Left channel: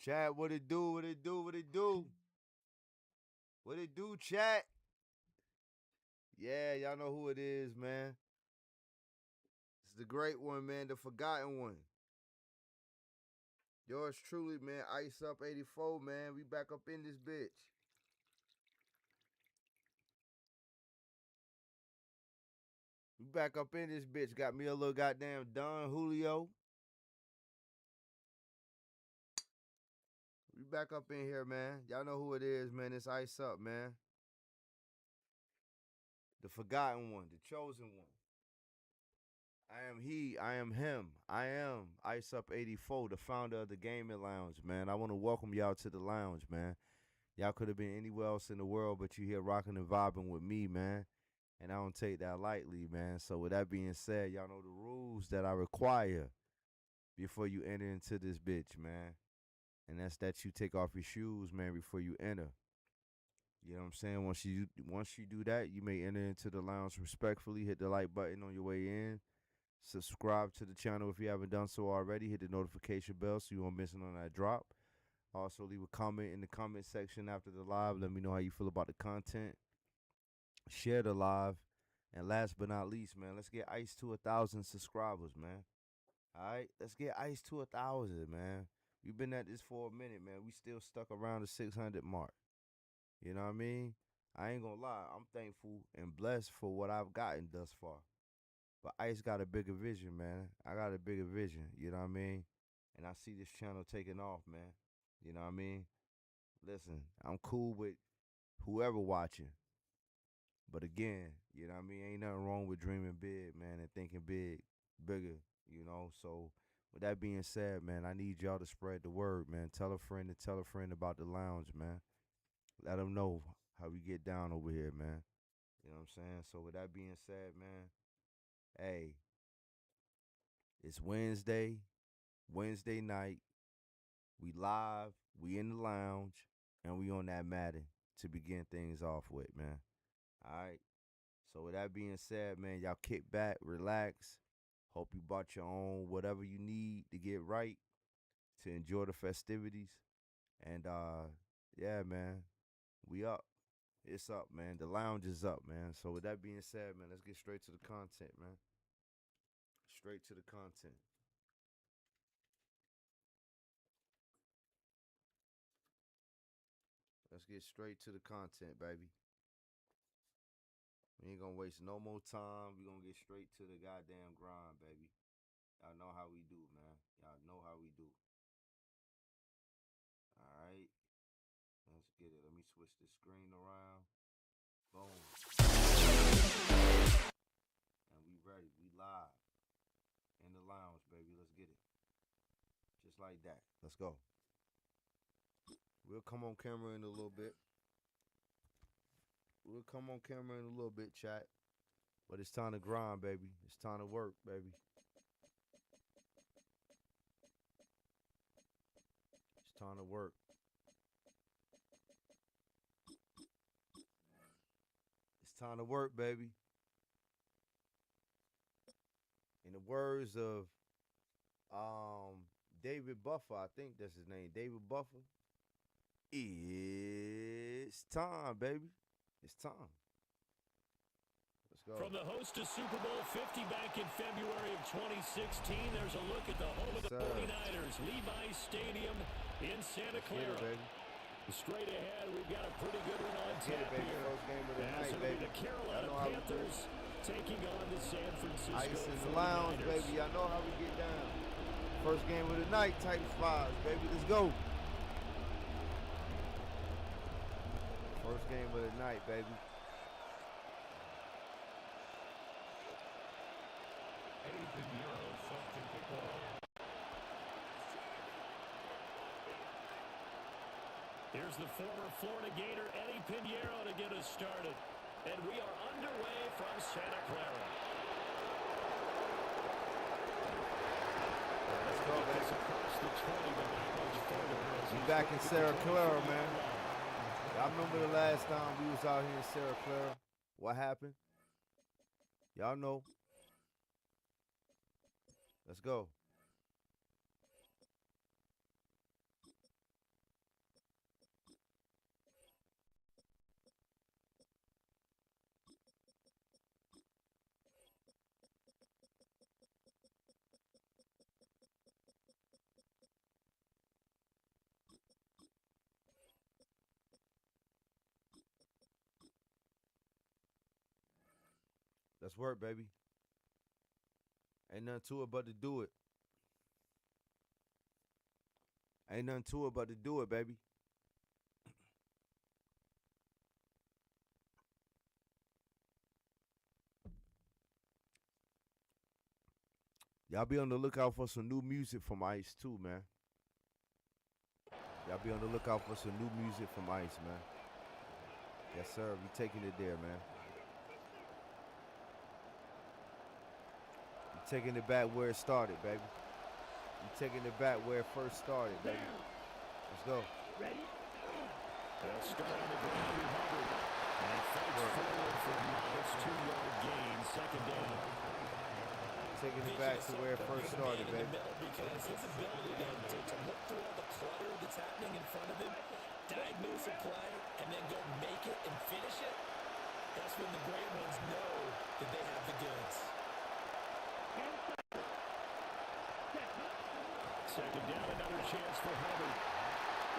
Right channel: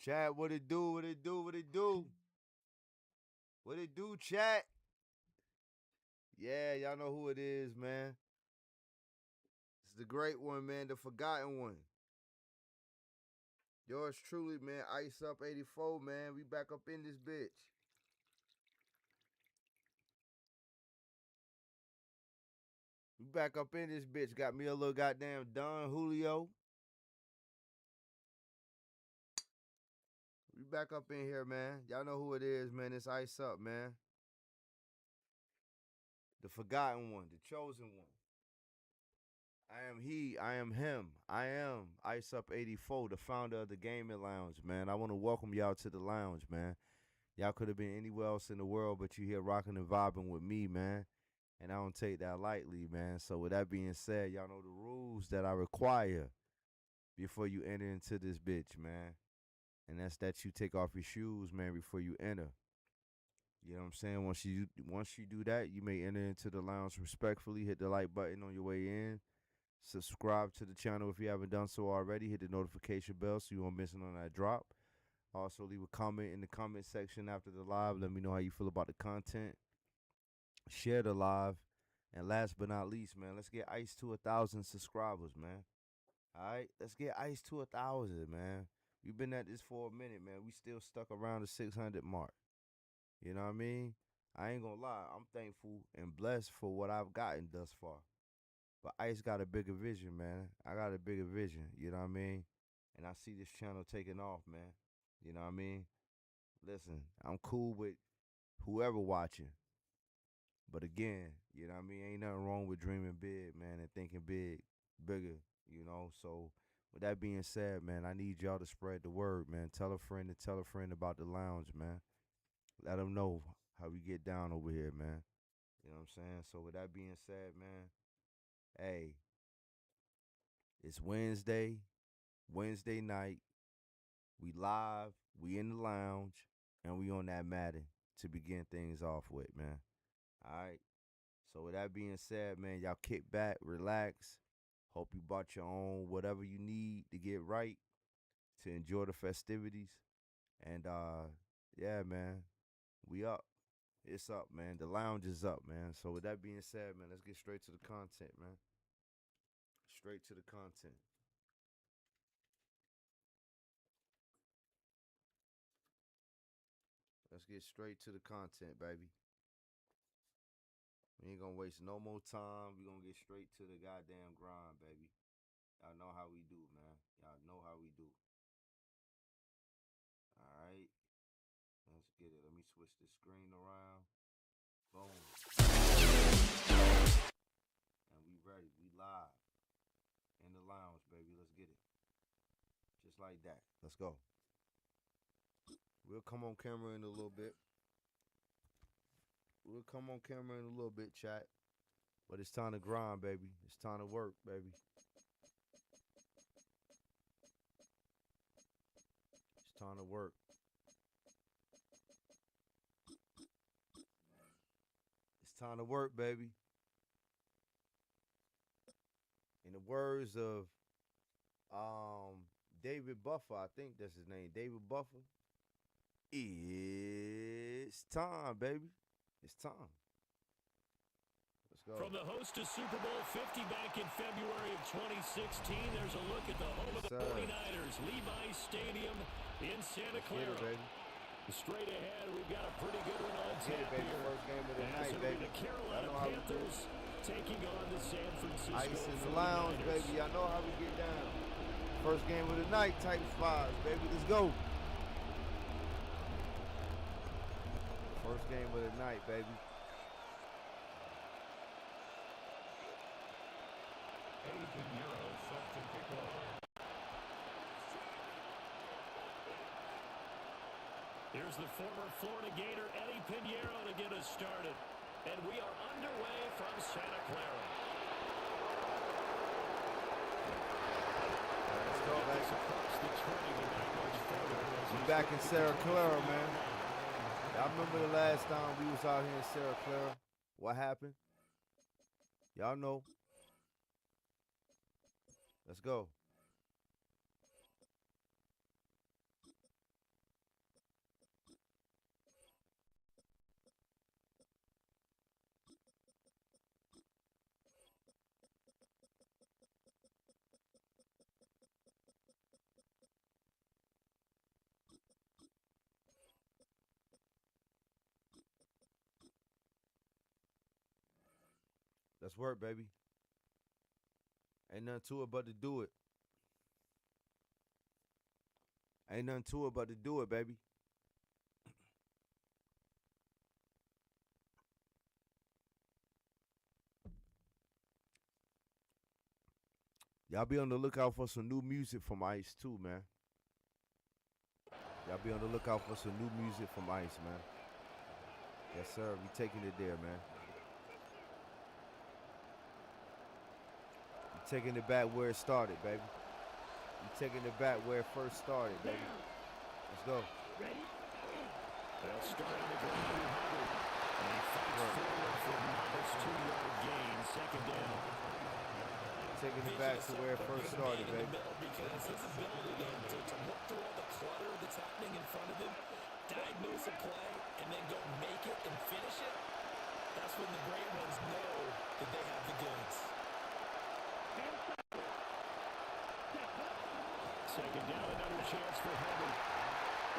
Chat, what it do? What it do? What it do? What it do, chat? Yeah, y'all know who it is, man. It's the great one, man, the forgotten one. Yours truly, man, Ice Up 84, man. We back up in this bitch. We back up in this bitch. Got me a little goddamn Don Julio. We back up in here, man. Y'all know who it is, man. It's Ice Up, man. The forgotten one, the chosen one. I am he, I am him. I am Ice Up 84, the founder of the Gaming Lounge, man. I want to welcome y'all to the lounge, man. Y'all could have been anywhere else in the world, but you here rocking and vibing with me, man. And I don't take that lightly, man. So with that being said, y'all know the rules that I require before you enter into this bitch, man. And that's that you take off your shoes, man, before you enter. You know what I'm saying? Once you do that, you may enter into the lounge respectfully. Hit the like button on your way in. Subscribe to the channel if you haven't done so already. Hit the notification bell so you won't miss it on that drop. Also, leave a comment in the comment section after the live. Let me know how you feel about the content. Share the live. And last but not least, man, let's get Ice to 1,000 subscribers, man. All right? Let's get Ice to 1,000, man. We've been at this for a minute, man. We still stuck around the 600 mark. You know what I mean? I ain't gonna lie. I'm thankful and blessed for what I've gotten thus far. But Ice got a bigger vision, man. I got a bigger vision, you know what I mean? And I see this channel taking off, man. You know what I mean? Listen, I'm cool with whoever watching. But again, you know what I mean? Ain't nothing wrong with dreaming big, man, and thinking bigger, you know? So with that being said, man, I need y'all to spread the word, man. Tell a friend and tell a friend about the lounge, man. Let them know how we get down over here, man. You know what I'm saying? So with that being said, man, hey, it's Wednesday night. We live, we in the lounge, and we on that Madden to begin things off with, man. All right. So with that being said, man, y'all kick back, relax. Hope you bought your own whatever you need to get right to enjoy the festivities. And yeah, man, we up. It's up, man. The lounge is up, man. So with that being said, man, let's get straight to the content, man. Straight to the content. Let's get straight to the content, baby. We ain't gonna waste no more time. We gonna get straight to the goddamn grind, baby. Y'all know how we do, man. Y'all know how we do. All right. Let's get it. Let me switch the screen around. Boom. And we ready. We live. In the lounge, baby. Let's get it. Just like that. Let's go. We'll come on camera in a little bit. Chat. But it's time to grind, baby. It's time to work, baby. It's time to work. It's time to work, baby. In the words of David Buffer, I think that's his name, David Buffer. It's time, baby. It's time. Let's go. From the host of Super Bowl 50 back in February of 2016, there's a look at the home of the 49ers, Levi's Stadium in Santa Clara. Straight ahead, we've got a pretty good one on tap here. First game of the night, it'll baby. be the Carolina Panthers taking on the San Francisco Ice in the 49ers. lounge, baby. Y'all know how we get down. First game of the night, type vibes, baby. Let's go. First game of the night, baby. Set to kick off. Here's the former Florida Gator, Eddie Pinheiro, to get us started. And we are underway from Santa Clara. Let's go, baby. Across the 20, but not much further. We back in Santa Clara, man. Y'all remember the last time we was out here in Santa Clara? What happened? Y'all know. Let's go. Let's work, baby. Ain't nothing to it but to do it. Ain't nothing to it but to do it, baby. Y'all be on the lookout for some new music from Ice too, man. Y'all be on the lookout for some new music from Ice, man. Yes, sir. We taking it there, man. We taking it back where it started, baby. We taking it back where it first started, baby. Let's go. Ready? They'll start on the ground with Hubbard. And he fights forward for a modest 2-yard gain, second down. Taking it back to where it first started, baby. Because his ability to look through all the clutter that's happening in front of him, diagnose a play, and then go make it and finish it, that's when the great ones know that they have the goods. Second down, another chance for Hubbard.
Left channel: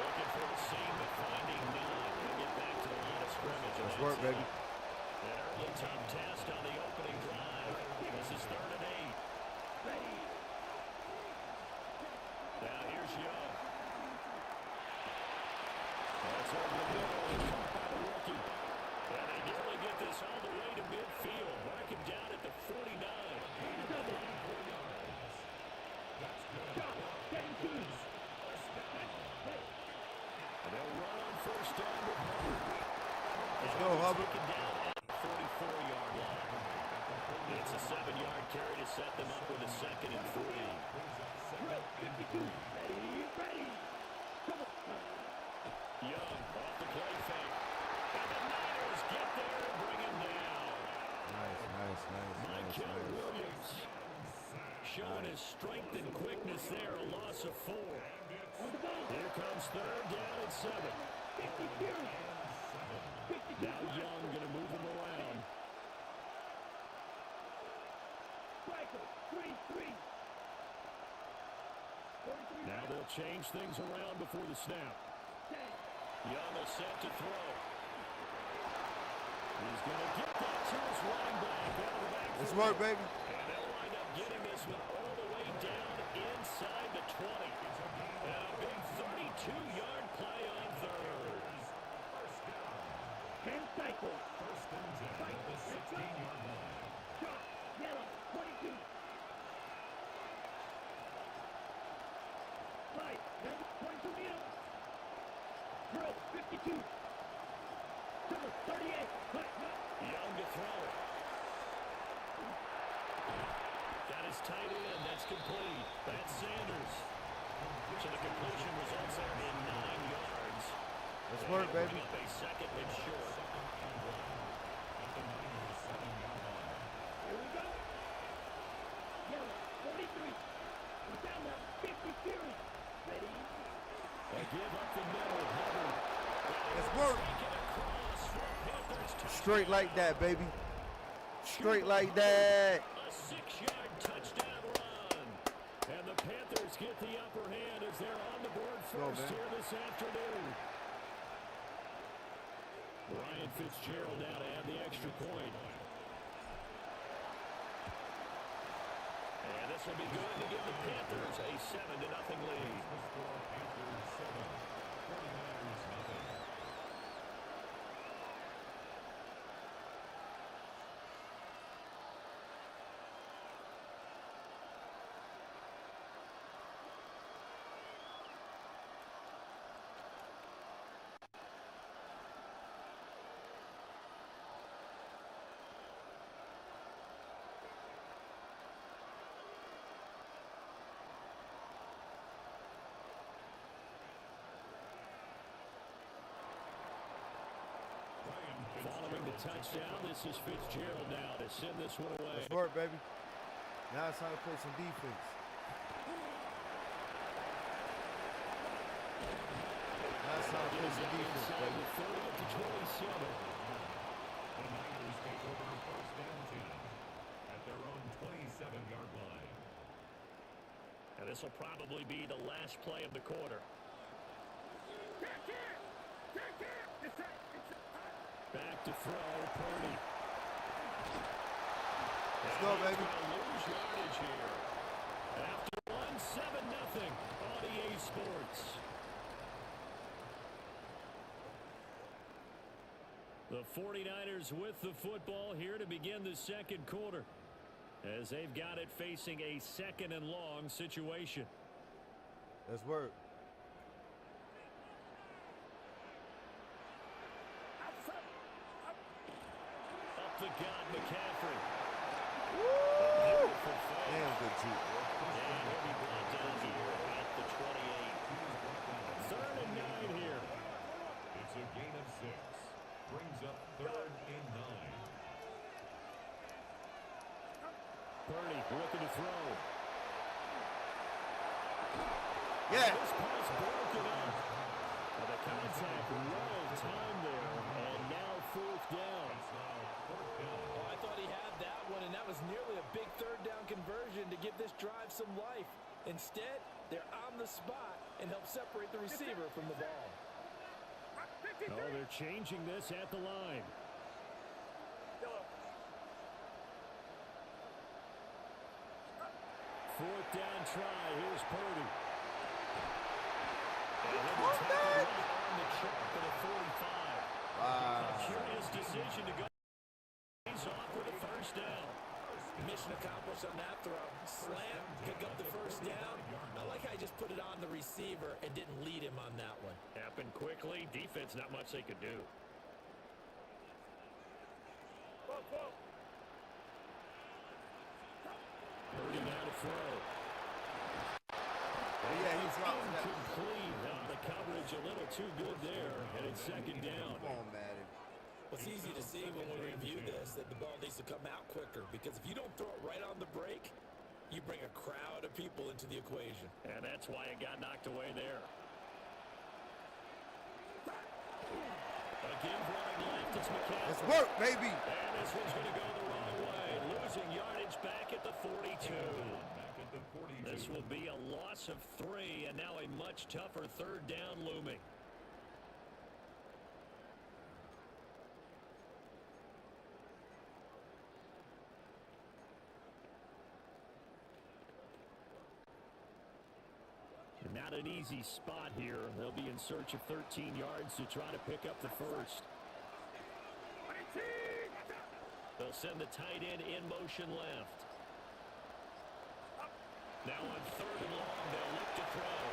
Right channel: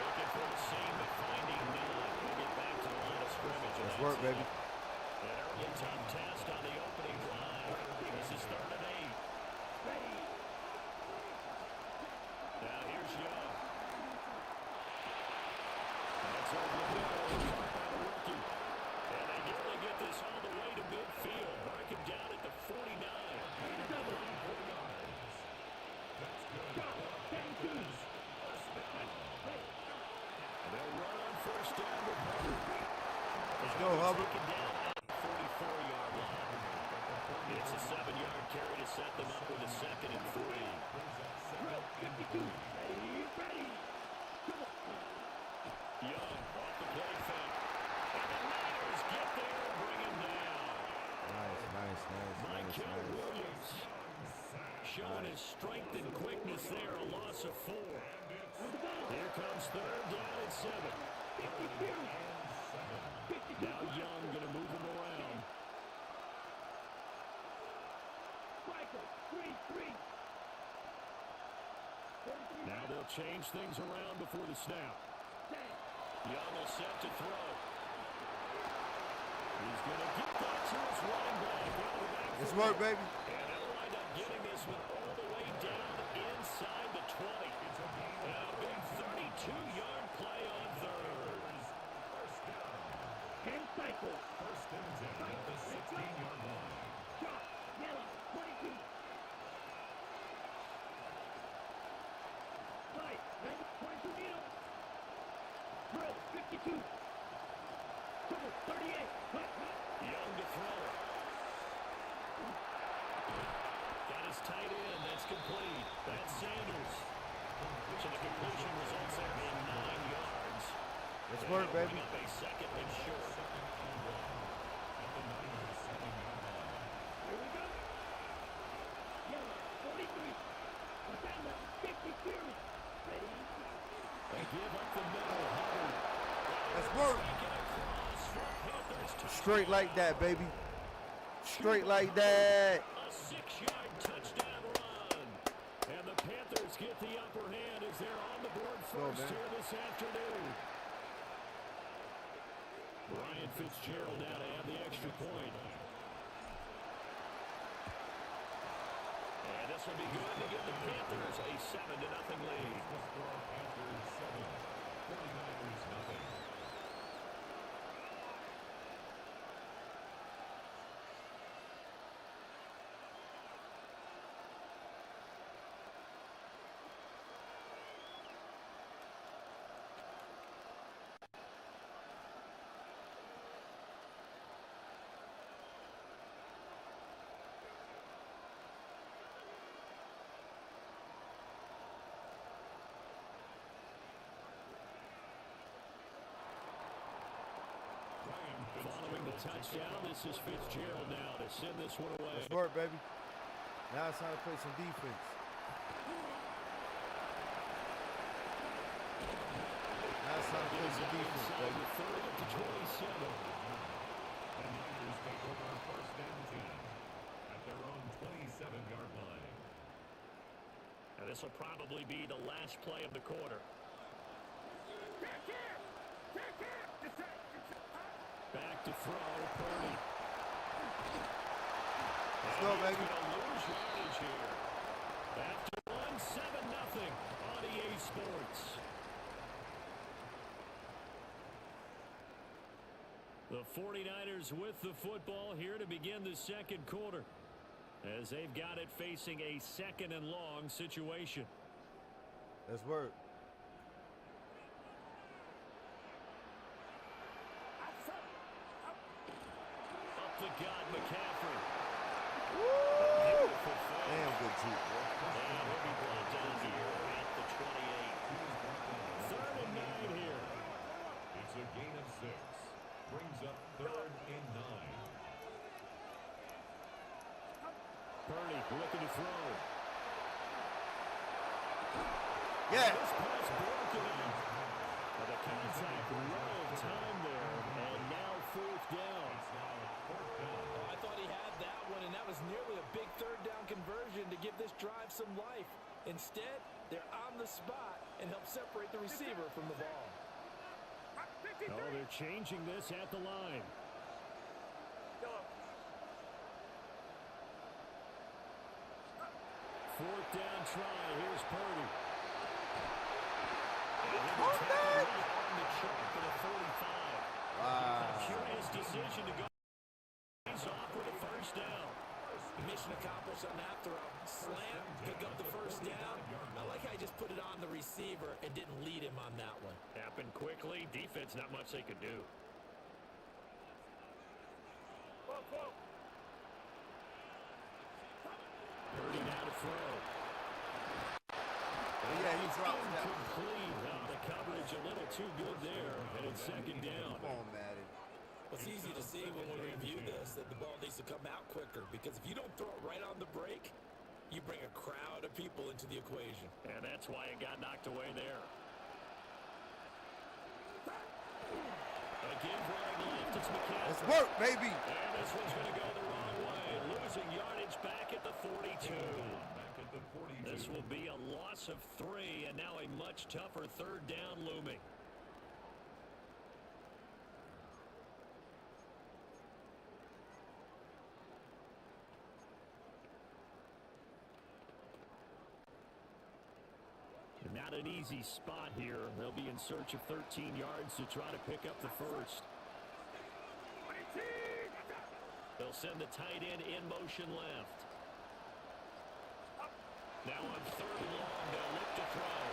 Looking for the same, but finding none. He'll get back to the line of scrimmage. Let's work, baby. An early tough test on the opening drive. This is 3rd and 8. Ready. Now here's Young. That's over the middle, caught by the rookie. And they nearly get this all the way to midfield. Mark him down at the 49. Double. 4 yards. That's good. And they'll run on first down with Hubbard. Let's go, Hubbard. Taken down at the 44-yard line. It's a 7-yard carry to set them up with a 2nd and 3. Ready. Come on. Young off the play fake. And the Niners get there and bring him down. Nice. Michael Williams showing his strength and quickness there, a loss of 4. Here comes 3rd down and 7. Now Young going to move him around. Now they'll change things around before the snap. Young will set to throw. He's going to get that to his running back out of the backfield. Let's work, baby. And they'll wind up getting this one all the way down inside the 20. And a big 32-yard play on 3rd. First down. 10 cycles. 1st and 10 at the 16-yard line. Shot. Yellow. 22. Light. 22 meters. Drill. 52. Double. 38. Hut. Young to throw it. Got his tight end. That's complete. That's Sanders. So the completion results there in 9 yards. Let's work, baby. Bring up a 2nd and short. At the Niners 7-yard line. Here we go. Yellow. 43. Watch out now. 50 Fury. Ready. A give up the middle. Hubbard. Let's work. Taken across for a Panthers touchdown. Straight like that, baby. Straight like that. A 6-yard touchdown run. And the Panthers get the upper hand as they're on the board first here this afternoon. Ryan Fitzgerald now to add the extra point. And this will be good to give the Panthers a 7-0 lead. Panthers 7, 49ers nothing. Following the touchdown, this is Fitzgerald now to send this one away. Let's work, baby. Now it's time to play some defense. Now it's time to play some defense, baby. 3rd to 27. The Niners take over 1st and 10 at their own 27-yard line. And this will probably be the last play of the quarter. Back to throw, Purdy. Let's go, baby. He's going to lose yardage here. After 7-0 on EA Sports. The 49ers with the football here to begin the second quarter, as they've got it facing a 2nd and long situation. Let's work. Up the gut, McCaffrey. Woo! Damn good juke, boy. And he'll be brought down here at the 28. 3rd and 9 here. It's a gain of 6. Brings up 3rd and 9. Purdy looking to throw. Yeah. This pass broken up. The contact well timed there, and now 4th down. It's now 4th down. Oh, I thought he had that one, and that was nearly a big 3rd down conversion to give this drive some life. Instead, they're on the spot and help separate the receiver from the ball. Oh, they're changing this at the line. 4th down try. Here's Purdy. And he'll be tackled right on the chalk of the 45. Wow. A curious decision to go. He's off with a 1st down. Mission accomplished on that throw. Slant, pick up the 1st down. I like how he just put it on the receiver and didn't lead him on that one. Happened quickly. Defense, not much they could do. Purdy now to throw. Yeah, he dropped that. Complete. The coverage a little too good there, and it's 2nd down. Come on, Madden. Well, it's easy to see when we review this that the ball needs to come out quicker, because if you don't throw it right on the break, you bring a crowd of people into the equation. And that's why it got knocked away there. Again, running left, it's McCaffrey. Let's work, baby. And this one's going to go the wrong way. Losing yardage back at the 42. Back at the 42. This will be a loss of 3, and now a much tougher 3rd down looming. Not an easy spot here. They'll be in search of 13 yards to try to pick up the 1st. They'll send the tight end in motion left. Now on 3rd and long, they'll look to throw.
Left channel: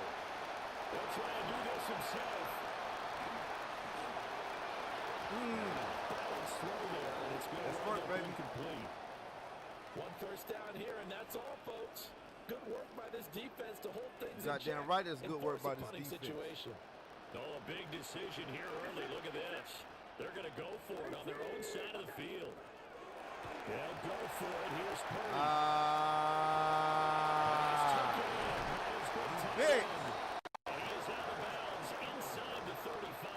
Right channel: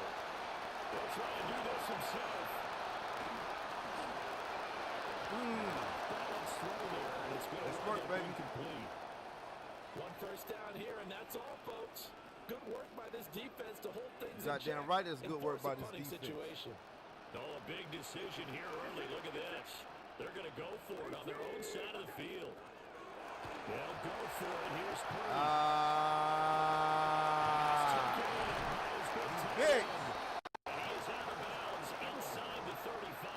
They'll try and do this himself. And off balance throw there, and it's going to work, baby. Incomplete. 1 1st down here, and that's all, folks. Good work by this defense to hold things in check. Goddamn right, it's good work by this defense. Situation. Oh, a big decision here early. Look at this. They're going to go for it on their own side of the field. They'll go for it. Here's Purdy. Big. He is out of bounds inside the 35.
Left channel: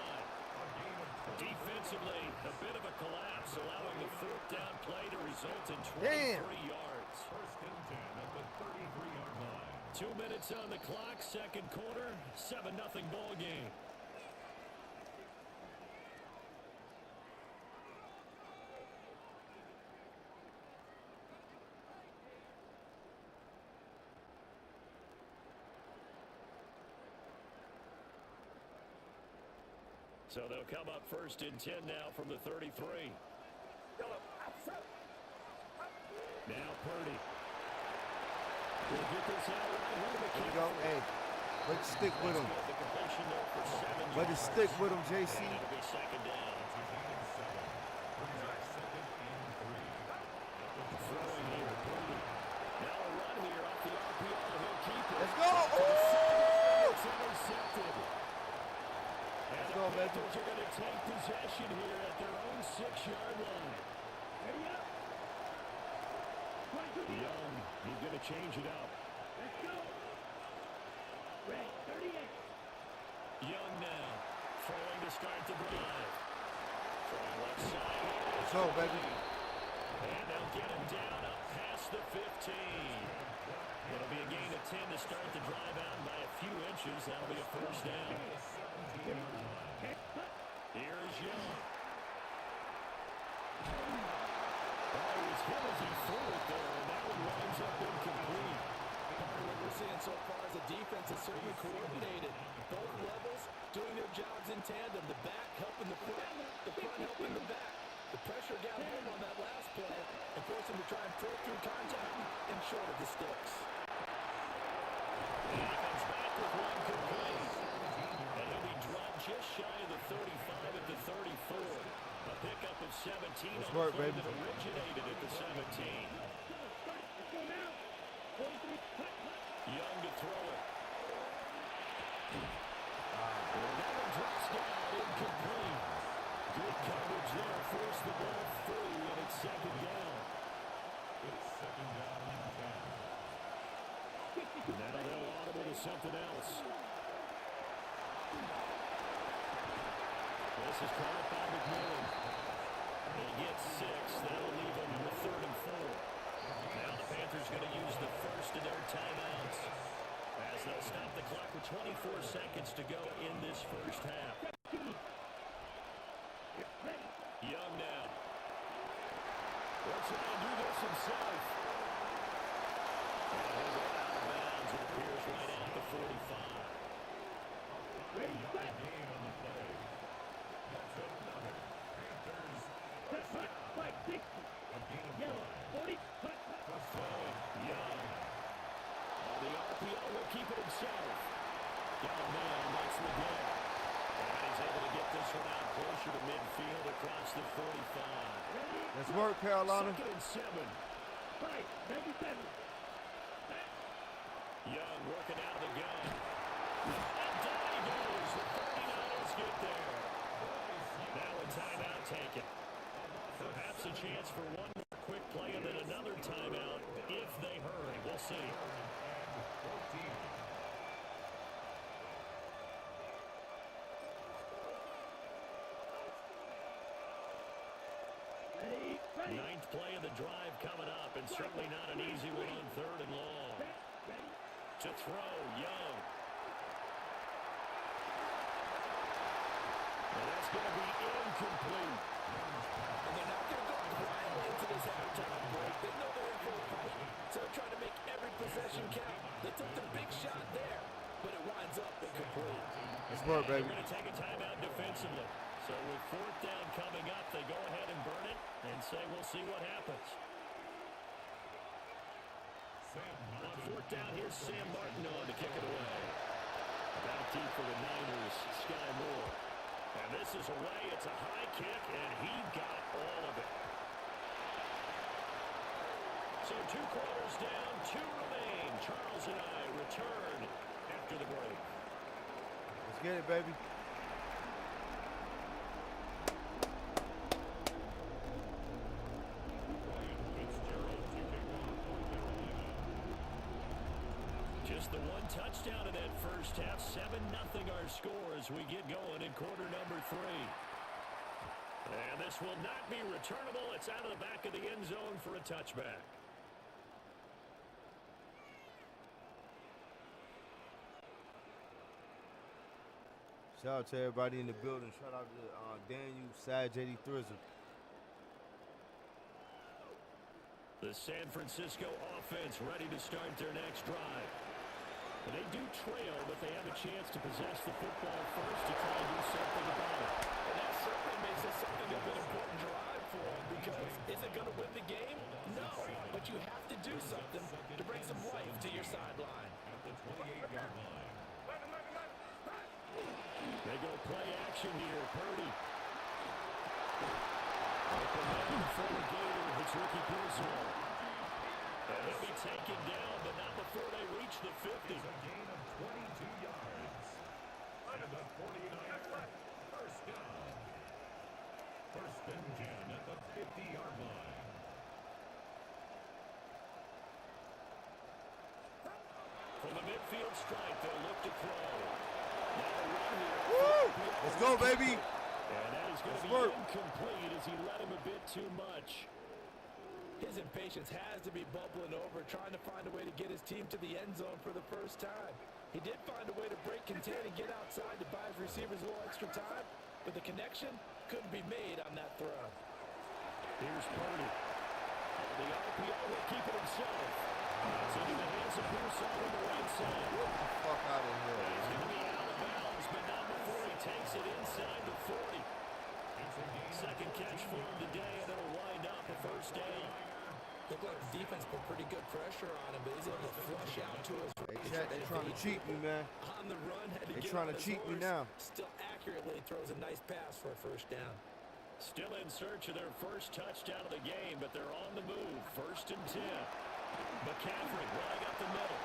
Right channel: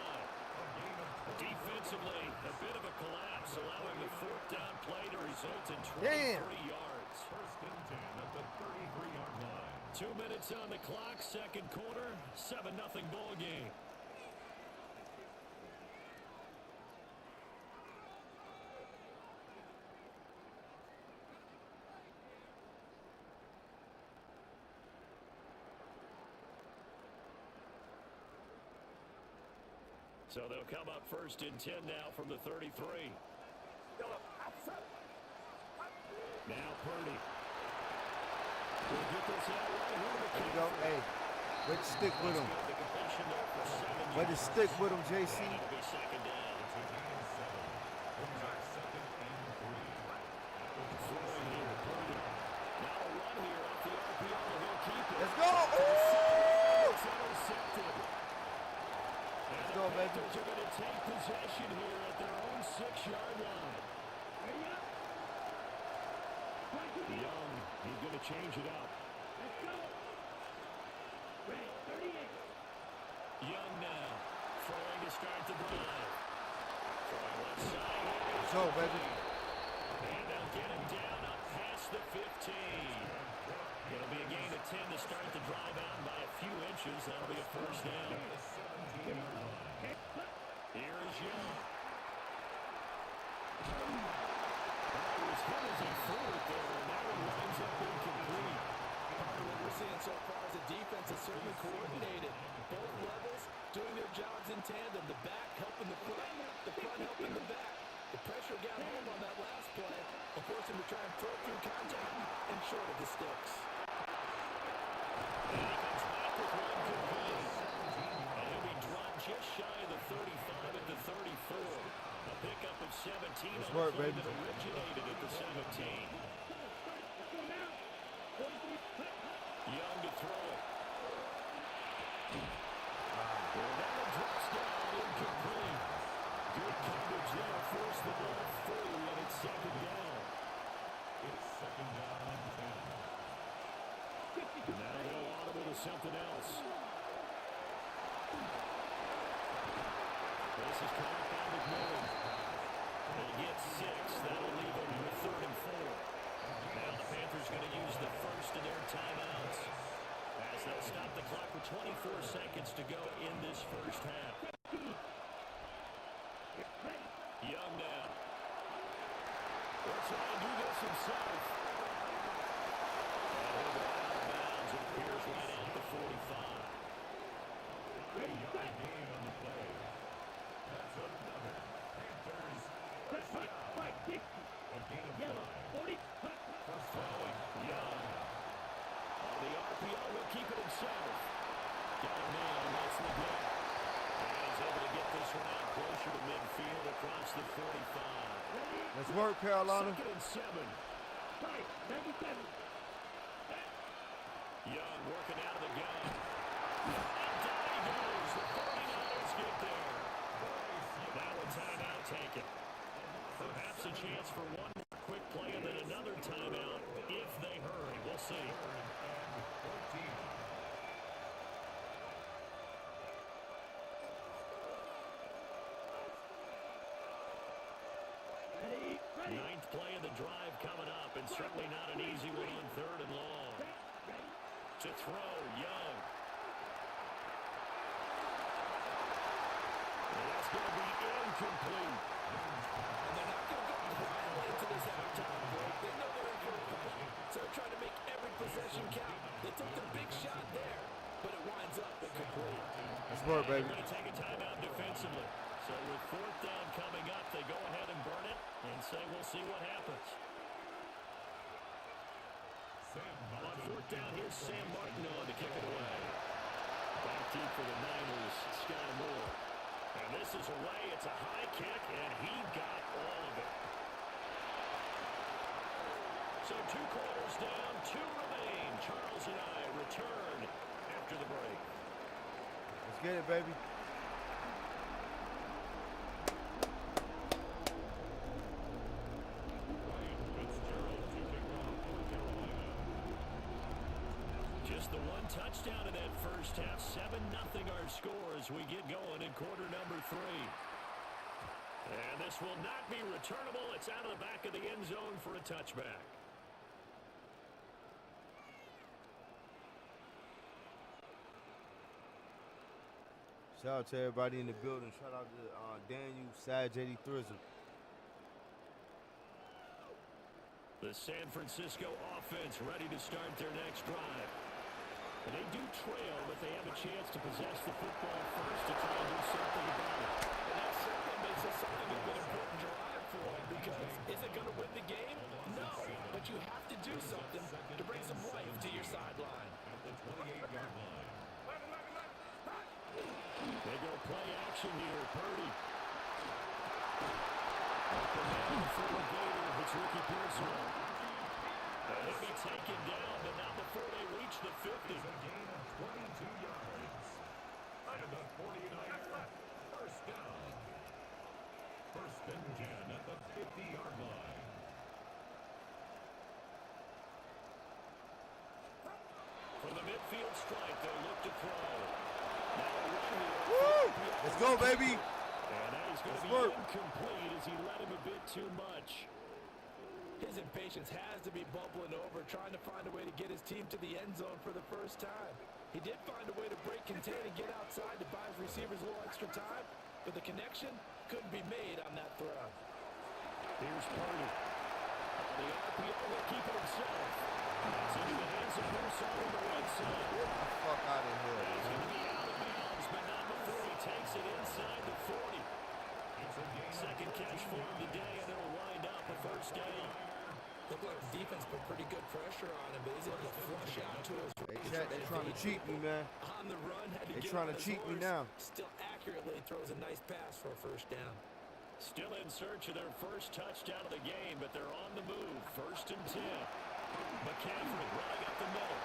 Defensively, a bit of a collapse, allowing the 4th down play to result in 23 yards. 1st and 10 at the 33-yard line. 2 minutes on the clock, 2nd quarter, 7-0 ball game. So they'll come up 1st and 10 now from the 33. Now Purdy. We'll get this out right here to There we go. Hey, way to stick with him. The completion there for 7 Way to yards. stick with him, JC. And it'll be 2nd down. It's a gain of 7. Brings up 2nd and 3. Throwing here, Purdy. Now a run here off the RPO. He'll keep it. Let's go. It's intercepted. And Let's the go, baby. Panthers are going to take possession here at their own 6-yard line. Ready up. 22 Young, he's going to change it up. Let's go. Red 38. Young now, throwing to start the drive. Throwing left side here. Let's go, baby. And they'll get him down up past the 15. It'll be a gain of 10 to start the drive out, and by a few inches, that'll be a 1st down. Here is Young. Oh, he was hit as he threw it there, and that one winds up incomplete. Part of what we're seeing so far is the defense is certainly coordinated. Both levels doing their jobs in tandem. The back helping the front helping the back. The pressure got home on that last play and forced him to try and throw through contact and short of the sticks. And he comes back with one complete. And he'll be drawn just shy of the 35 at the 34. A pickup of 17 Let's on work, the play baby. that originated at the 17. Young to throw it. Well, that one drops down, incomplete. Good coverage there, forced the ball free, and it's second down. It's second down and 10. Now they'll audible to something else. This is caught up by McMillan. They get 6. That'll leave them with 3rd and 4. Now the Panthers going to use the first of their timeouts as they'll stop the clock with 24 seconds to go in this first half. Young now. He'll try and do this himself. And he'll go out of bounds. It appears right at the 45. Yard gain on the play. That's another Panthers first down. A gain of 5. First throwing. Young. On the RPO, he'll keep it himself. Got a man, that's the get. And he's able to get this one out closer to midfield across the 45. Let's work, Carolina. 2nd and 7. 97. Young working out of the gun. And down he goes. The 49ers get there. Now a timeout taken. Perhaps a chance for one more quick play and then another timeout if they hurry. We'll see. 14. Ninth play of the drive coming up, and certainly not an easy one on 3rd and long. To throw, Young. And that's going to be incomplete. And they're not going to go quietly into this halftime break. They know they're in for a fight, so they're trying to make every possession count. They took the big shot there, but it winds up incomplete. Let's work, baby. They're going to take a timeout defensively. So with 4th down coming up, they go ahead and burn it and say we'll see what happens. On 4th down, here's Sam Martin on to kick it away. Back deep for the Niners, Sky Moore. And this is away. It's a high kick, and he got all of it. So 2 quarters down, 2 remain. Charles and I return after the break. Let's get it, baby. Just the one touchdown in that first half. 7-0 our score as we get going in quarter number 3. And this will not be returnable. It's out of the back of the end zone for a touchback. Shout out to everybody in the building. Shout out to Daniel, Sad, JD Thrizzle. The San Francisco offense ready to start their next drive. And they do trail, but they have a chance to possess the football first to try and do something about it. And that certainly makes it something of an important drive for them, because is it going to win the game? No, but you have to do something to bring some life to your sideline. At the 28-yard line. They go play action here. Purdy. Open man, the former Gator hits Ricky Pearsall. And he'll be taken down, but not before they reach the 50. It's a gain of 22 yards. And the 49ers first down. 1st and 10 at the 50-yard line. From the midfield strike, they'll look to throw. Now a run here. Woo! Let's go, baby. And that is going to be incomplete as he led him a bit too much. His impatience has to be bubbling over, trying to find a way to get his team to the end zone for the first time. He did find a way to break contain and get outside to buy his receivers a little extra time, but the connection couldn't be made on that throw. Here's Purdy. On the RPO, he'll keep it himself. It's into the hands of Pearsall on the right side. Get the fuck out of here, He's man. going to be out of bounds, but not before he takes it inside the 40. Second catch for him today, and it'll wind up a first down. Looked like the defense put pretty good pressure on him, but he's able to flush out to his right. They're trying to cheat me, man. On the run, had to They're get trying on to his cheat me horse. now. Still accurately throws a nice pass for a first down. Still in search of their first touchdown of the game, but they're on the move. First and 10. McCaffrey running up the middle.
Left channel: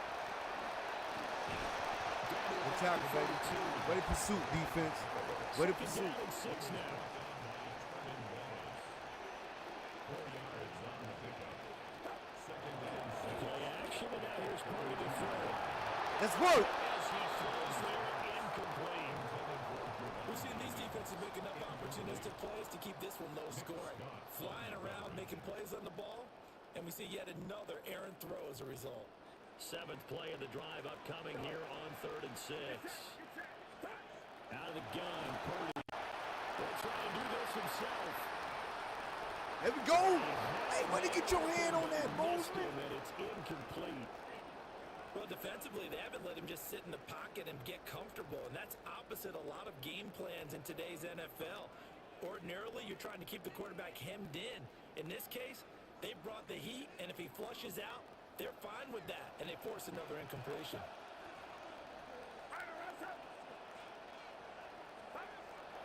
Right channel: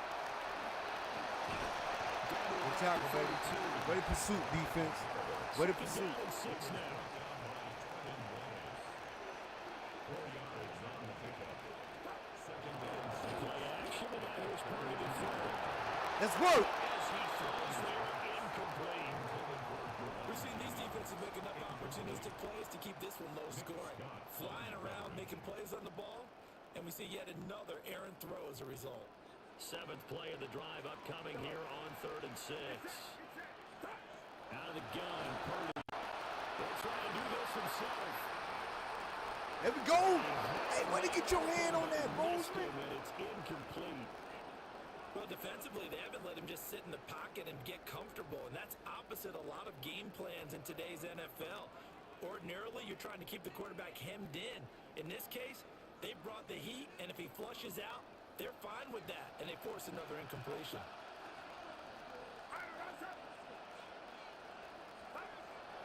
Good tackle, baby. Way to pursuit, defense. Way to pursuit. Second down and 6 now. 4 yards on the pickup. Second and 6. Play action, and now here's Purdy to throw. Let's work. As he throws there, incomplete. We've seen these defenses make enough opportunistic plays to keep this one low scoring. Flying around, making plays on the ball, and we see yet another errant throw as a result. Seventh play of the drive upcoming here on 3rd and 6. Out of the gun, Purdy. He'll try and do this himself. There we go. Hey, way to get your hand on that, Missed Bozeman. him, and it's incomplete. Well, defensively, they haven't let him just sit in the pocket and get comfortable, and that's opposite a lot of game plans in today's NFL. Ordinarily, you're trying to keep the quarterback hemmed in. In this case, they brought the heat, and if he flushes out, they're fine with that, and they force another incompletion.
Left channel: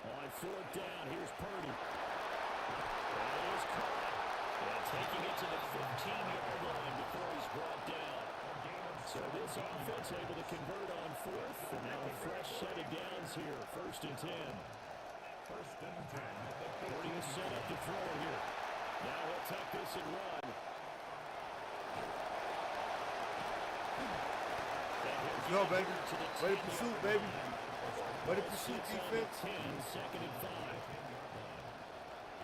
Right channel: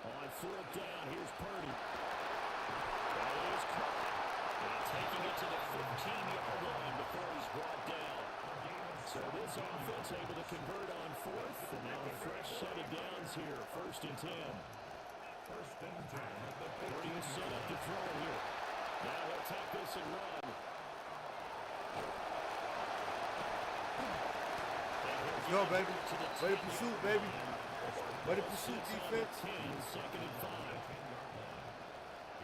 On 4th down, here's Purdy. That is caught. And taking it to the 15-yard line before he's brought down. So this offense able to convert on 4th, and now a fresh set of downs here. 1st and 10. First and 10 at the 50. Purdy will set up to throw here. Now he'll tuck this and run. Let's go, baby. Way to pursuit, baby. Way to pursuit, defense. 10, 2nd and 5.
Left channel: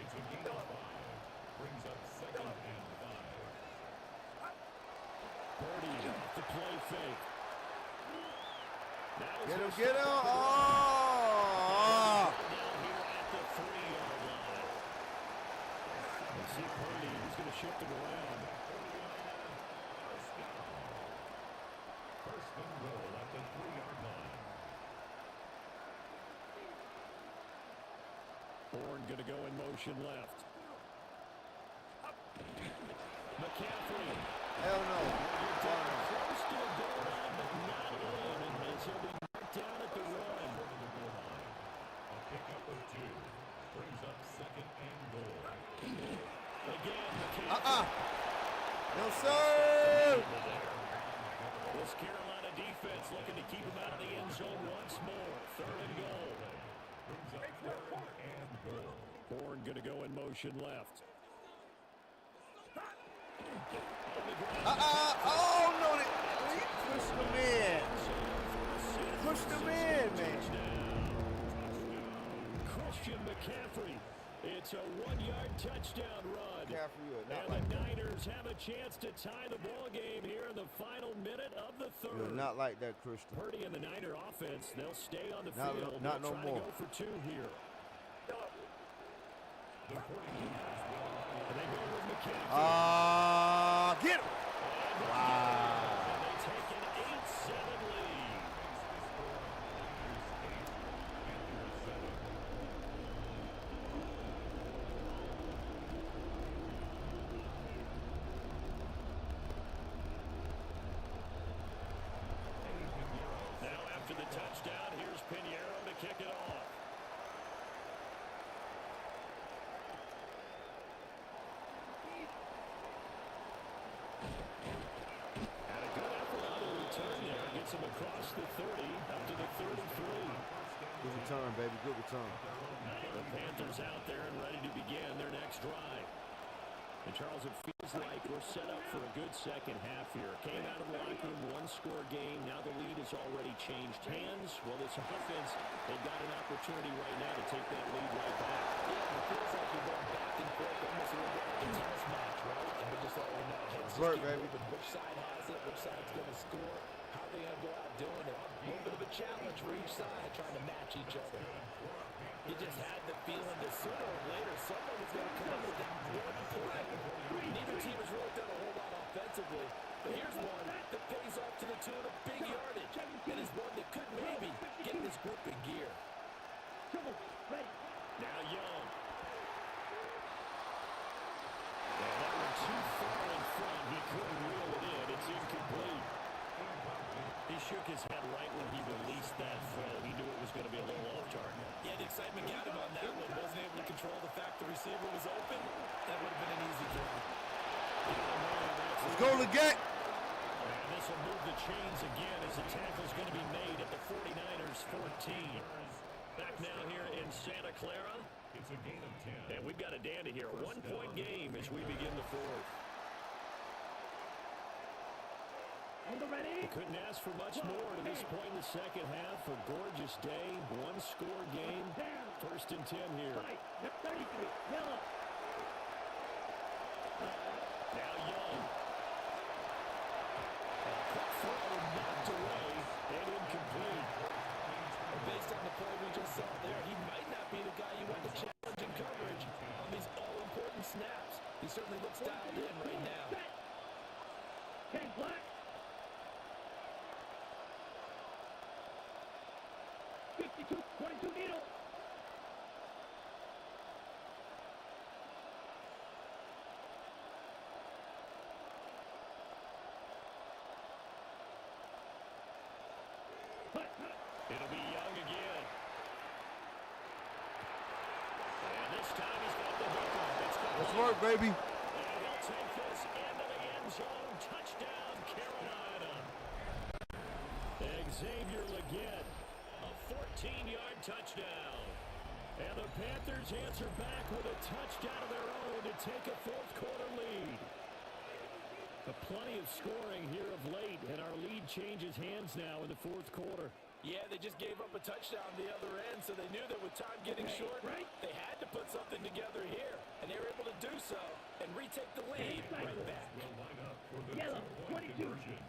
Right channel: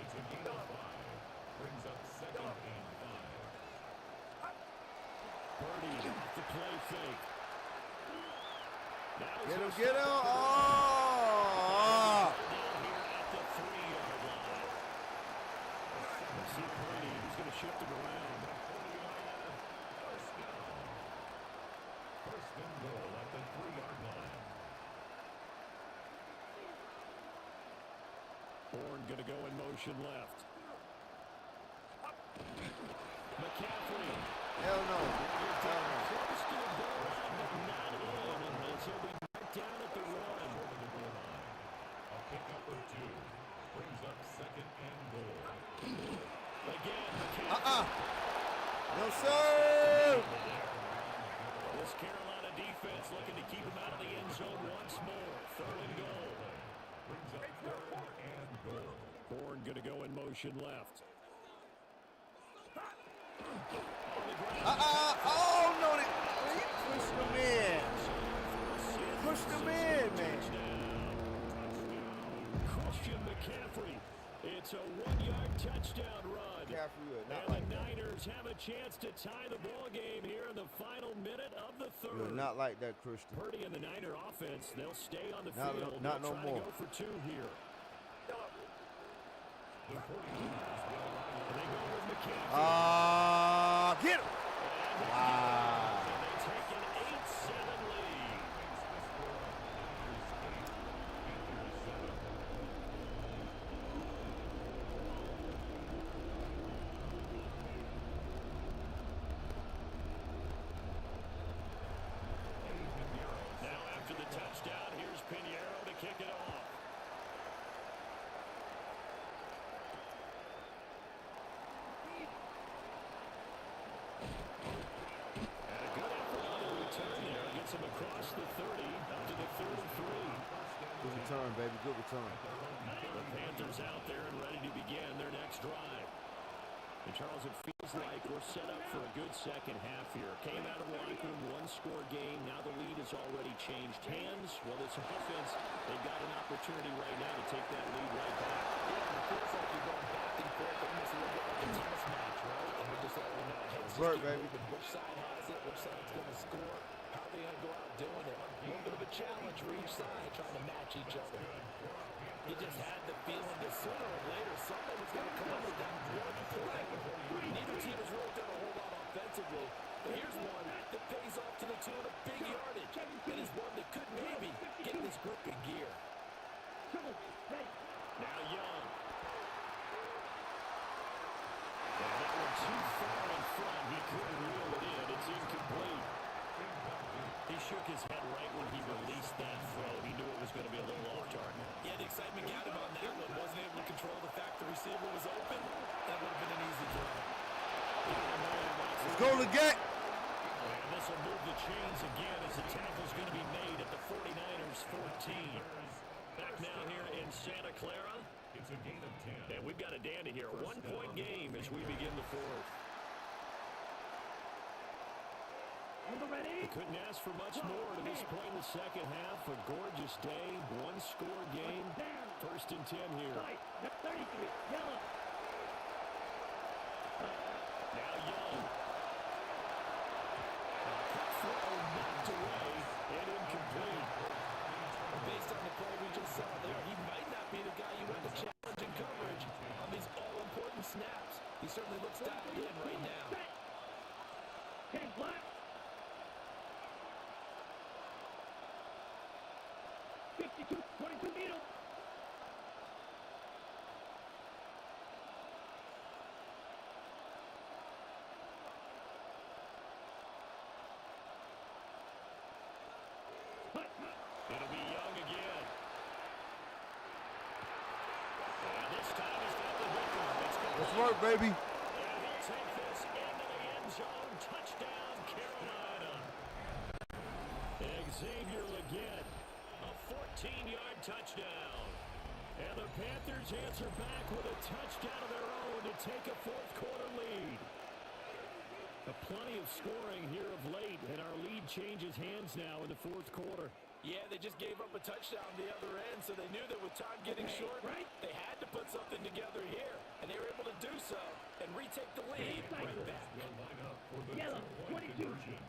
It's a gain of 5. Brings up 2nd and 5. Purdy off the play fake. Now he's Get him, gonna get him. stop it. Oh! Down here at the 3-yard line. We'll see Purdy. He's going to shift him around. The 49er. First down. First and goal at the 3-yard line. Bourne going to go in motion left. McCaffrey. Hell no. Hell no. Close to the goal line, but not in. And as he'll be marked down at the 1. Over the goal line. A pickup of 2. Brings up 2nd and goal. Again, McCaffrey. No, sir. This Carolina defense looking to keep him out of the end zone once more. 3rd and goal. Brings up 3rd and goal. Bourne going to go in motion left. On the ground. Oh, no. He pushed him in. Pushed him in, man. Christian McCaffrey. It's a 1-yard touchdown run. McCaffrey, not And like the that. Niners have a chance to tie the ball game here in the final minute of the 3rd. You're not like that, Christian. Purdy and the Niner offense, they'll stay on the Not field. no They'll try more. to go for 2 here. The 49ers will And they go with McCaffrey. Get him. And Wow. And they take an 8-7 lead. Now after the touchdown, here's Pinheiro to kick it off. And a good effort on the return there. Gets him across the 30, up to the 33. Good return, baby. Good return. The Panthers out there and ready to begin their next drive. And Charles, it feels like we're set up for a good second half here. Came out of the locker room, 1-score game. Now the lead has already changed hands. Well, this offense, they've got an opportunity right now to take that lead right back. Yeah, it feels like you're going back and forth, almost a little bit like a tennis match, right? And we're just letting you know, hey, Let's work, baby. Which side has it? Which side's going to score? How are they going to go out doing it? A little bit of a challenge for each side, trying to match each other. You just had the feeling that sooner or later someone was going to come come with that one play. Neither team has really done a whole lot offensively, but here's one that pays off to the tune of big yardage, and is one that could maybe get this group in gear. Now Young. And that one too far in front. He couldn't reel it in. It's incomplete. He shook his head right when he released that throw. He knew it was going to be a little off target. Yeah, the excitement got him on that one. Wasn't able to control the fact the receiver was open, and it would have been an easy throw. Let's go, Leggett. And this will move the chains again as the tackle's going to be made at the 49ers 14. Back now here in Santa Clara. It's a gain of 10. And we've got a dandy here. A one-point game as we begin the fourth. On the ready. Couldn't ask for much more to this point in the second half. A gorgeous day, one-score game. First and 10 here. Side. 33. Yellow. Now Young. Quick throw knocked away and incomplete. Well, based on the play we just saw there, he might not be the guy you want to challenge in coverage on these all-important snaps. He certainly looks dialed in right now. 10 black. 52, 22 needle. It'll be Young again. And this time he's got the hook on. It's complete. Let's work, baby. And he'll take this into the end zone. Touchdown, Carolina. Xavier Leggett, a 14-yard touchdown. And the Panthers answer back with a touchdown of their own to take a fourth-quarter lead. Plenty of scoring here of late, and our lead changes hands now in the fourth quarter. Yeah, they just gave up a touchdown the other end, so they knew that with time getting short, they had to put something together here, and they were able to do so and retake the lead right back. Will line up for the Yellow. 2-point 22. conversion.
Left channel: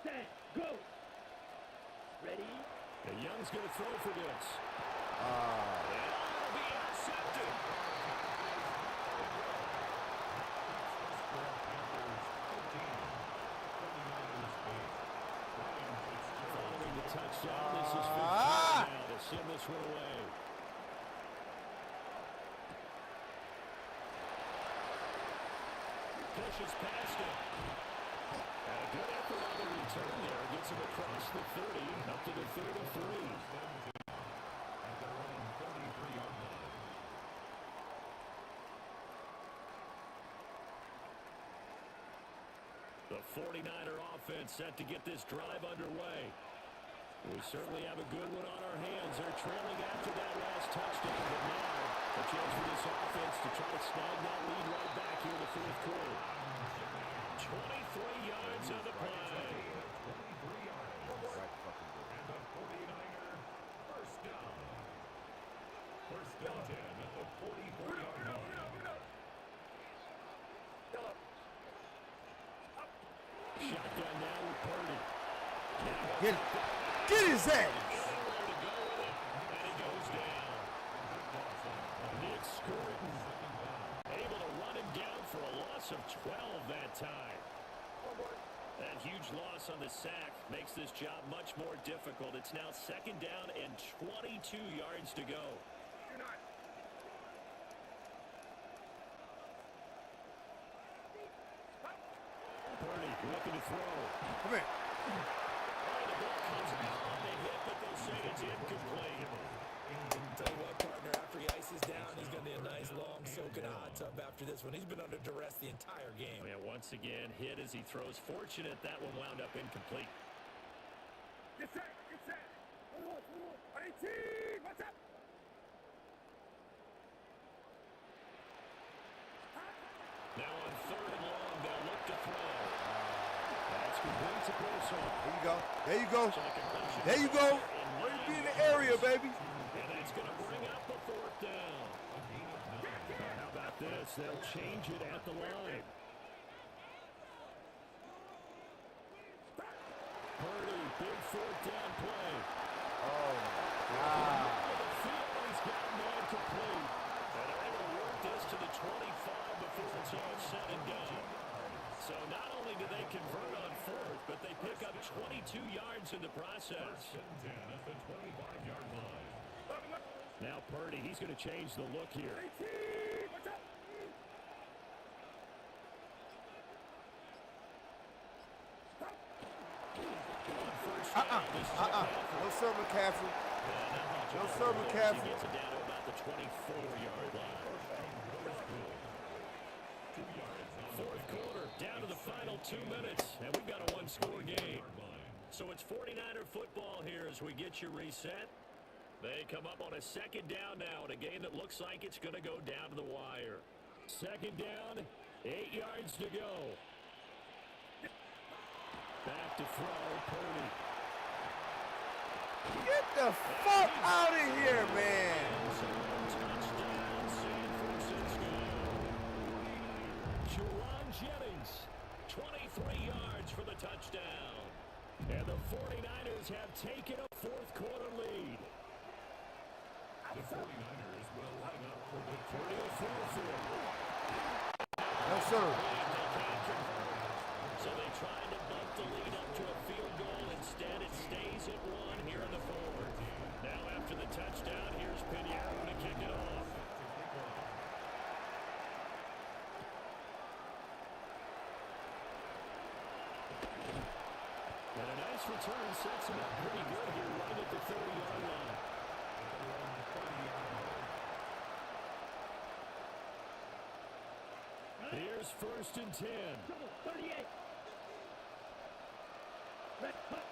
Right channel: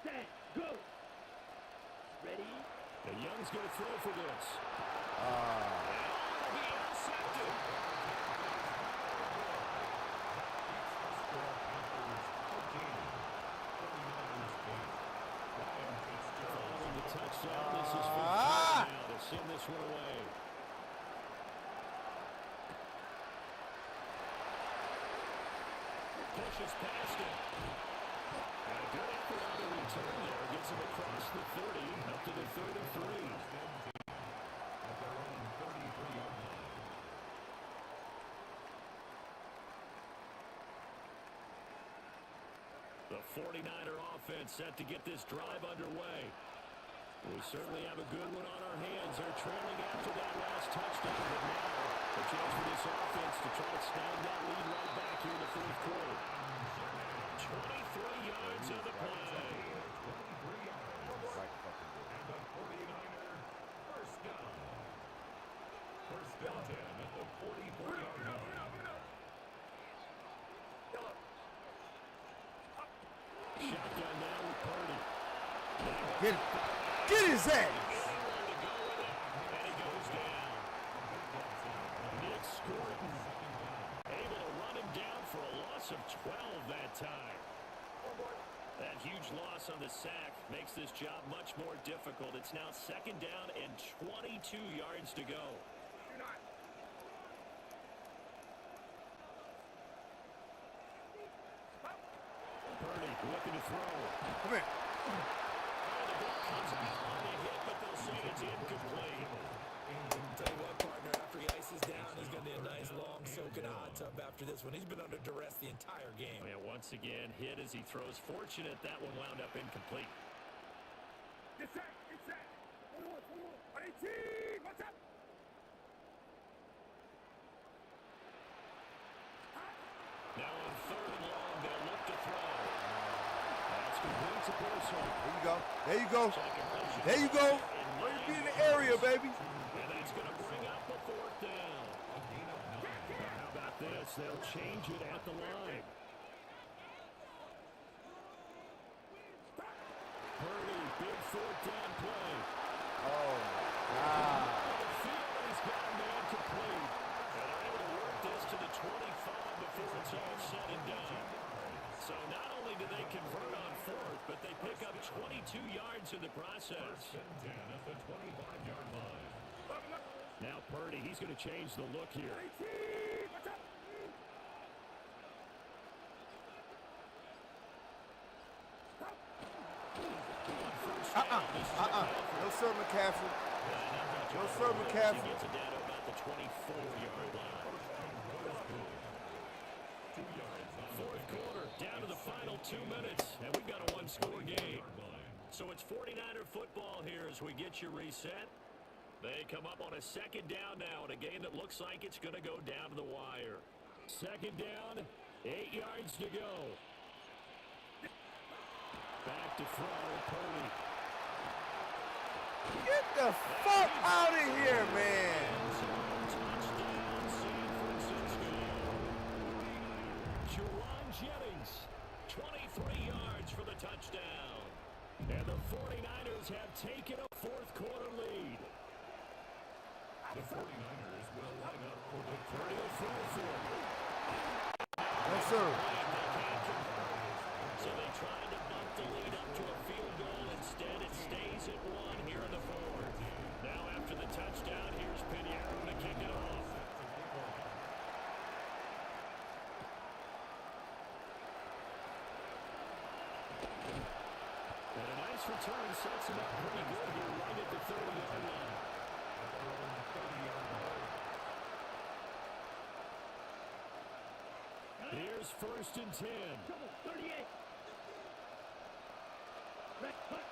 Set. Go. Ready. The Young's going to throw for this. And it'll be intercepted. Following the touchdown, this is 15 now to send this one away. Pushes past him. And a good effort on the return there. Gets him across the 30, up to the 33. At their own 33-yard line. The 49er offense set to get this drive underway. We certainly have a good one on our hands. They're trailing after that last touchdown, but now a chance for this offense to try to snag that lead right back here in the fourth quarter. 23 yards on the play. 23 yards. Right fucking good. And the 49er first down. First and 10 at the 44-yard line. Shotgun now with Purdy. Now Get it. Get his head. anywhere to go with it, and he goes down. Nick Scurton able to run him down for a loss of 12 that time. That huge loss on the sack makes this job much more difficult. It's now second down and 22 yards to go. Purdy looking to throw. Come here. Oh, the ball comes out on the hit, but they'll say it's incomplete. Tell you what, partner, after he ices down, he's going to need a nice long soak in a hot tub after this one. He's been under duress the entire game. And once again, hit as he throws. Fortunate that one wound up incomplete. Get set. Get set. 18. What's up? Now on third and long, they'll look to throw. That's complete to Pearson. There you go. There you go. So the completion There you is go. there in Ready to be in 9 the area, yards. baby. And that's going to bring up a fourth down. How about this? They'll change it at the line. Purdy, big fourth down play. Oh, my God. The field, and he's got a man complete. And they're able to work this to the 25 before it's all said and done. So not only do they convert on fourth, but they pick up 22 yards in the process. 10 at the 25-yard line. Now Purdy, he's going to change the look here. On first down, this is McCaffrey. No, sir, McCaffrey. No, sir, McCaffrey. He gets it down to about the 24-yard line. Fourth quarter, down to the final 2 minutes, and we've got a one-score game. So it's 49er football here as we get you reset. They come up on a second down now in a game that looks like it's going to go down to the wire. Second down, 8 yards to go. Back to throw, Purdy. Get the fuck out of here, man. Touchdown, San Francisco. Juwan Jennings, 23 yards for the touchdown. And the 49ers have taken a fourth quarter lead. The 49ers will line up for the Purdy will throw for it. No, sir. They can't convert. So they tried to bump the lead up to a field goal. Instead, it stays at 1 here in the fourth. Now after the touchdown, here's Pinheiro to kick it off. And a nice return sets him up pretty good here right at the 30-yard line. At their own 30-yard line. Here's first and 10. Trouble, 38. Red, cut.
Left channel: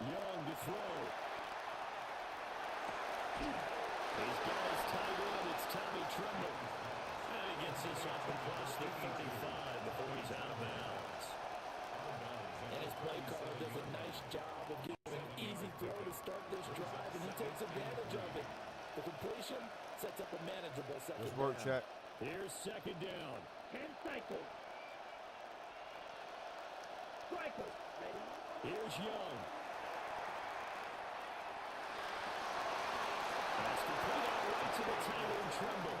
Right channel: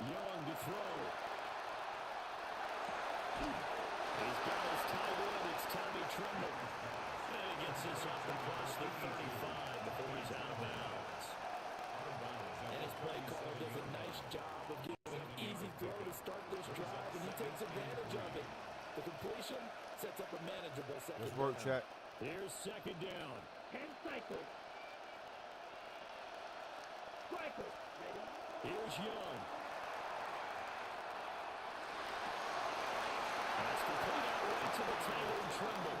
Young to throw. He's got his tight end. It's Tommy Tremble. And he gets this up across the 35 before he's out of bounds. And his play caller does a nice job of giving an easy throw to start this drive, and he takes advantage of it. The completion sets up a manageable second Let's work, down. check. Here's second down. 10 cycles. Striker, ready. Here's Young. That's complete out right to the tight end, Tremble.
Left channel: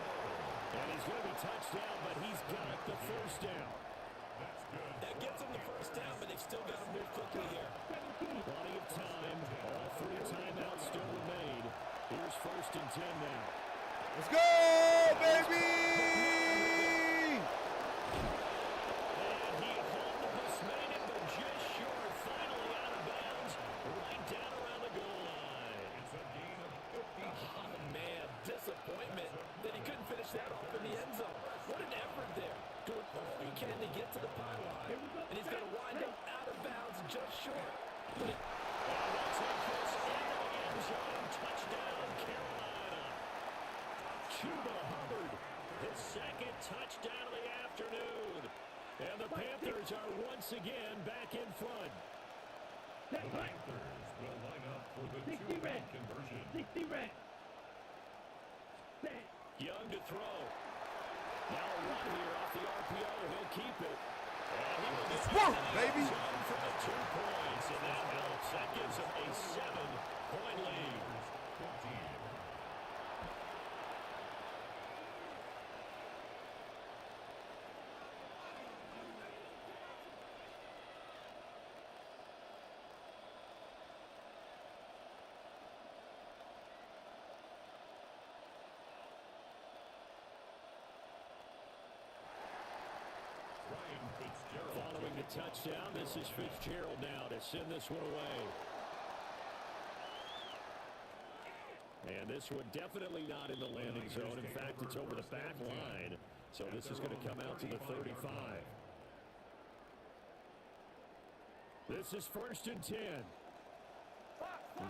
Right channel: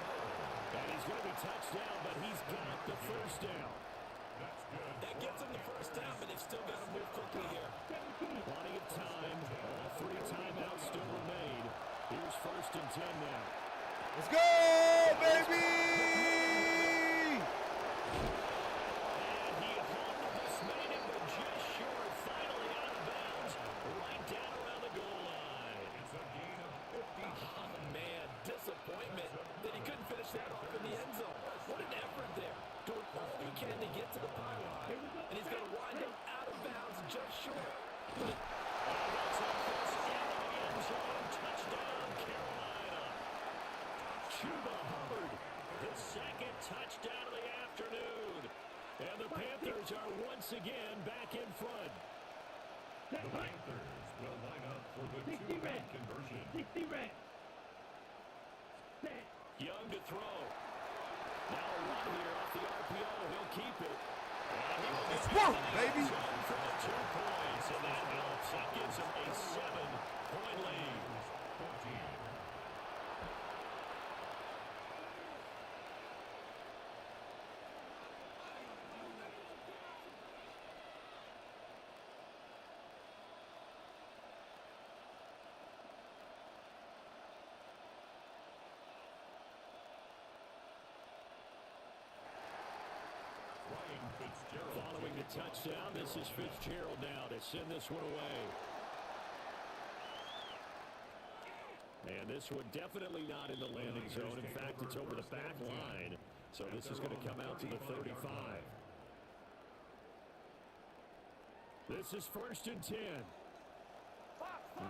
And he's going to be touched down, but he's got the first down. That's good. That gets them the first down, but they've still got to move quickly here. 17. Plenty of time. All 3 timeouts still remain. Here's first and 10 now. Let's go, baby! And he almost made it, but just short. Finally out of bounds, right down around the goal line. It's a gain of 50. Oh, man, disappointment that he couldn't finish that off in the end zone. What an effort there. Doing all he can to get to the pylon, and he's going to wind up out of bounds just short. But And he'll take this into the end zone. Touchdown, Carolina. Chuba Hubbard, his second touchdown of the afternoon. And the Panthers are once again back in front. The Panthers will line up for the 60 two-point red. conversion. 60 red. Set. Young to throw. Now a run here off the RPO. He'll keep it. And he will It's get work, into the baby. end zone for the 2 points. And that helps. That gives him a 7-point lead. 14. Ryan Fitzgerald. Following the touchdown, this is Fitzgerald now to send this one away. And this one definitely not in the landing zone. In fact, it's over the back line. So this is going to come out to the 35. This is first and 10.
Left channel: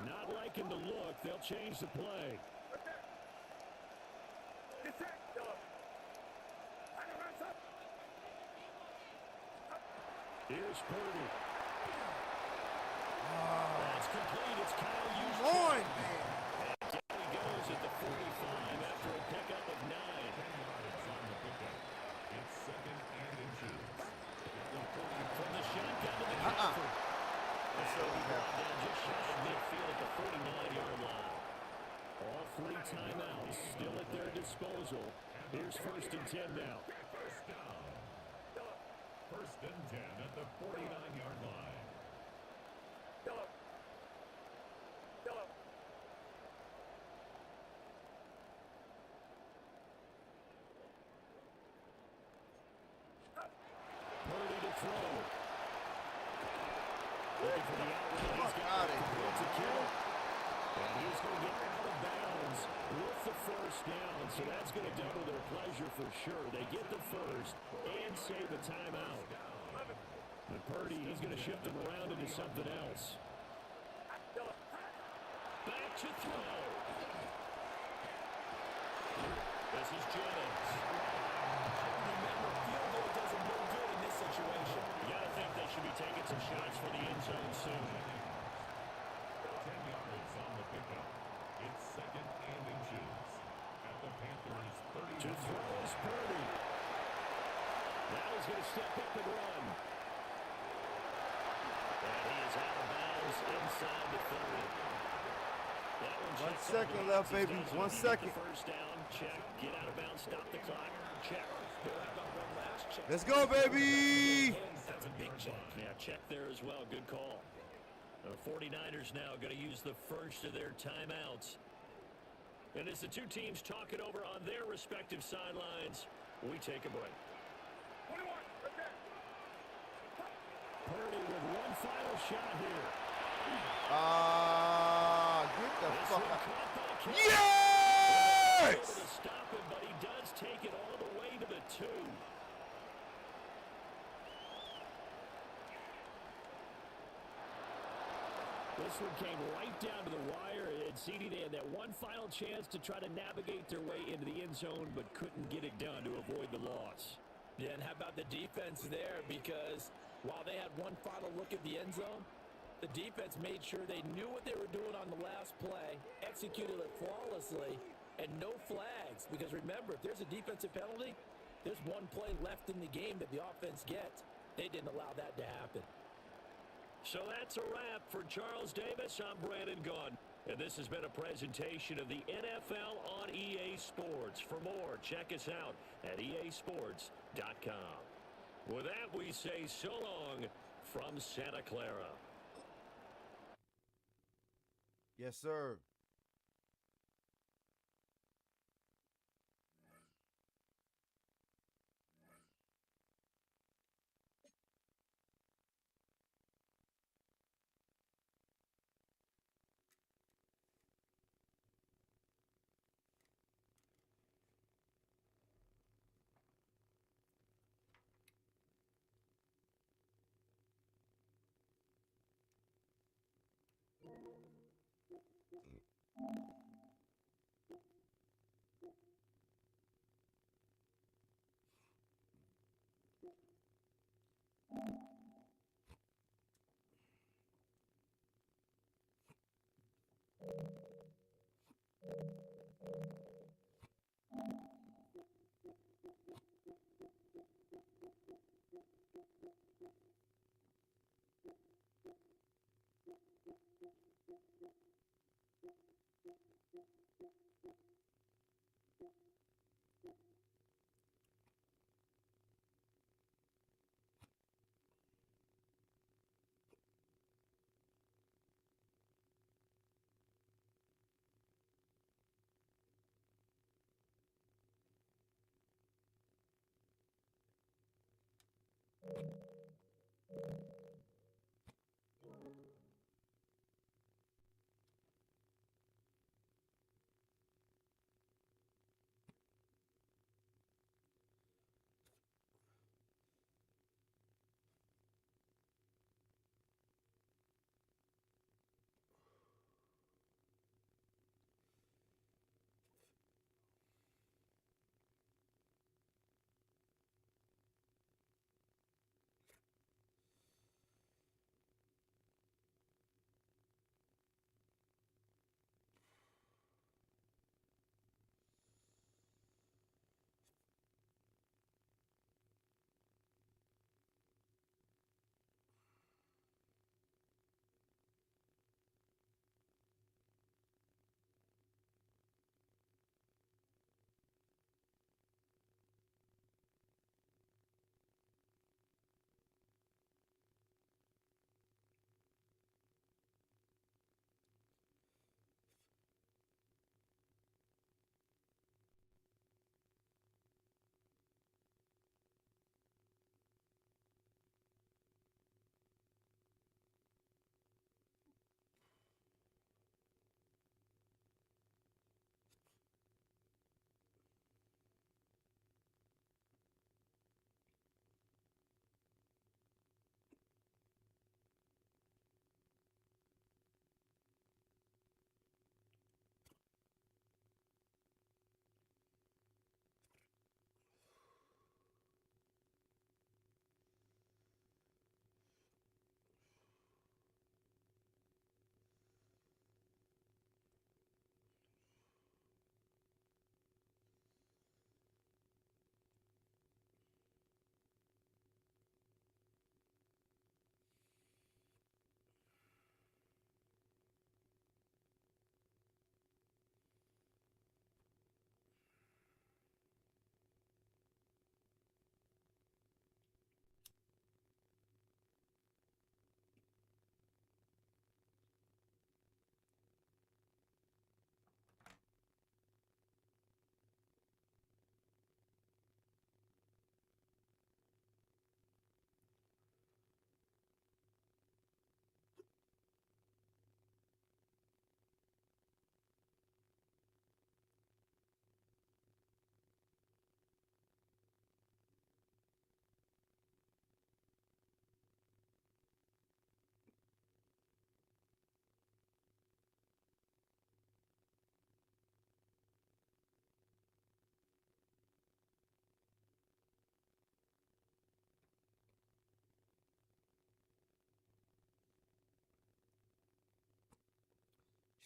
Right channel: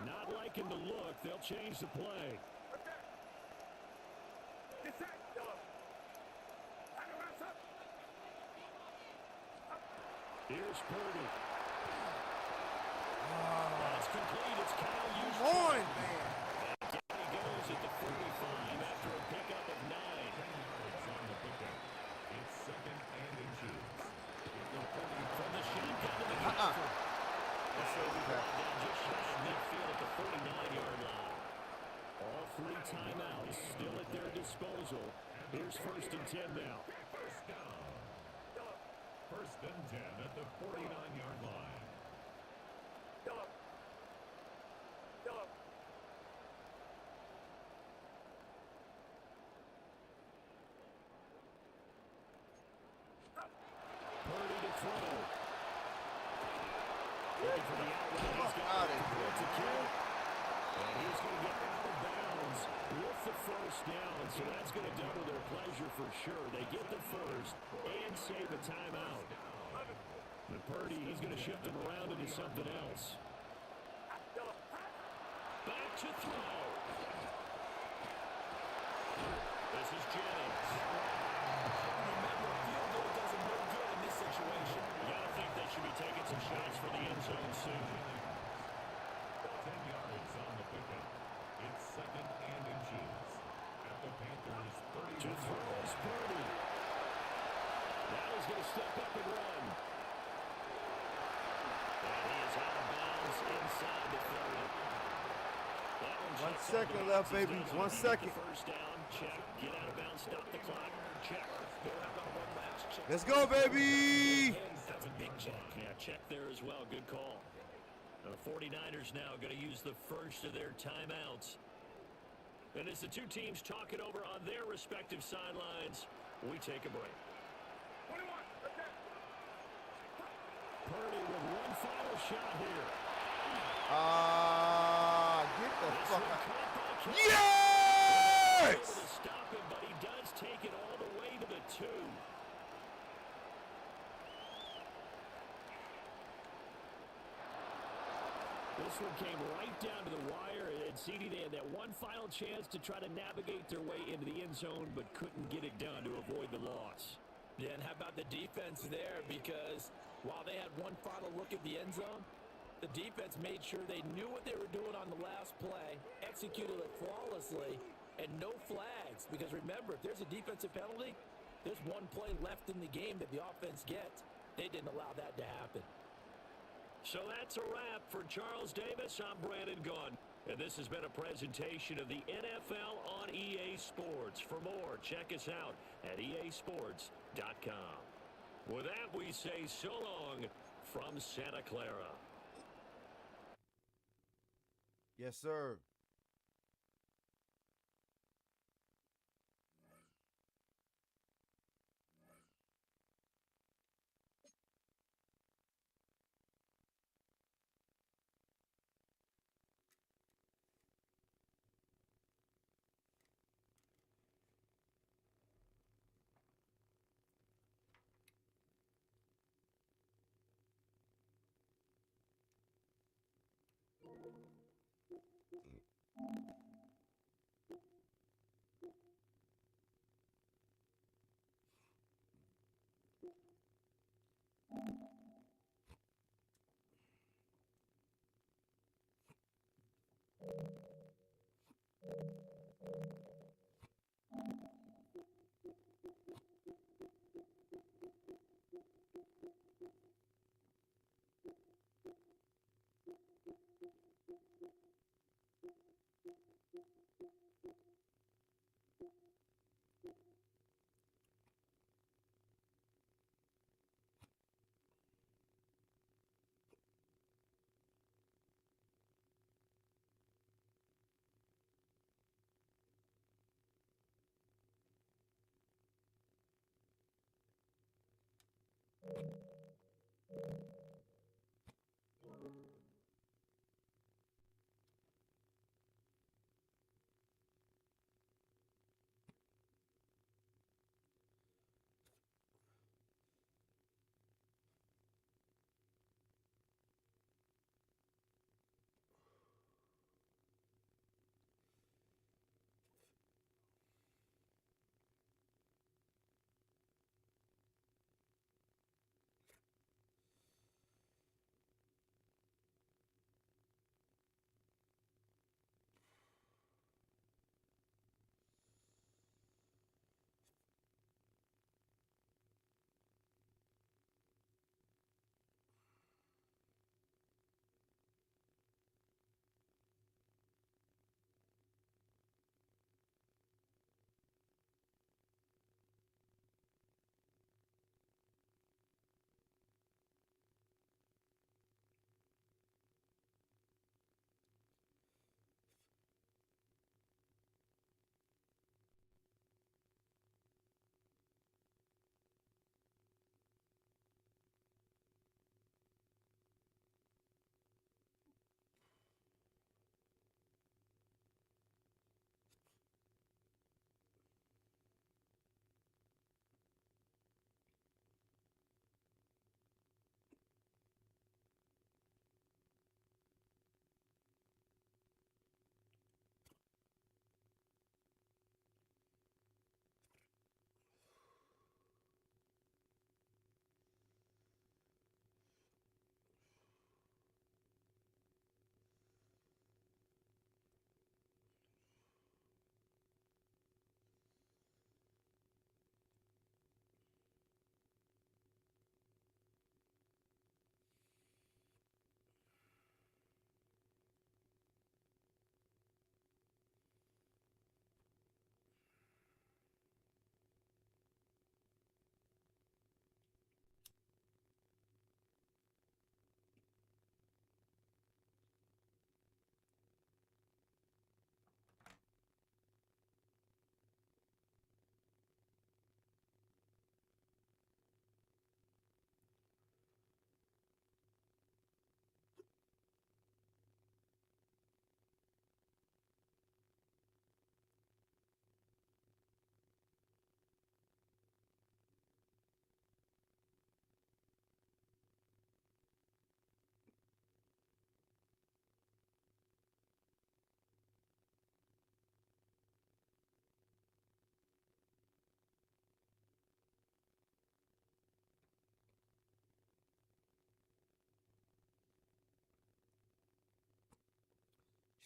Not liking the look. They'll change the play. Here's Purdy. That's complete. It's Kyle Juszczyk. Come on, man. And down he goes at the 45 after a pickup of 9. 10 yards on the pickup. It's second and inches. From the shotgun to McCaffrey. What's up, Brought McCaffrey? down just shy of midfield at the 49-yard line. All 3 timeouts still at their disposal. Here's 1st and 10 now. First down. 1st and 10 at the 49-yard line. Purdy to throw. Looking for the out route. He's got out of to here, kill. And he's going to get out of bounds with the 1st down. So that's going to double their pleasure for sure. They get the 1st and save a timeout. And Purdy, he's going to shift him around into something else. Back to throw. This is Jennings. Remember, field goal does them no good in this situation. You got to think they should be taking some shots for the end zone soon. 10 yards on the pickup. It's 2nd and inches. At the Panthers' 30. To throw is Purdy. Now he's going to step up and run. And he is out of bounds inside the 30. That one 1 second left, baby. 1 second. First down, check. Get out of bounds, stop the clock. Check. They'll have that one last check. Let's go, baby. That's a big check. Yeah, check there as well. Good call. The 49ers now going to use the first of their timeouts. And as the two teams talk it over on their respective sidelines, we take a break. 21, right there. Purdy with one final shot here. Get the This fuck one out. caught by King. Yes! Able to stop him, but he does take it all the way to the 2. This one came right down to the wire, and CD, they had that one final chance to try to navigate their way into the end zone, but couldn't get it done to avoid the loss. Yeah, and how about the defense there? Because while they had one final look at the end zone, the defense made sure they knew what they were doing on the last play, executed it flawlessly, and no flags. Because remember, if there's a defensive penalty, there's one play left in the game that the offense gets. They didn't allow that to happen. So that's a wrap for Charles Davis. I'm Brandon Gunn. And this has been a presentation of the NFL on EA Sports. For more, check us out at easports.com. With that, we say so long from Santa Clara. Yes, sir.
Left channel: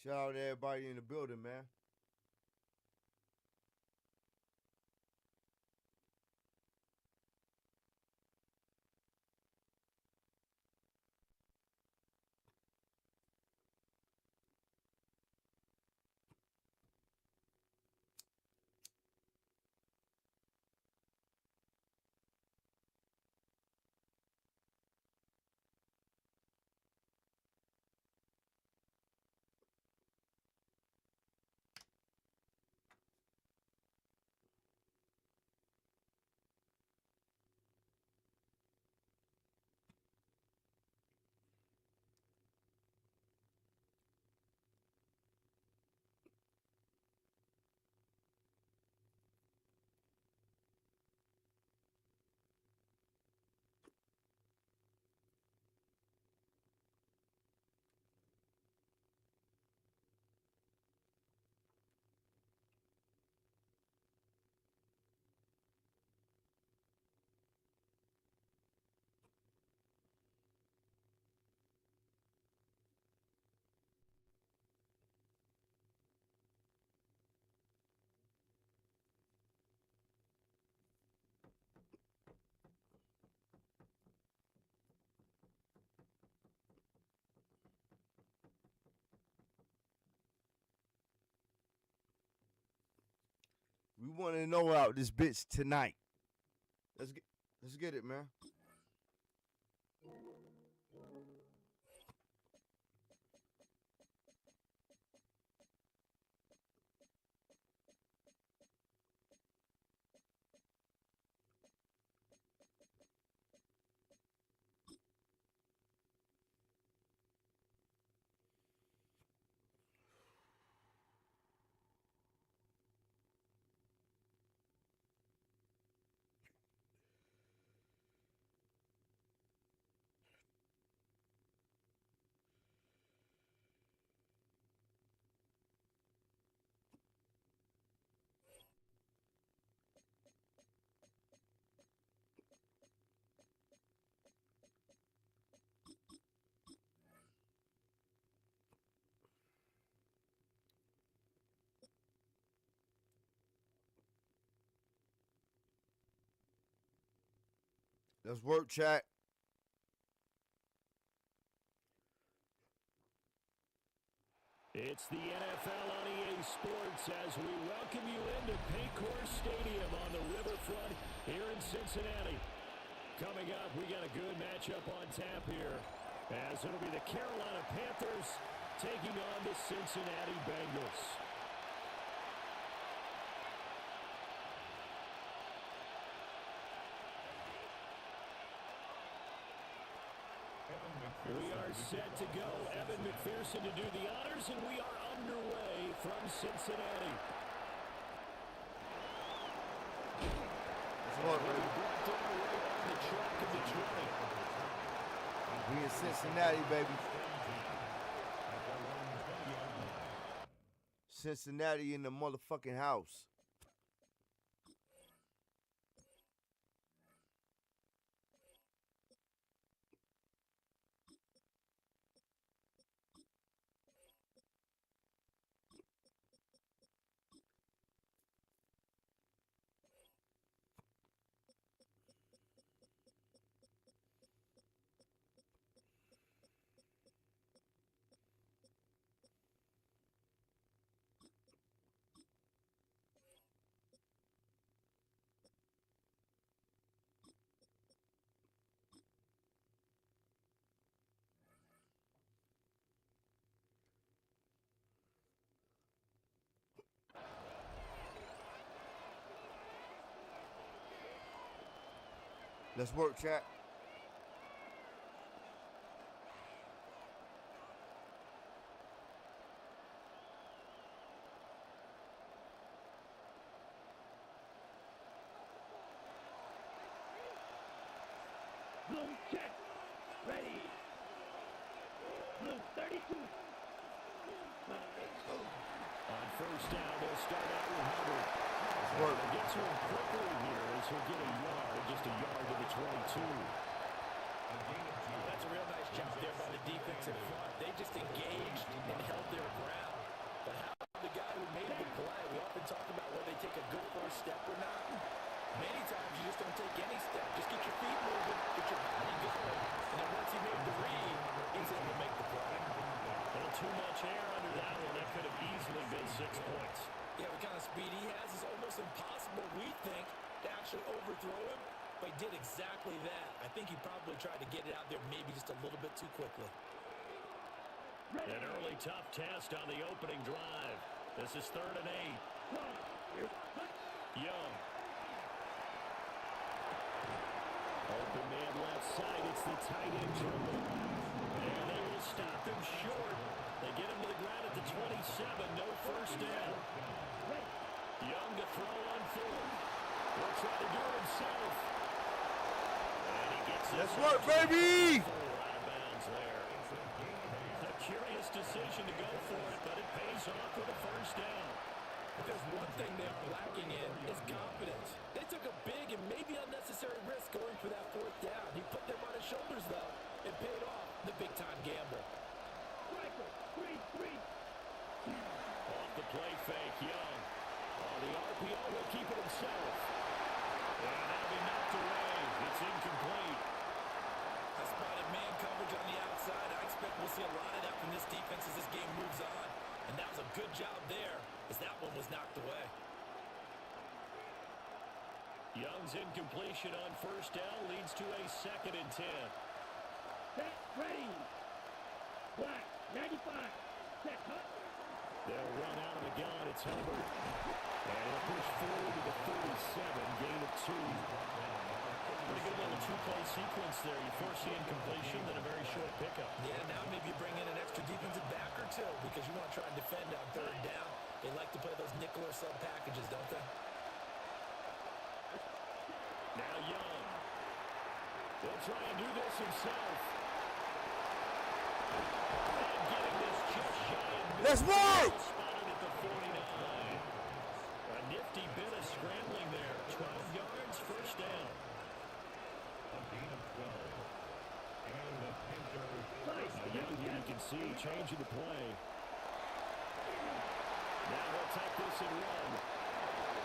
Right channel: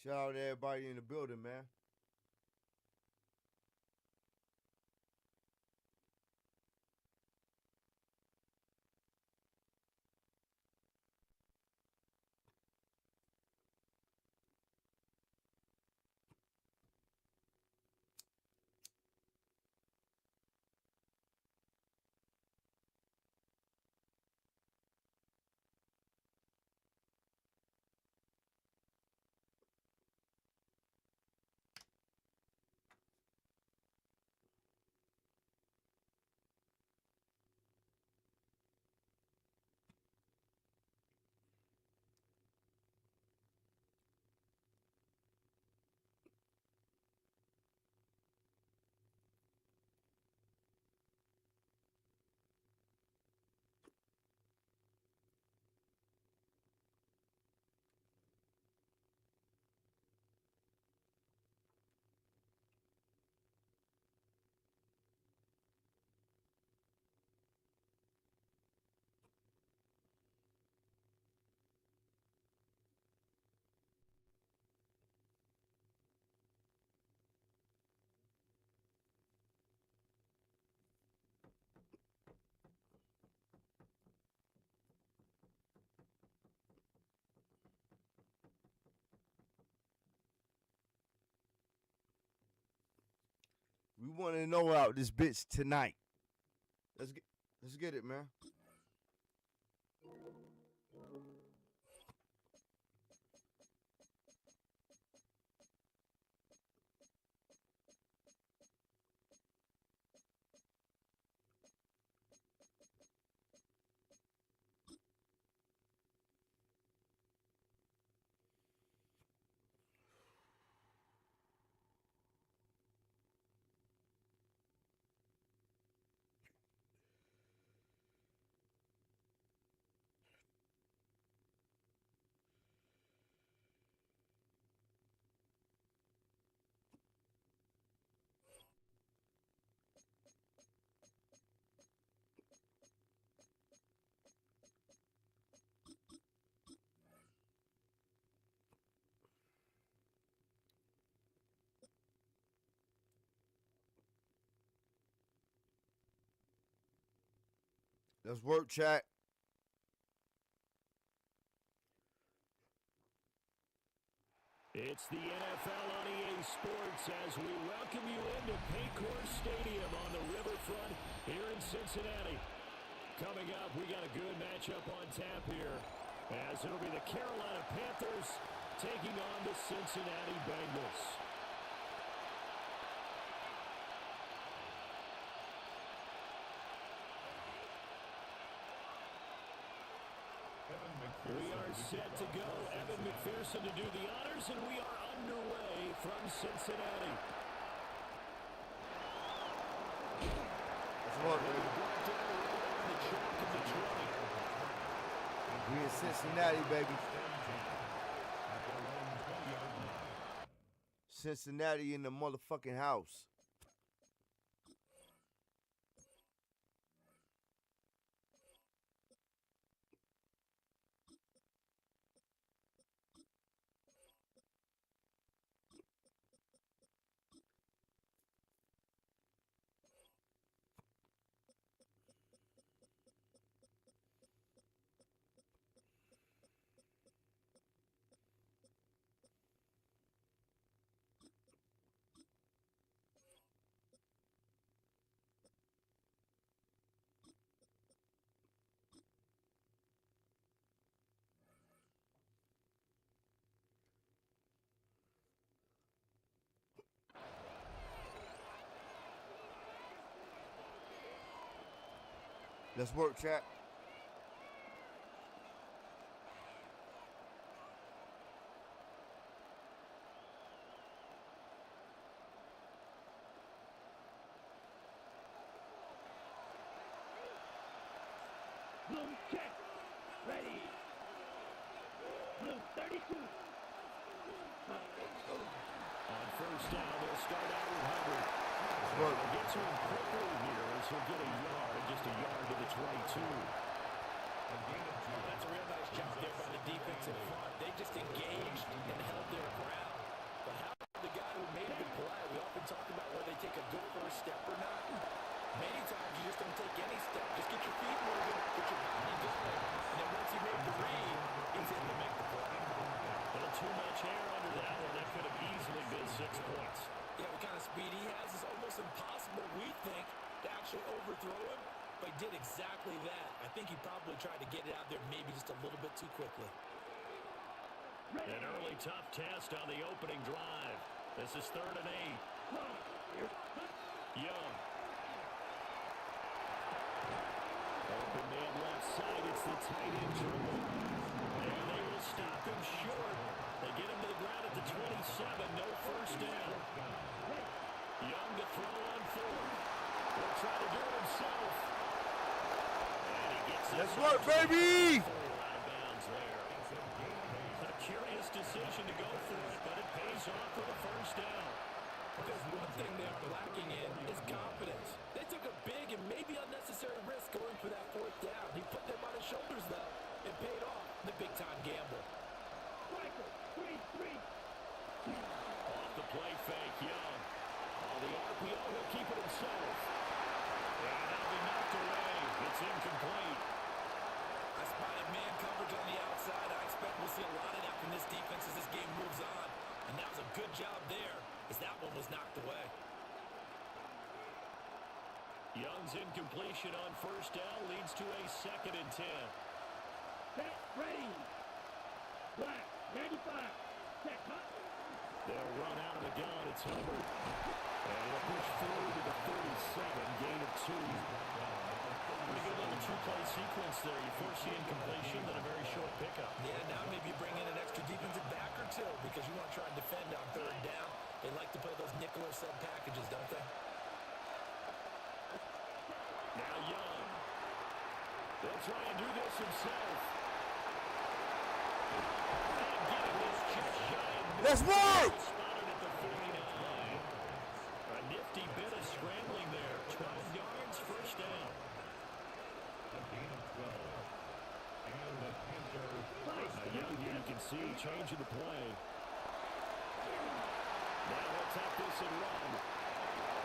Shout out to everybody in the building, man. We want to know out this bitch tonight. Let's get it, man. Let's work, chat. It's the NFL on EA Sports as we welcome you into Paycor Stadium on the riverfront here in Cincinnati. Coming up, we got a good matchup on tap here, as it'll be the Carolina Panthers taking on the Cincinnati Bengals. We are set to go. Evan McPherson to do the honors, and we are underway from Cincinnati. Let's work, baby. Brought down right on the chalk of the 20. We in Cincinnati, baby. Cincinnati in the motherfucking house. Let's work, chat. Bloom check. Ready. Bloom 32. On first down, they'll start out with Hubbard. Work. They'll get to him quickly here as he'll get a yard, just a yard to the 22. A gain of 2. Oh, that's a real nice job there by the defense in front. They just engaged and held their ground. But how the guy who made the play, we often talk about whether they take a good first step or not. Many times you just don't take any step. Just get your feet moving, get your body going, and then once he made the read, he's able to make the play. A little too much air under that one. That could have easily been 6 points. Yeah, what kind of speed he has is almost impossible, we think, to actually overthrow him, but he did exactly that. I think he probably tried to get it out there maybe just a little bit too quickly. An early tough test on the opening drive. This is 3rd and 8. Young. Open man left side. It's the tight end dribble. And they will stop him short. They get him to the ground at the 27. No first down. Young to throw on 4th. He'll try to do it himself. And he gets it. Let's work, baby! 4 out of bounds there. A curious decision to go for it, but it pays off with a first down. If there's one thing they are lacking in, is confidence. They took a big and maybe unnecessary risk going for that 4th down. He put them on his shoulders, though. It paid off the big-time gamble. Striker, 3-3. Off the play fake, Young. On the RPO, he'll keep it himself. And that'll be knocked away. It's incomplete. I spotted man coverage on the outside. I expect we'll see a lot of that from this defense as this game moves on. And that was a good job there as that one was knocked away. Young's incompletion on first down leads to a 2nd and 10. Set, ready. Black, 95. Set, cut. They'll run out of the gun. It's Hilbert. And he'll push forward to the 37, gain of 2. Pretty good little 2-play sequence there. You force the incompletion, then a very short pickup. Yeah, now maybe you bring in an extra defensive back or two because you want to try and defend on 3rd down. They like to play those nickel or sub packages, don't they? Now Young. They'll try and do this himself. And getting this just shy of Let's work! spotted at the 49. A nifty bit of scrambling there. 12 yards, first down. A gain of 12. And the Panthers. Young here, you can see changing the play. Now he'll tuck this and run.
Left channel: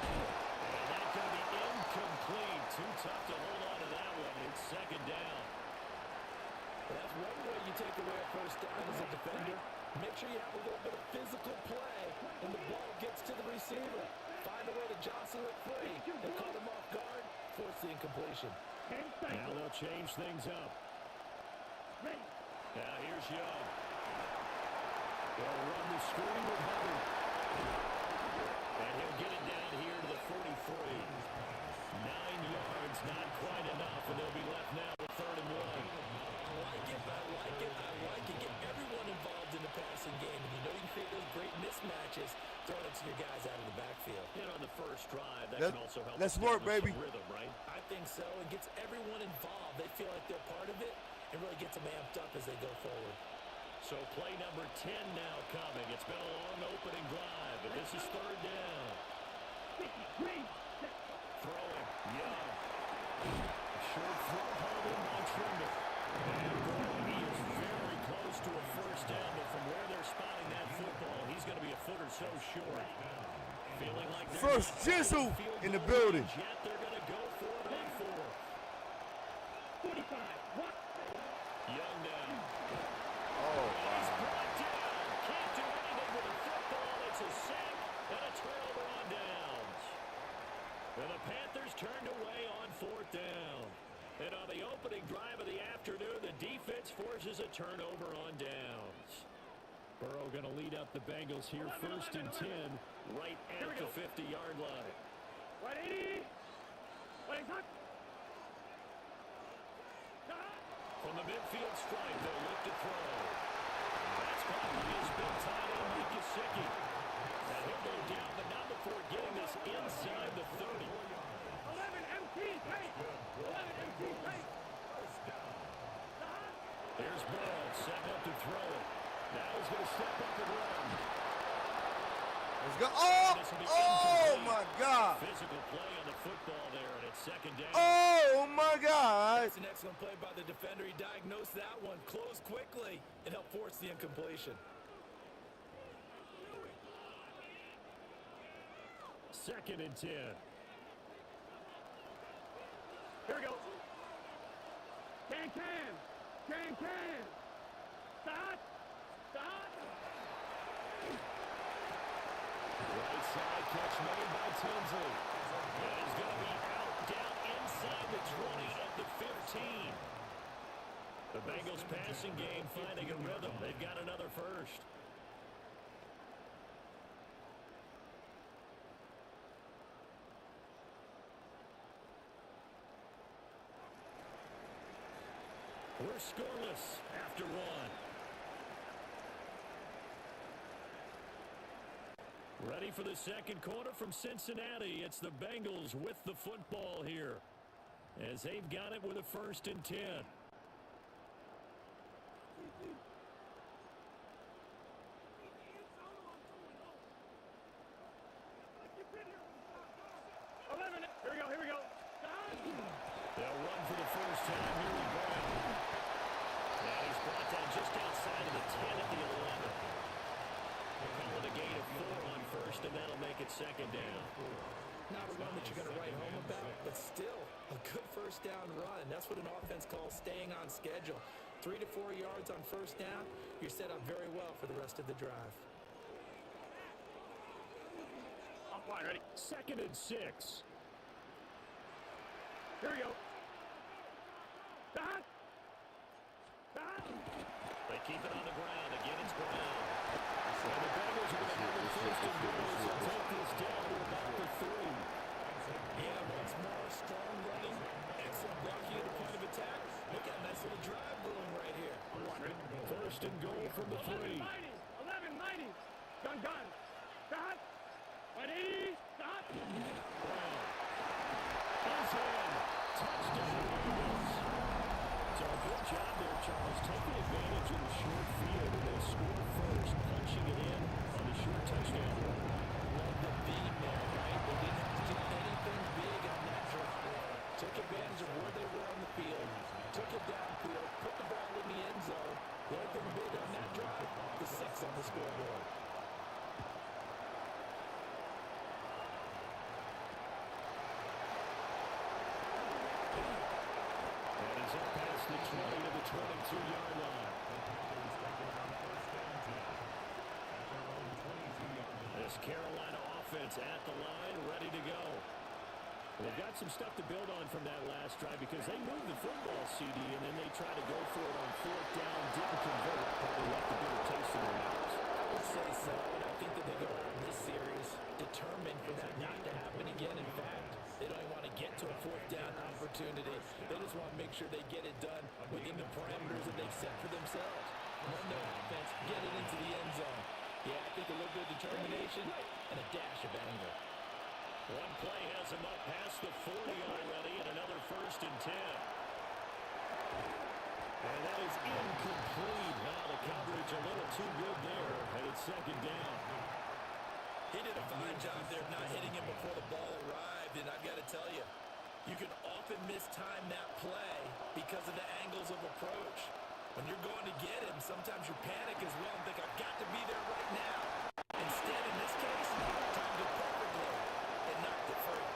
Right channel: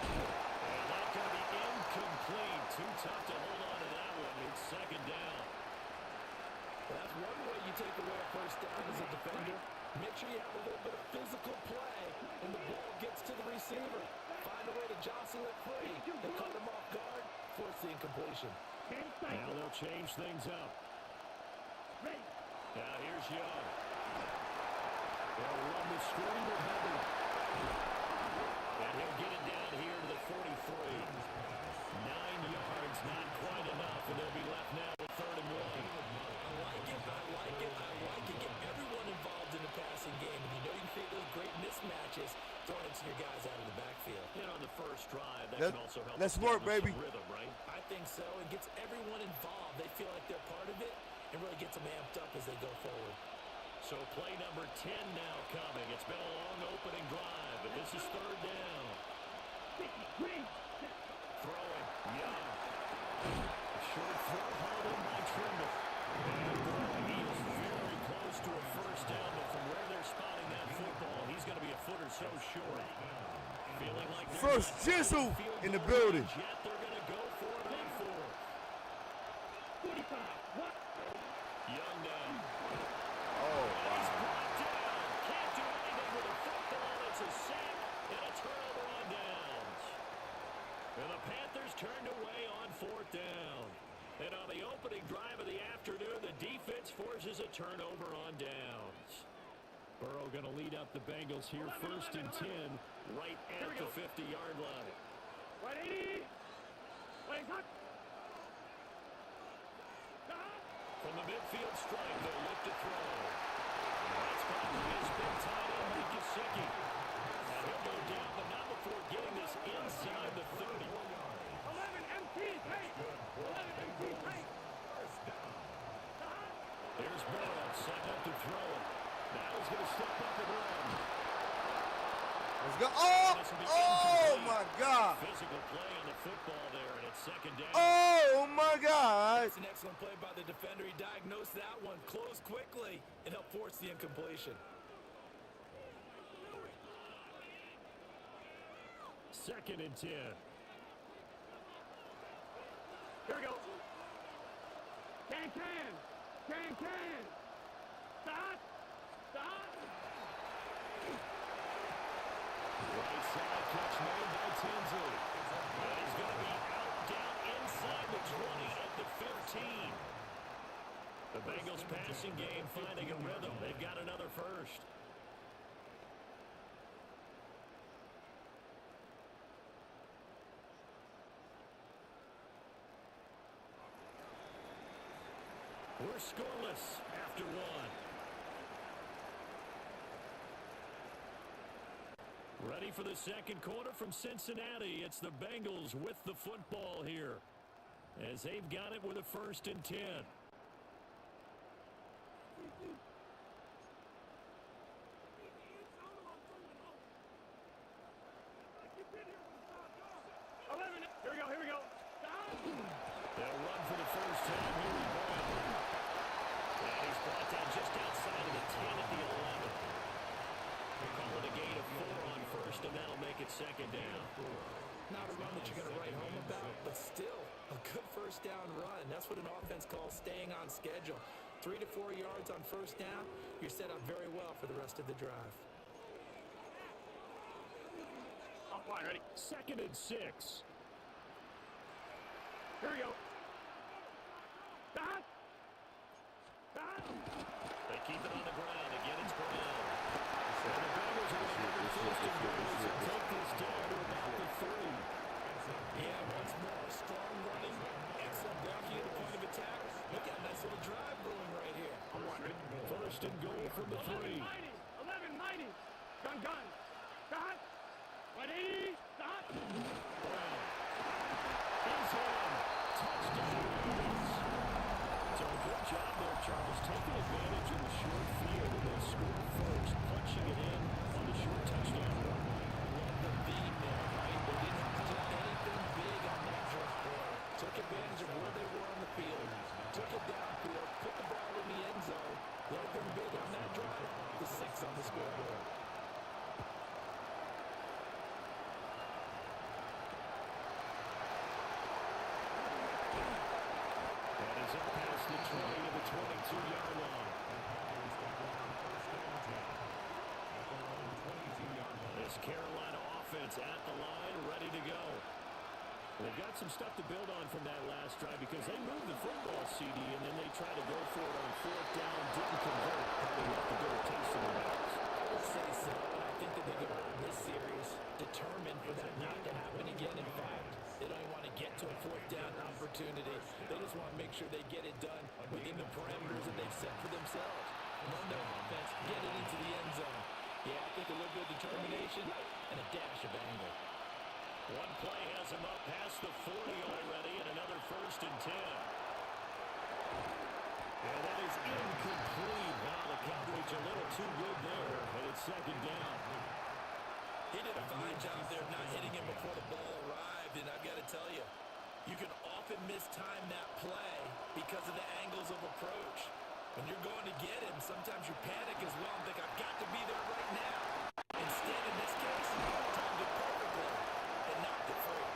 And that's going to be incomplete. Too tough to hold on to that one. It's 2nd down. But that's one way you take away a first down as a defender. Make sure you have a little bit of physical play when the ball gets to the receiver. Find a way to jostle it free. They caught him off guard, force the incompletion. Now they'll change things up. Ready. Now here's Young. They'll run the screen with Hubbard. And he'll get it down here to the 43. 9 yards, not quite enough, and they'll be left now with 3rd and 1. I like it, I like it, I like it. Get everyone involved in the passing game. And you know you can create those great mismatches throwing it to your guys out of the backfield. And on the first drive, that can also help let's establish work, baby. some rhythm, right? I think so. It gets everyone involved. They feel like they're part of it and really gets them amped up as they go forward. So play number 10 now coming. It's been a long opening drive, but this is 3rd down. 50, green. Set. Throwing, Young. Short throw hauled in by Trimble. And boy, he is very close to a first down, but from where they're spotting that football, he's going to be a foot or so short. Feeling like they're First not Jizzle field in the goal building. range yet. They're going to go for it on 4th. 45. What? Ready. Young down. Oh, He's wow. brought down. Can't do anything with a football. It's a sack and a turnover on downs. And the Panthers turned away on 4th down. And on the opening drive of the afternoon, the defense forces a turnover on downs. Burrow going to lead up the Bengals here, 1st and 10, right at the 50-yard line. Ready. Wait, hot. From the midfield stripe, they'll look to throw. That's caught by his big tight end, Mike Gesicki. And he'll go down, but not before getting this inside the 30. 11 MT, take. 11 MT, take. Here's Burrow, setting up to throw it. Now he's going to step up and run. Let's go. Oh, oh my God. Physical play on the football there, and it's 2nd down. Oh Oh, my God. That's an excellent play by the defender. He diagnosed that one, closed quickly, and helped force the incompletion. 2nd and 10. Here we go. Can. Start. Right side catch made by Tinsley. And he's going to be out down inside the 20 at the 15. The Bengals passing game finding a rhythm. They've got another first. We're scoreless after 1. Ready for the second quarter from Cincinnati. It's the Bengals with the football here, as they've got it with a 1st and 10. 11. Here we go. Stop. They'll run for the first time here with Brown. And he's brought down just outside of the 10 at the 11. We'll call it a gain of 4 on first, and that'll make it 2nd down. Not a run that you're going to write home about, but still a good first down run. That's what an offense calls staying on schedule. 3 to 4 yards on first down, you're set up very well for the rest of the drive. Offline, ready. 2nd and 6. Here we go. Stop. They keep it on the ground. Again, it's Brown. And the Bengals are going to have it 1st and goal. They'll take this down to about the 3. Yeah, once more, strong running, excellent blocking at the point of attack. Look at a nice little drive brewing right here. I'm one, ready. 1st and goal from the 3. 11, mighty. Gun. Stop. Ready. Stop. Brown is in. Touchdown, Bengals. So good job there, Charles, taking advantage of the short field, and they score first, punching it in on the short touchdown run. I love the beat there, right? They didn't have to do anything big on that drive. Took advantage of where they were on the field, took it downfield, put the ball in the end zone. The only thing big on that drive, the 6 on the scoreboard. And he's up past the 20 to the 22-yard line. This Carolina offense at the line, ready to go. They've got some stuff to build on from that last drive because they moved the football, CD, and then they tried to go for it on 4th down, didn't convert, probably left a bitter taste in their mouths. I would say so, and I think that they go out in this series determined for that not to happen again. In fact, they don't even want to get to a 4th down opportunity. They just want to make sure they get it done within the parameters that they've set for themselves. Run their offense, get it into the end zone. Yeah, I think a little bit of determination and a dash of anger. One play has him up past the 40 already, and another 1st and 10. And that is incomplete. Now the coverage a little too good there, and it's 2nd down. He did a fine job there of not hitting him before the ball arrived, and I've got to tell you, you can often mistime that play because of the angles of approach. When you're going to get him, sometimes you panic as well and think, I've got to be there right now. Instead, in this case, timed it perfectly and knocked it free.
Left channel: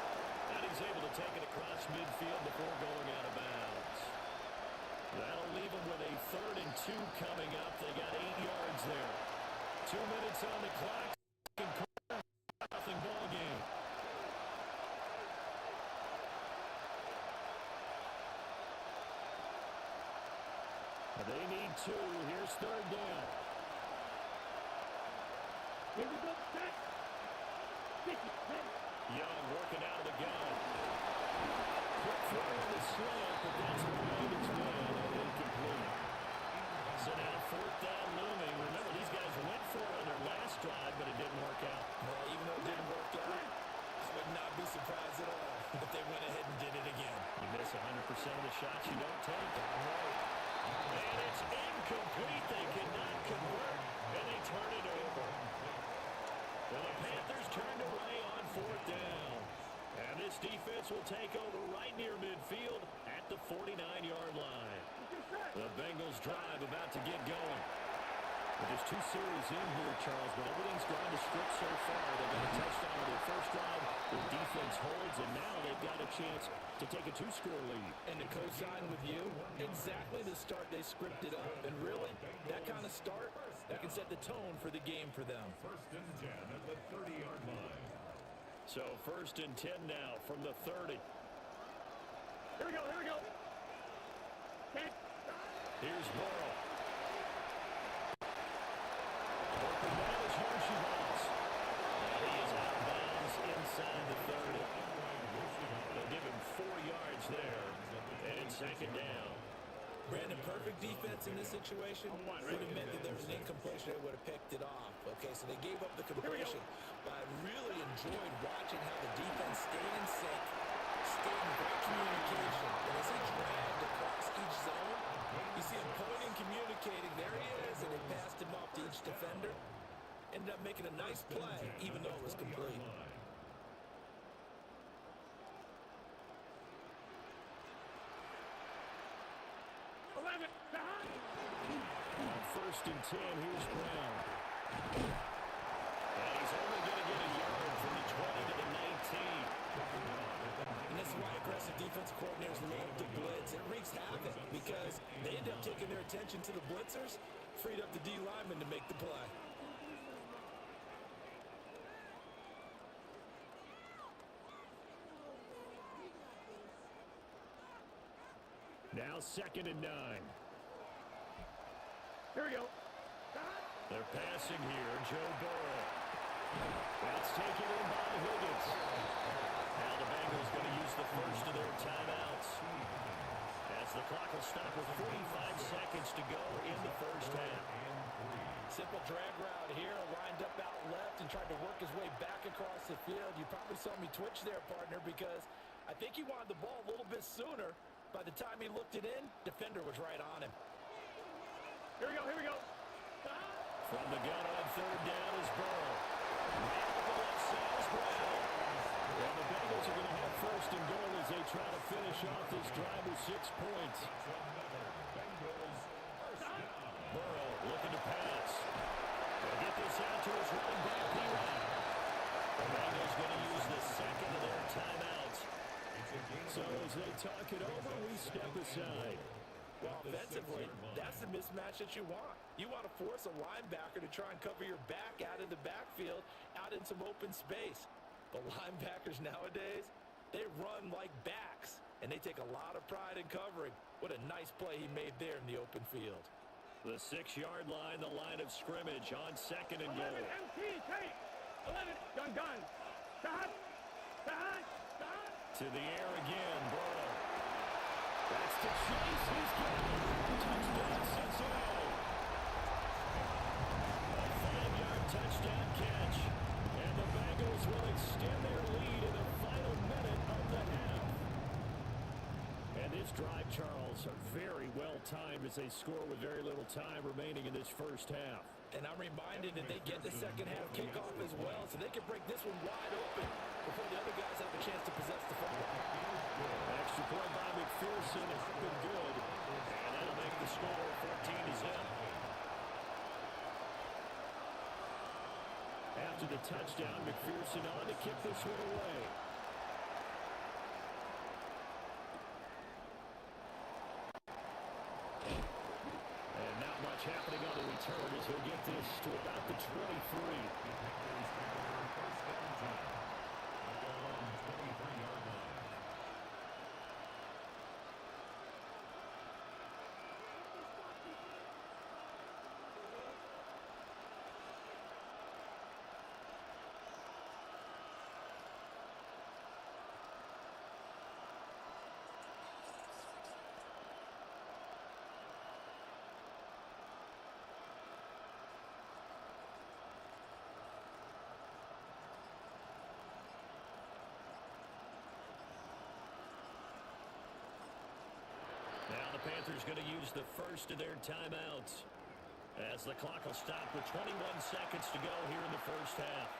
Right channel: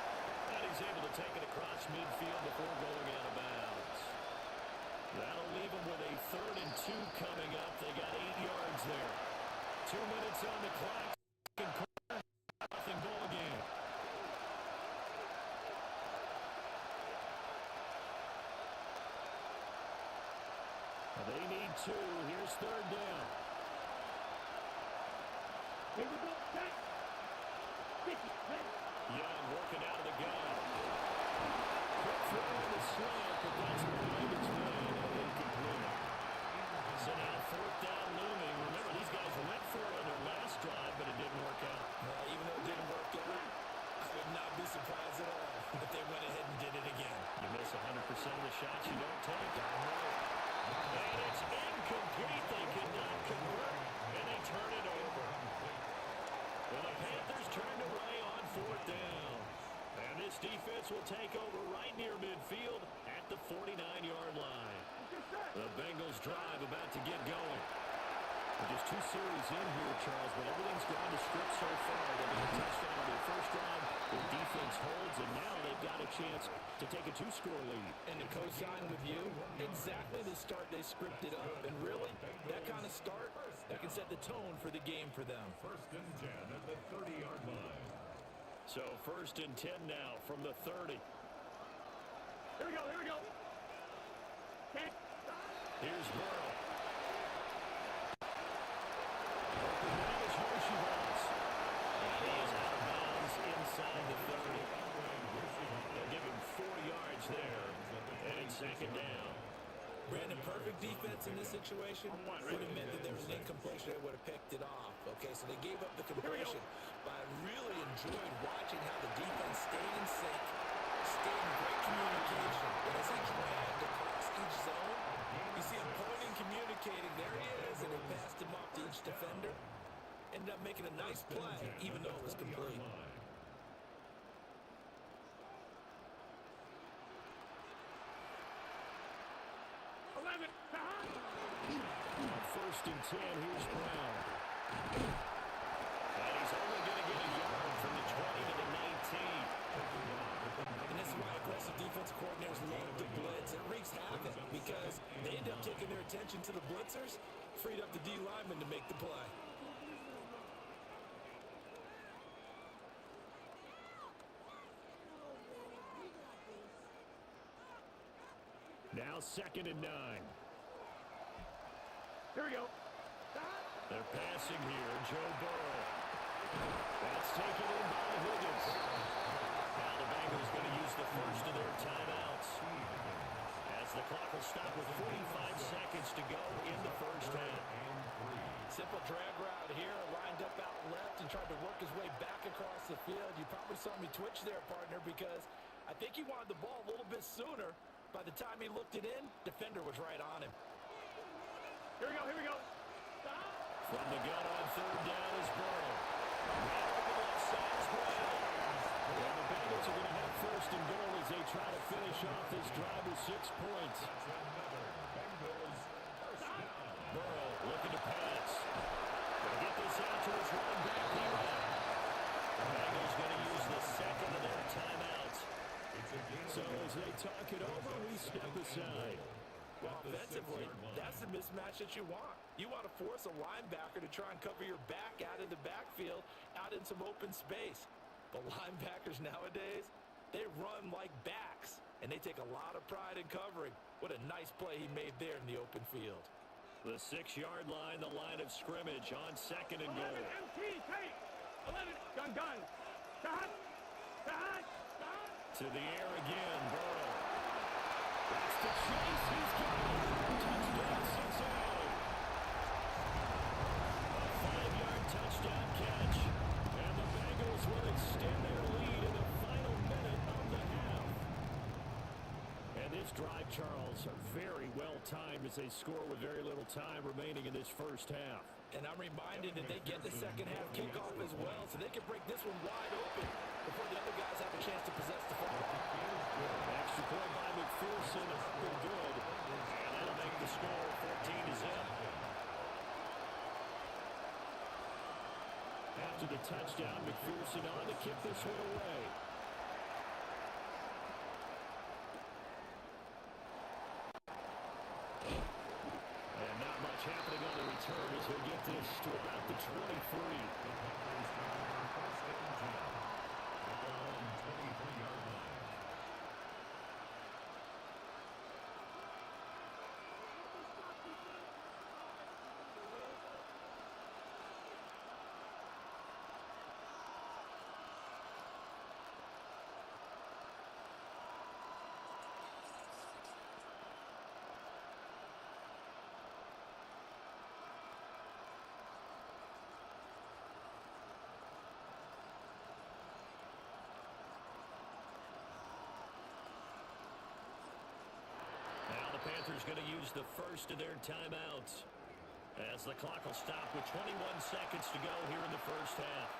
And he's able to take it across midfield before going out of bounds. That'll leave him with a 3rd and 2 coming up. They got 8 yards there. 2 minutes on the clock. Second quarter, nothing ball game. They need 2. Here's 3rd down. Here we go. Back. 50. Ready. Young working out of the gun. Quick throw on the slant, but that's behind his man and incomplete. So now 4th down looming. Remember, these guys went for it on their last drive, but it didn't work out. Well, even though it didn't work out, I would not be surprised at all if they went ahead and did it again. You miss 100% of the shots you don't take. Darn right. And it's incomplete. They cannot convert, and they turn it over. And the Panthers turned away on 4th down. And this defense will take over right near midfield at the 49-yard line. The Bengals drive about to get going. But there's two series in here, Charles, but everything's gone to script so far. They got a touchdown on their first drive. The defense holds, and now they've got a chance to take a two-score lead. And to co-sign with you, exactly the start they scripted up. And really, that kind of start, that can set the tone for the game for them. First and 10 at the 30-yard line. So first and 10 now from the 30. Here we go, here we go. Here's Burrow. Open man is Yoshivas. And he is out of bounds inside the 30. They'll give him 4 yards there, and it's second down. Brandon, perfect defense in this situation would have meant that there was an incompletion. They would have picked it off. Okay, so they gave up the completion. But I really enjoyed watching how the defense stayed in sync, stayed in great communication. And as he dragged across each zone, you see him pointing, communicating. There he is, and they passed him off to each defender. Ended up making a nice play, even though it was complete. On first and 10, here's Brown. And he's only going to get a yard from the 20 to the 19. And this is why aggressive defensive coordinators love to blitz. It wreaks havoc because they end up taking their attention to the blitzers, freed up the D lineman to make the play. Now second and 9. Here we go. They're passing here, Joe Burrow. That's taken in by Higgins. Now the Bengals going to use the first of their timeouts, as the clock will stop with 45 seconds to go in the first half. Simple drag route here, lined up out left and tried to work his way back across the field. You probably saw me twitch there, partner, because I think he wanted the ball a little bit sooner. By the time he looked it in, defender was right on him. Here we go, here we go. From the gun on third down is Burrow. Man over the left side is Brown. And the Bengals are going to have first and goal as they try to finish off this drive with 6 points. That's another Bengals first down. Burrow looking to pass. They'll get this out to his running back, P-Rod. The Bengals going to use the second of their timeouts. So as they talk it over, we step aside. Well, offensively, that's the mismatch that you want. You want to force a linebacker to try and cover your back out of the backfield, out in some open space. But linebackers nowadays, they run like backs, and they take a lot of pride in covering. What a nice play he made there in the open field. The 6-yard line, the line of scrimmage on second and 11 goal. MT, take. 11, gun. Shot. To the air again, Burrow. That's to Chase. He's got it. Touchdown, Cincinnati. A 5-yard touchdown catch. And the Bengals will extend their lead in the final minute of the half. And this drive, Charles, very well timed as they score with very little time remaining in this first half. And I'm reminded that they get the second half kickoff as well, so they can break this one wide open before the other guys have a chance to possess the football. Extra point by McPherson, up and good. And that'll make the score 14-0. After the touchdown, McPherson on to kick this one away. And not much happening on the return as he'll get this to about the 23. The Panthers take over first and 10 at their own 23-yard line. Now the Panthers going to use the first of their timeouts as the clock will stop with 21 seconds to go here in the first half.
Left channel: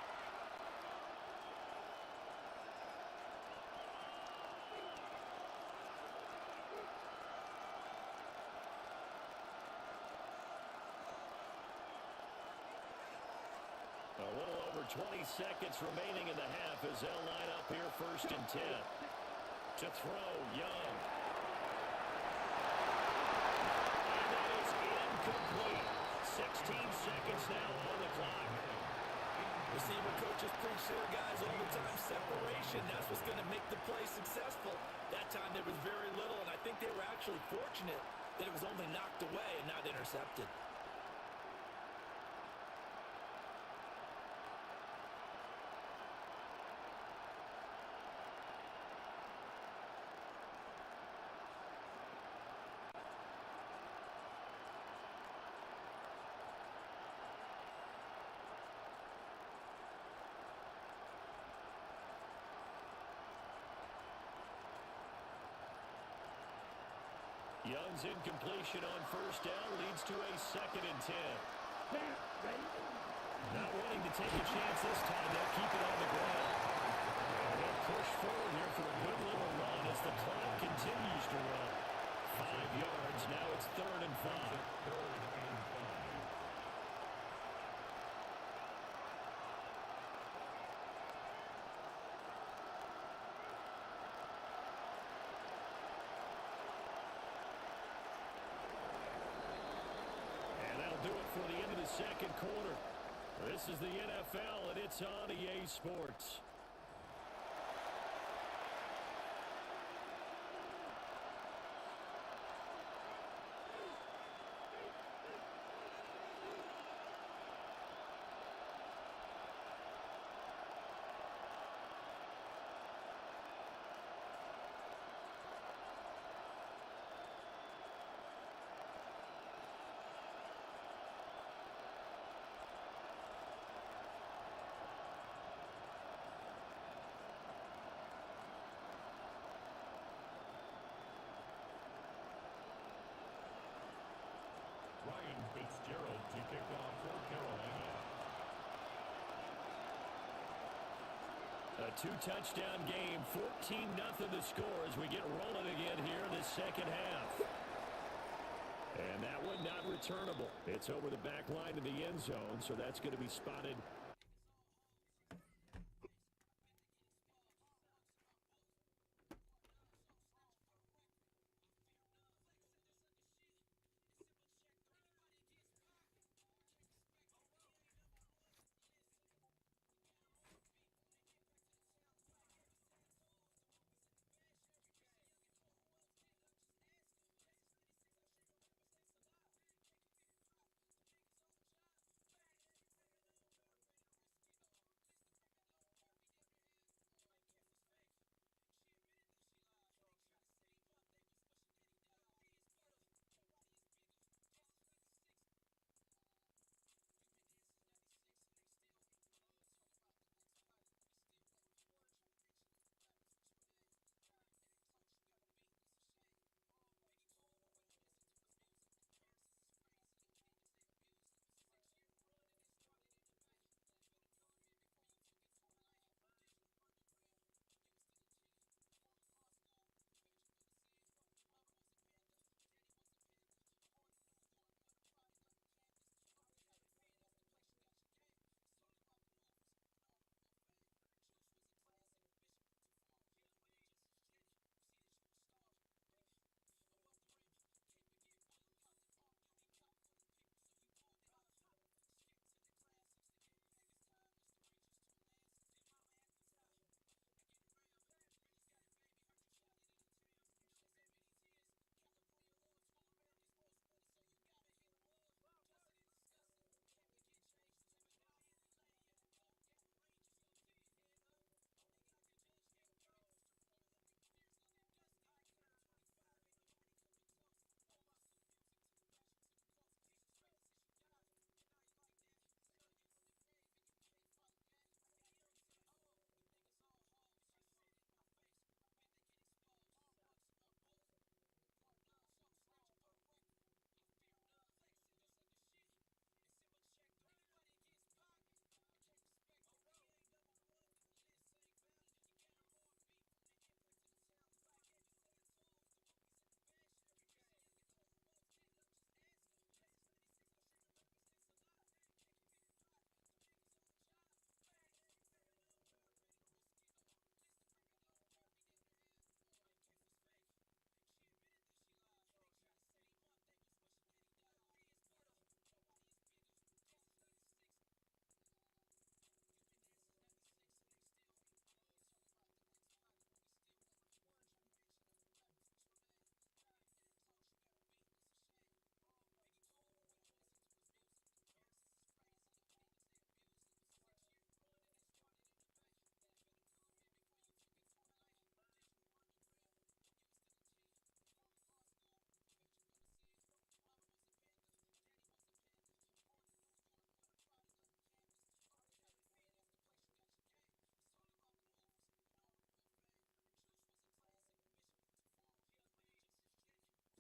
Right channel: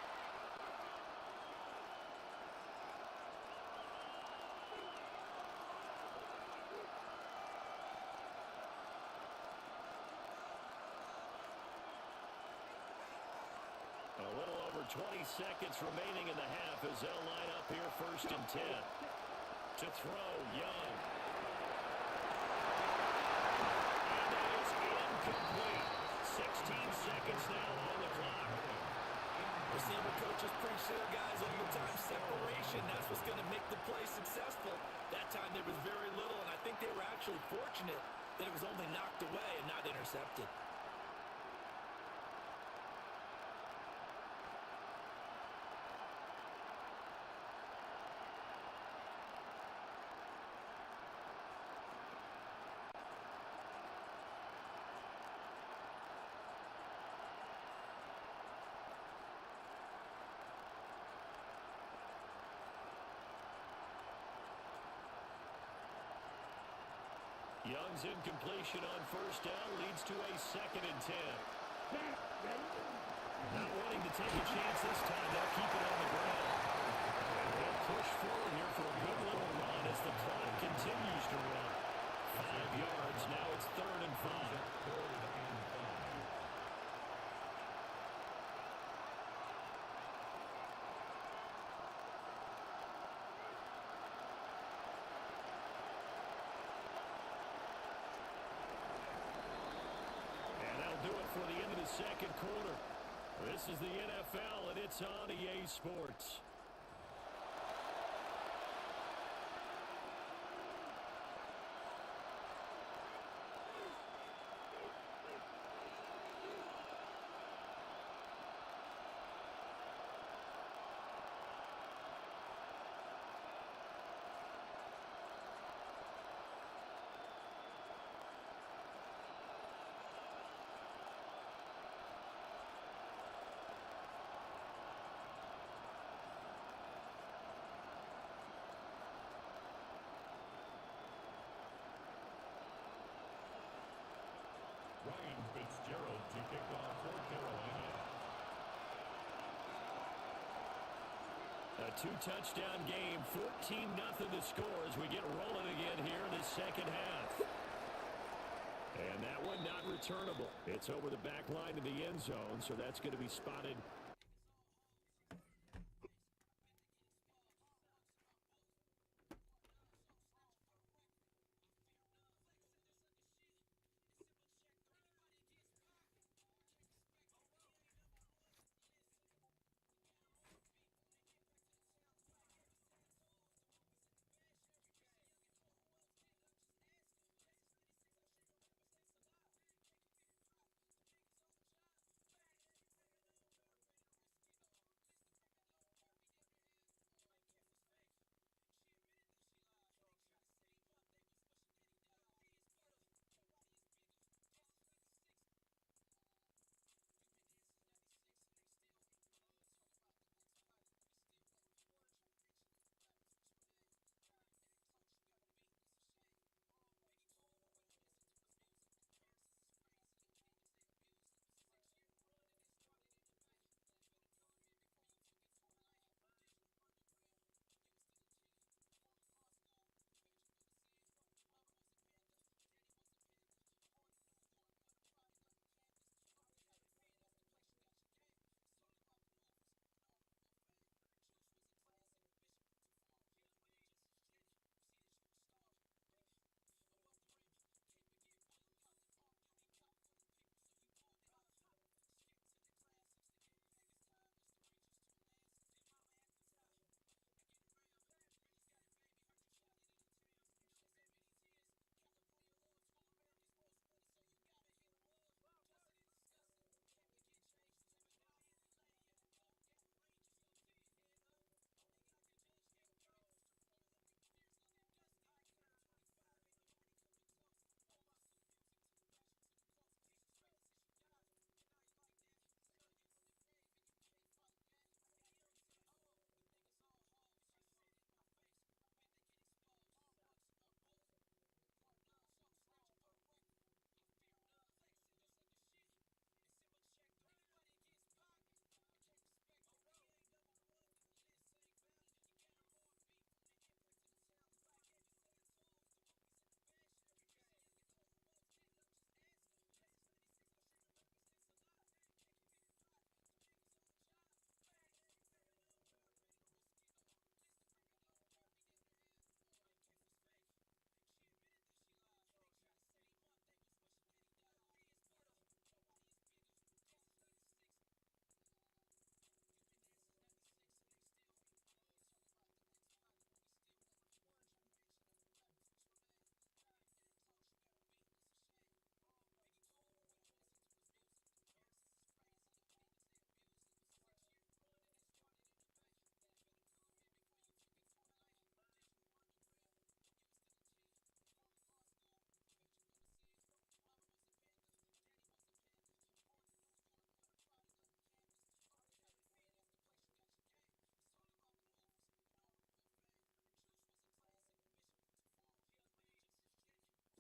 20 seconds remaining in the half as they'll line up here 1st and 10. To throw, Young. And that is incomplete. 16 seconds now on the clock. Receiver coaches preach to their guys all the time. Separation, that's what's going to make the play successful. That time there was very little, and I think they were actually fortunate that it was only knocked away and not intercepted. Young's incompletion on 1st down leads to a 2nd and 10. Not wanting to take a chance this time, they'll keep it on the ground. And he'll push forward here for a good little run as the clock continues to run. 5 yards, now it's 3rd and 5. 3rd and 5. Do it for the end of the 2nd quarter. This is the NFL, and it's on EA Sports. Ryan Fitzgerald to kick off for Carolina. A 2-touchdown game, 14-0 the score as we get rolling again here in this 2nd half. And that one not returnable. It's over the back line of the end zone, so that's going to be spotted.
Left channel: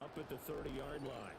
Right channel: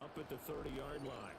Up at the 30-yard line.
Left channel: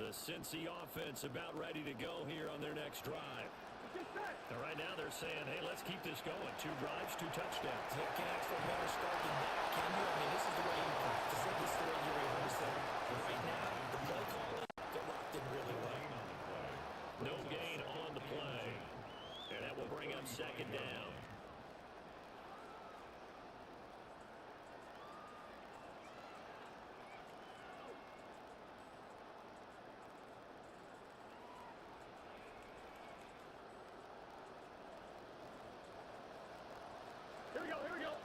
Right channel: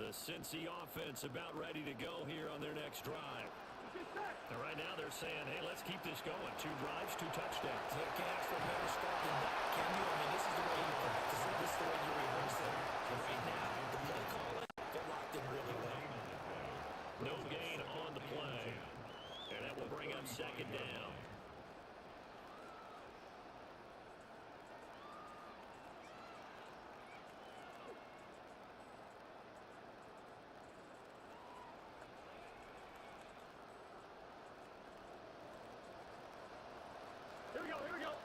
The Cincy offense about ready to go here on their next drive. And right now they're saying, hey, let's keep this going. 2 drives, 2 touchdowns. Yeah, can't ask for a better start than that, can you? I mean, this is the way you practice it. This is the way you rehearse it. But right now, the play calling, they're locked in really well. No gain on the play. And that will bring up second down. Here we go.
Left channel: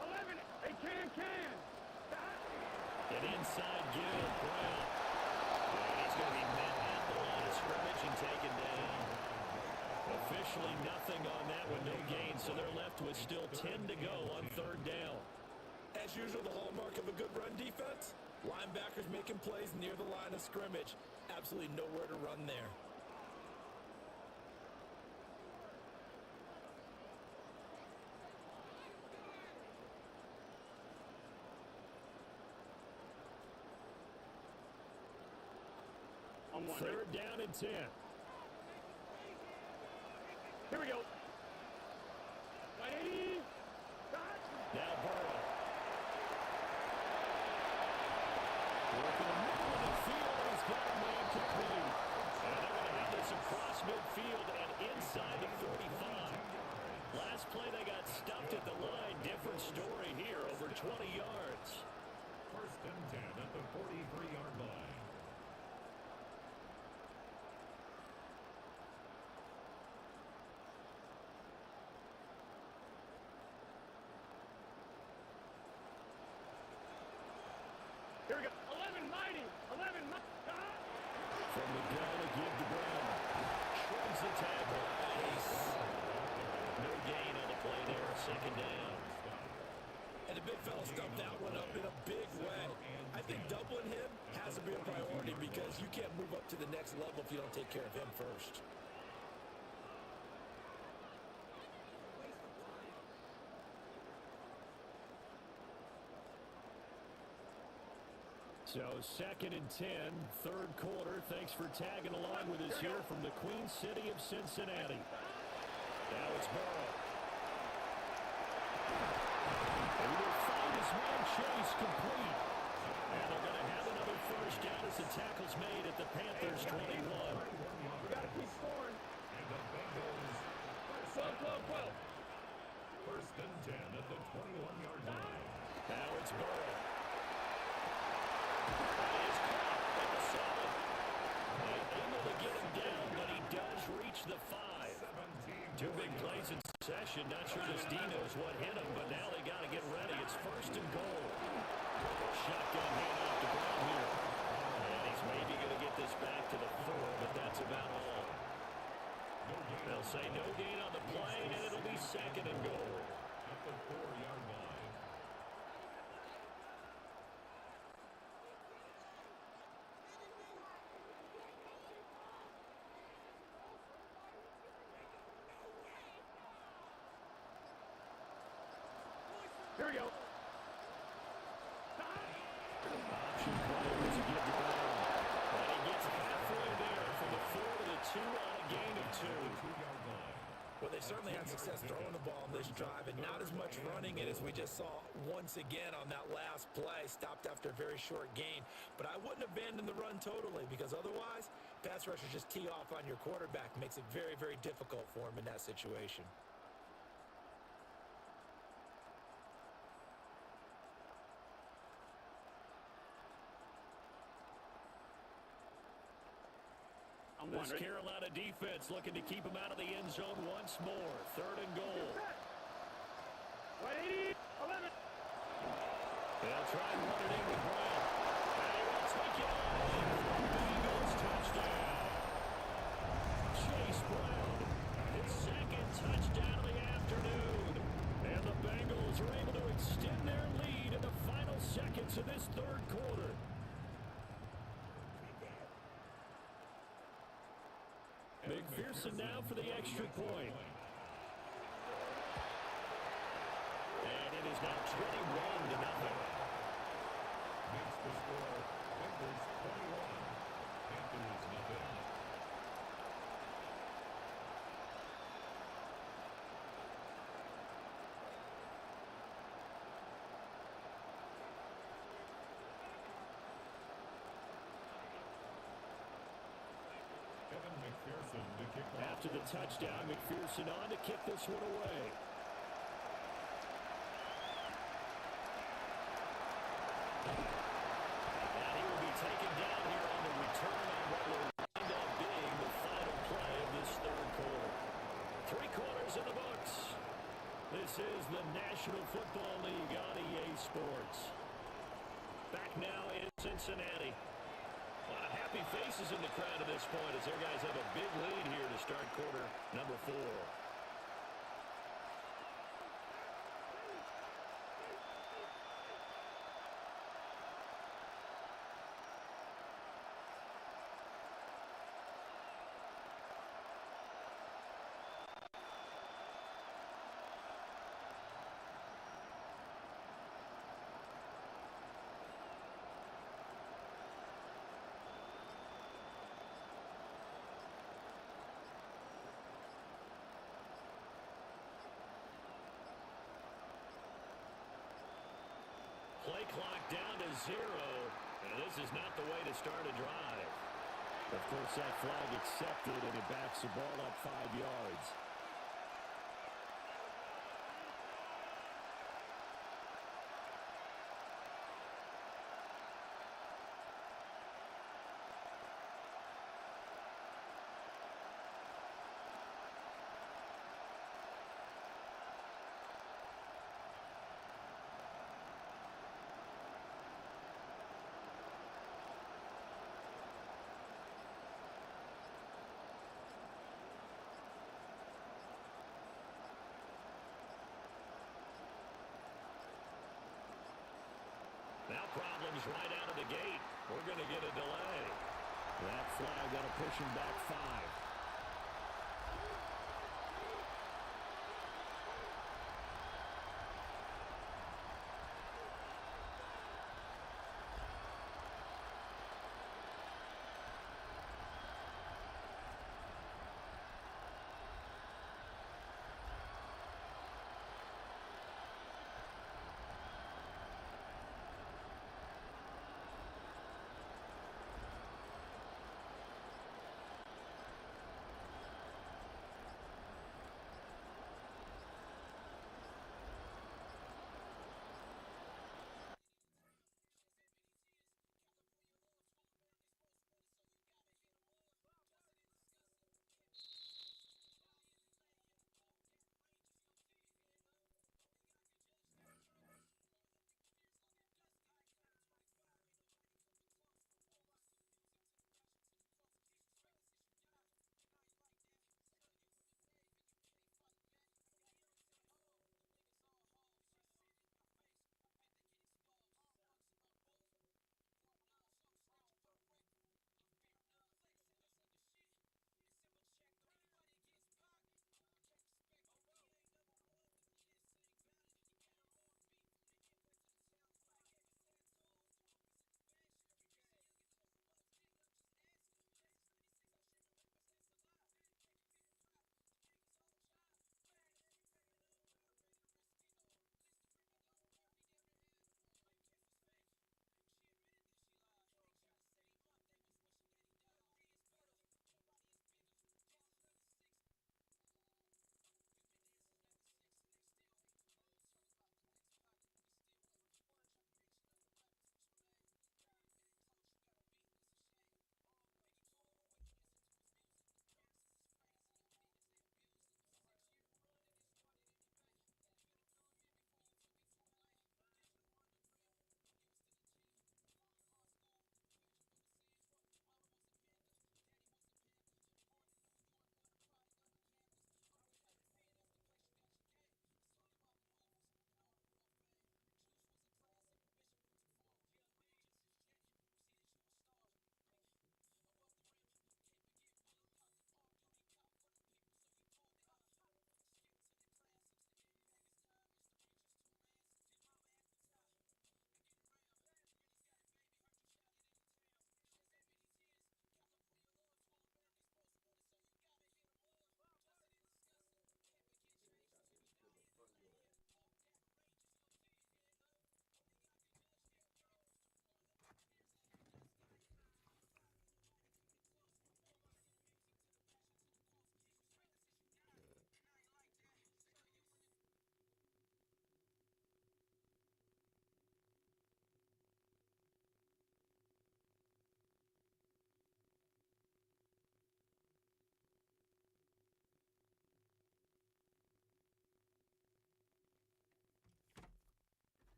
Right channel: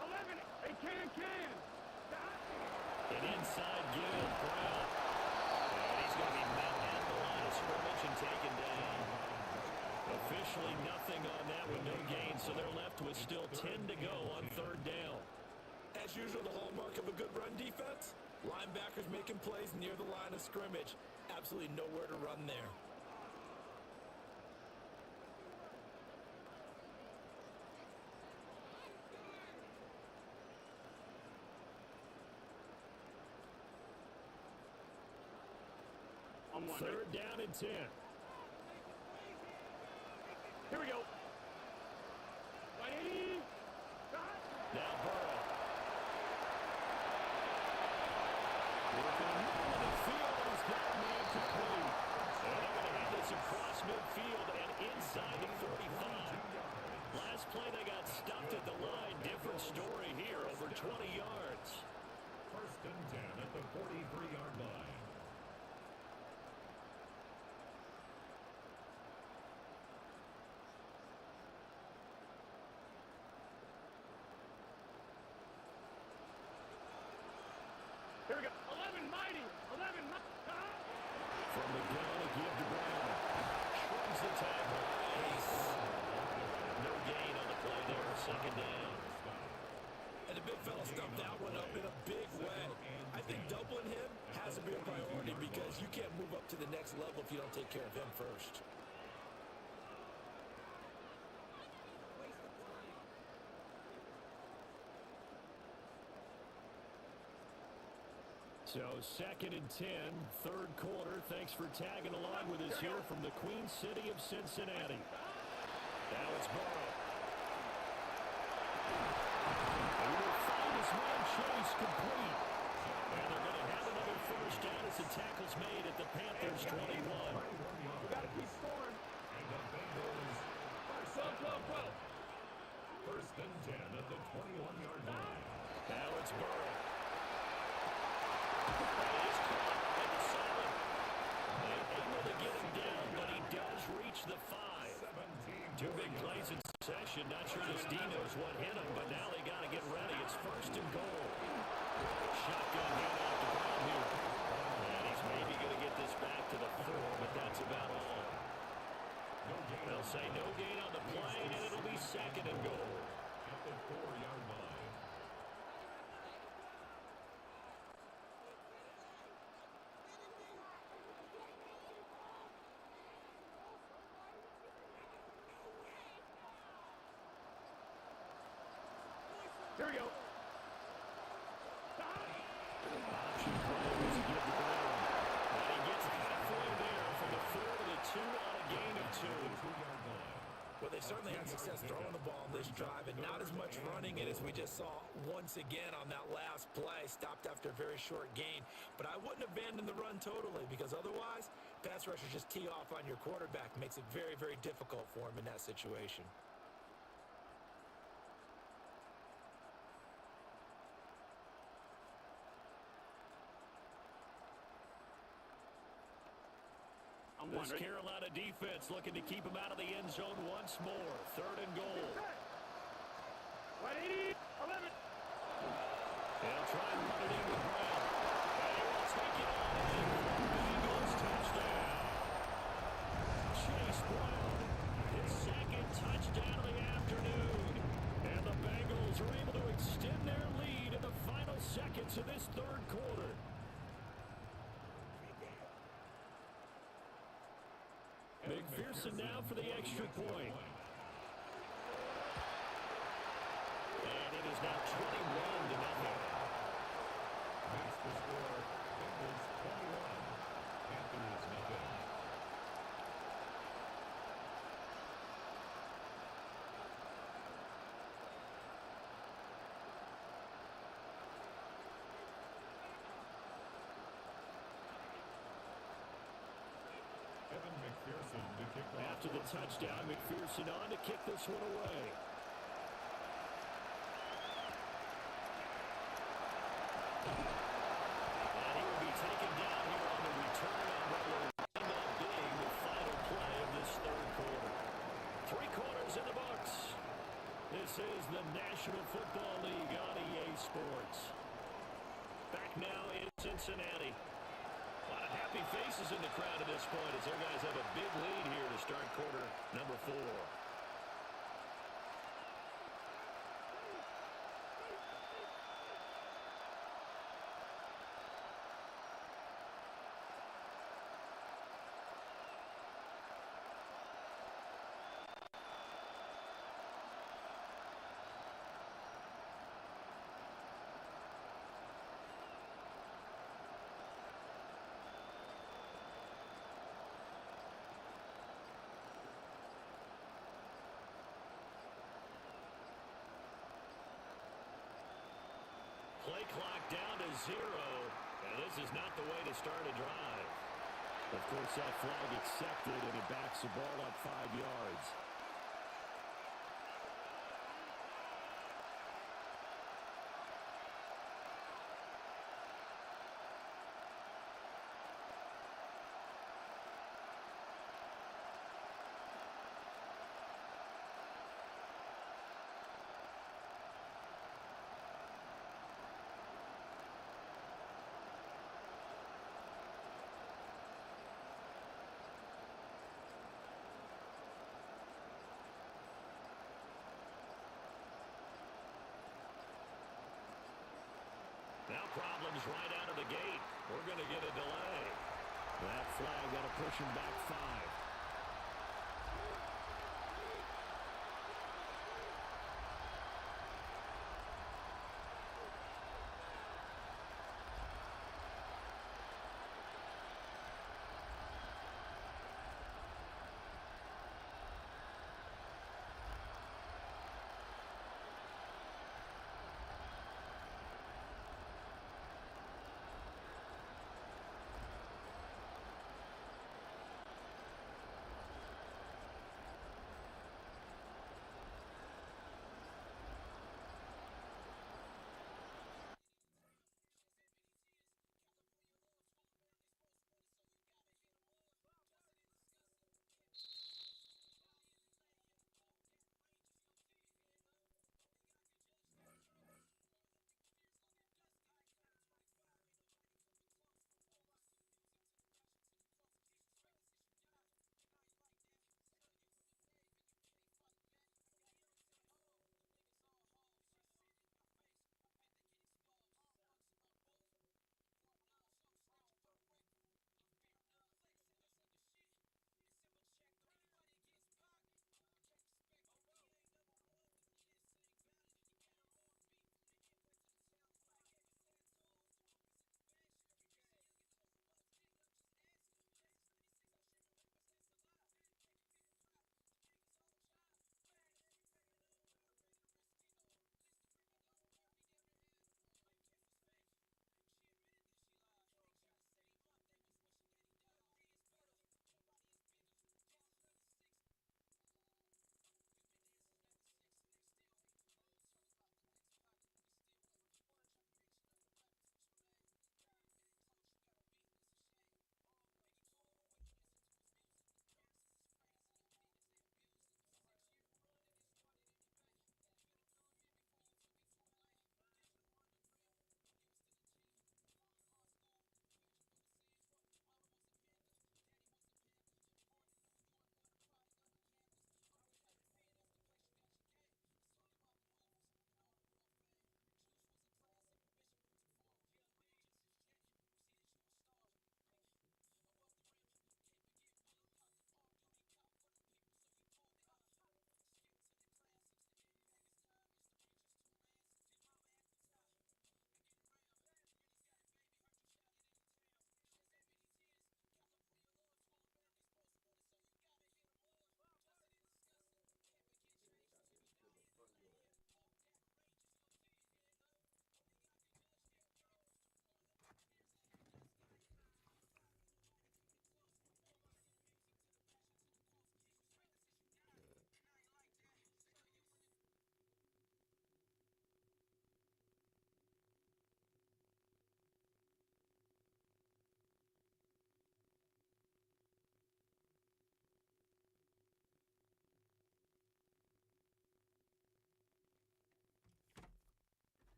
11, they can. An inside give, Brown. And he's going to be met at the line of scrimmage and taken down. Officially nothing on that one, no gain, so they're left with still 10 to go on third down. As usual, the hallmark of a good run defense, linebackers making plays near the line of scrimmage. Absolutely nowhere to run there. Third down and 10. Here we go. 180. Now Burrow. Working the middle of the field, and he's got a man complete. And they're going to have this across midfield and inside the 45. Last play they got stuffed at the line. Different story here, over 20 yards. First and 10 at the 43-yard line. Here we go. 11 mighty. From the gun, a give to Brown. Shrugs the tackle. Nice. No gain on the play there. Second down. And the big fella stumped that one up in a big way. I think doubling him has to be a priority because you can't move up to the next level if you don't take care of him first. So second and 10, third quarter. Thanks for tagging along with us here from the Queen City of Cincinnati. Now it's Burrow. And he will find his man Chase complete. And they're going to have another first down as the tackle's made at the Panthers' 21. We got to keep scoring. And the Bengals first and 10 at the 21-yard line. Now it's Burrow. That is caught at the 7. Able to get him down, but he does reach the 5. 2 big plays in succession. Not sure this D knows what hit him, but now they got to get ready. It's first and goal. Shotgun handoff to Brown here. And he's maybe going to get this back to the 4, but that's about all. They'll say no gain on the play, and it'll be second and goal. At the 4-yard line. Here we go. Option play as he gives the Brown. And he gets halfway there from the 4 to the 2 on a gain of 2. 2-yard line. Well, they certainly had success throwing the ball on this drive, and not as much running it as we just saw once again on that last play. Stopped after a very short gain. But I wouldn't abandon the run totally, because otherwise, pass rushers just tee off on your quarterback. Makes it very, very difficult for him in that situation. This Carolina defense looking to keep him out of the end zone once more. Third and goal. 180, 11. They'll try and run it in with Brown. And he will take it on in. Bengals touchdown. to this third quarter. McPherson now for the extra point. And it is now 21-0. Makes the score Bengals 21, Panthers nothing. Evan McPherson to kick off. After the touchdown, McPherson on to kick this one away. And he will be taken down here on the return on what will wind up being the final play of this third quarter. 3 quarters in the books. This is the National Football League on EA Sports. Back now in Cincinnati. A lot of happy faces in the crowd at this point as their guys have a big lead here to start quarter number 4. Play clock down to 0. And this is not the way to start a drive. Of course, that flag accepted, and it backs the ball up 5 yards. Now problems right out of the gate. We're going to get a delay. That flag got to push him back 5.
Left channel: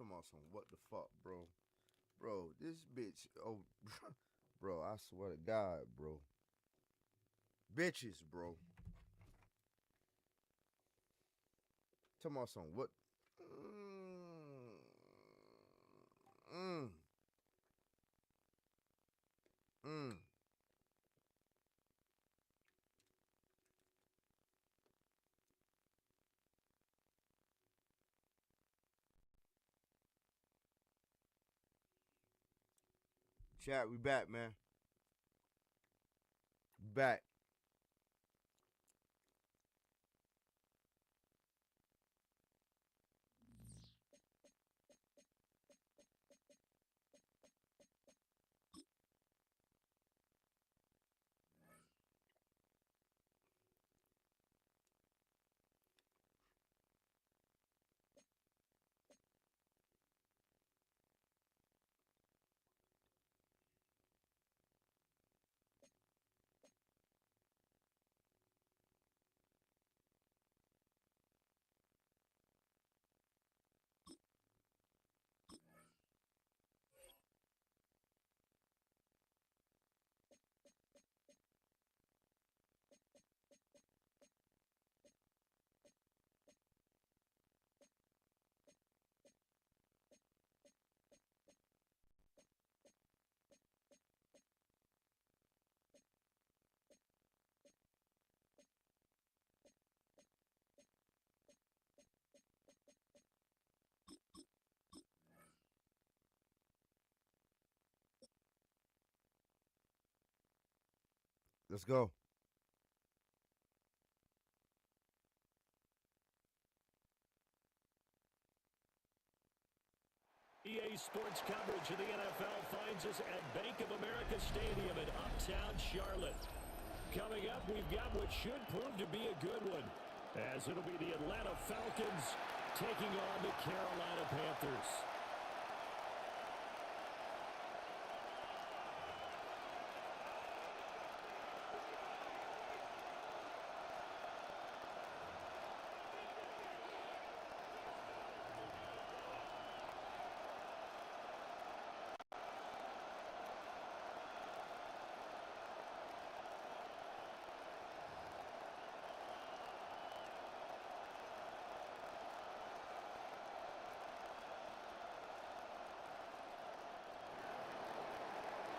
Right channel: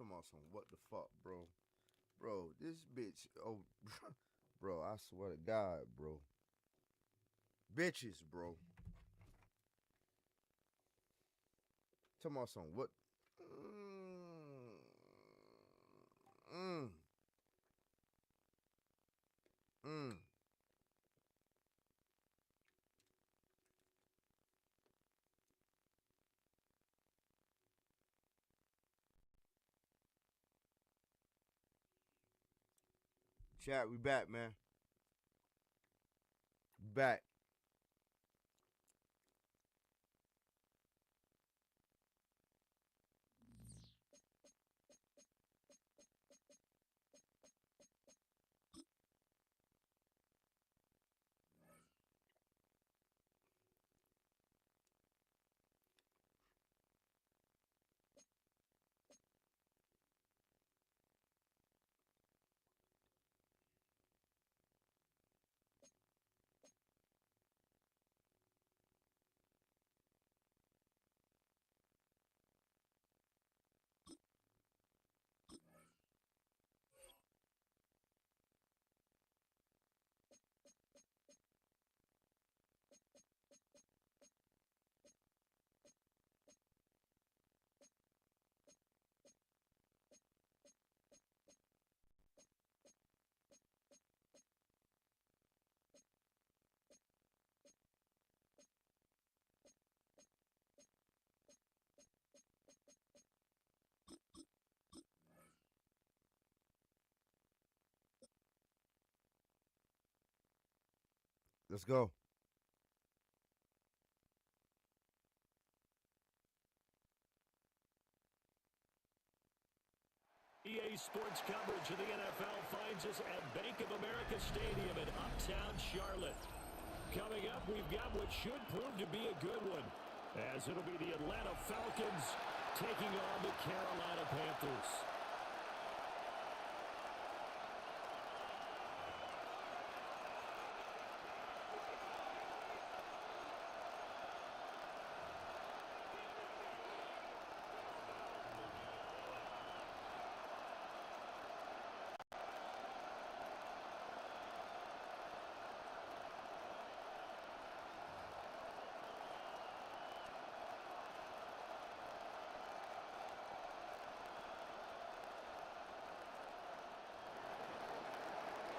Talking about some what the fuck, bro. Bro, this bitch, oh, bro, I swear to God, bro. Bitches, bro. Talking about some what? Chat, we back, man. Back. Let's go. EA Sports coverage of the NFL finds us at Bank of America Stadium in Uptown Charlotte. Coming up, we've got what should prove to be a good one, as it'll be the Atlanta Falcons taking on the Carolina Panthers.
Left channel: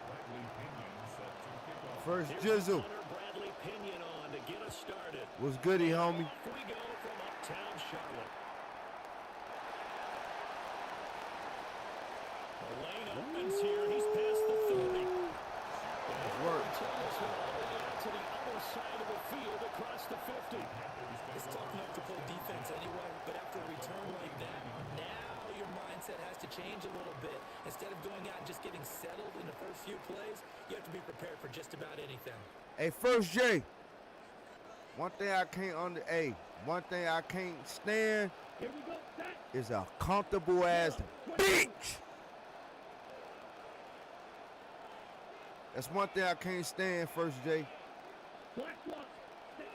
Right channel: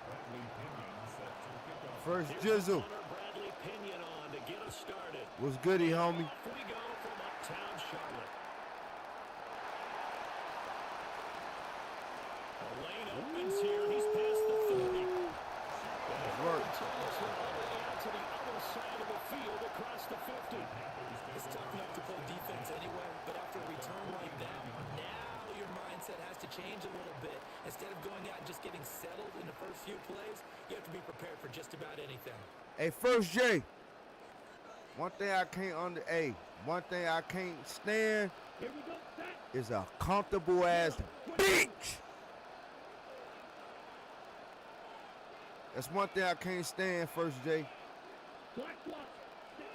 Bradley Pinion set to kick off. First Here's Jizzle. punter Bradley Pinion on to get us started. What's goody, homie? Off we go from Uptown Charlotte. The lane opens here. He's past the 30. Nice work. Turn this one all the way out to the other side of the field across the 50. It's tough enough to play defense anyway, but after a return like that, now your mindset has to change a little bit. Instead of going out and just getting settled in the first few plays, you have to be prepared for just about anything. Hey, First J. One thing I can't stand Here we go, set. is a comfortable ass bitch. That's one thing I can't stand, First J. Black block. Set.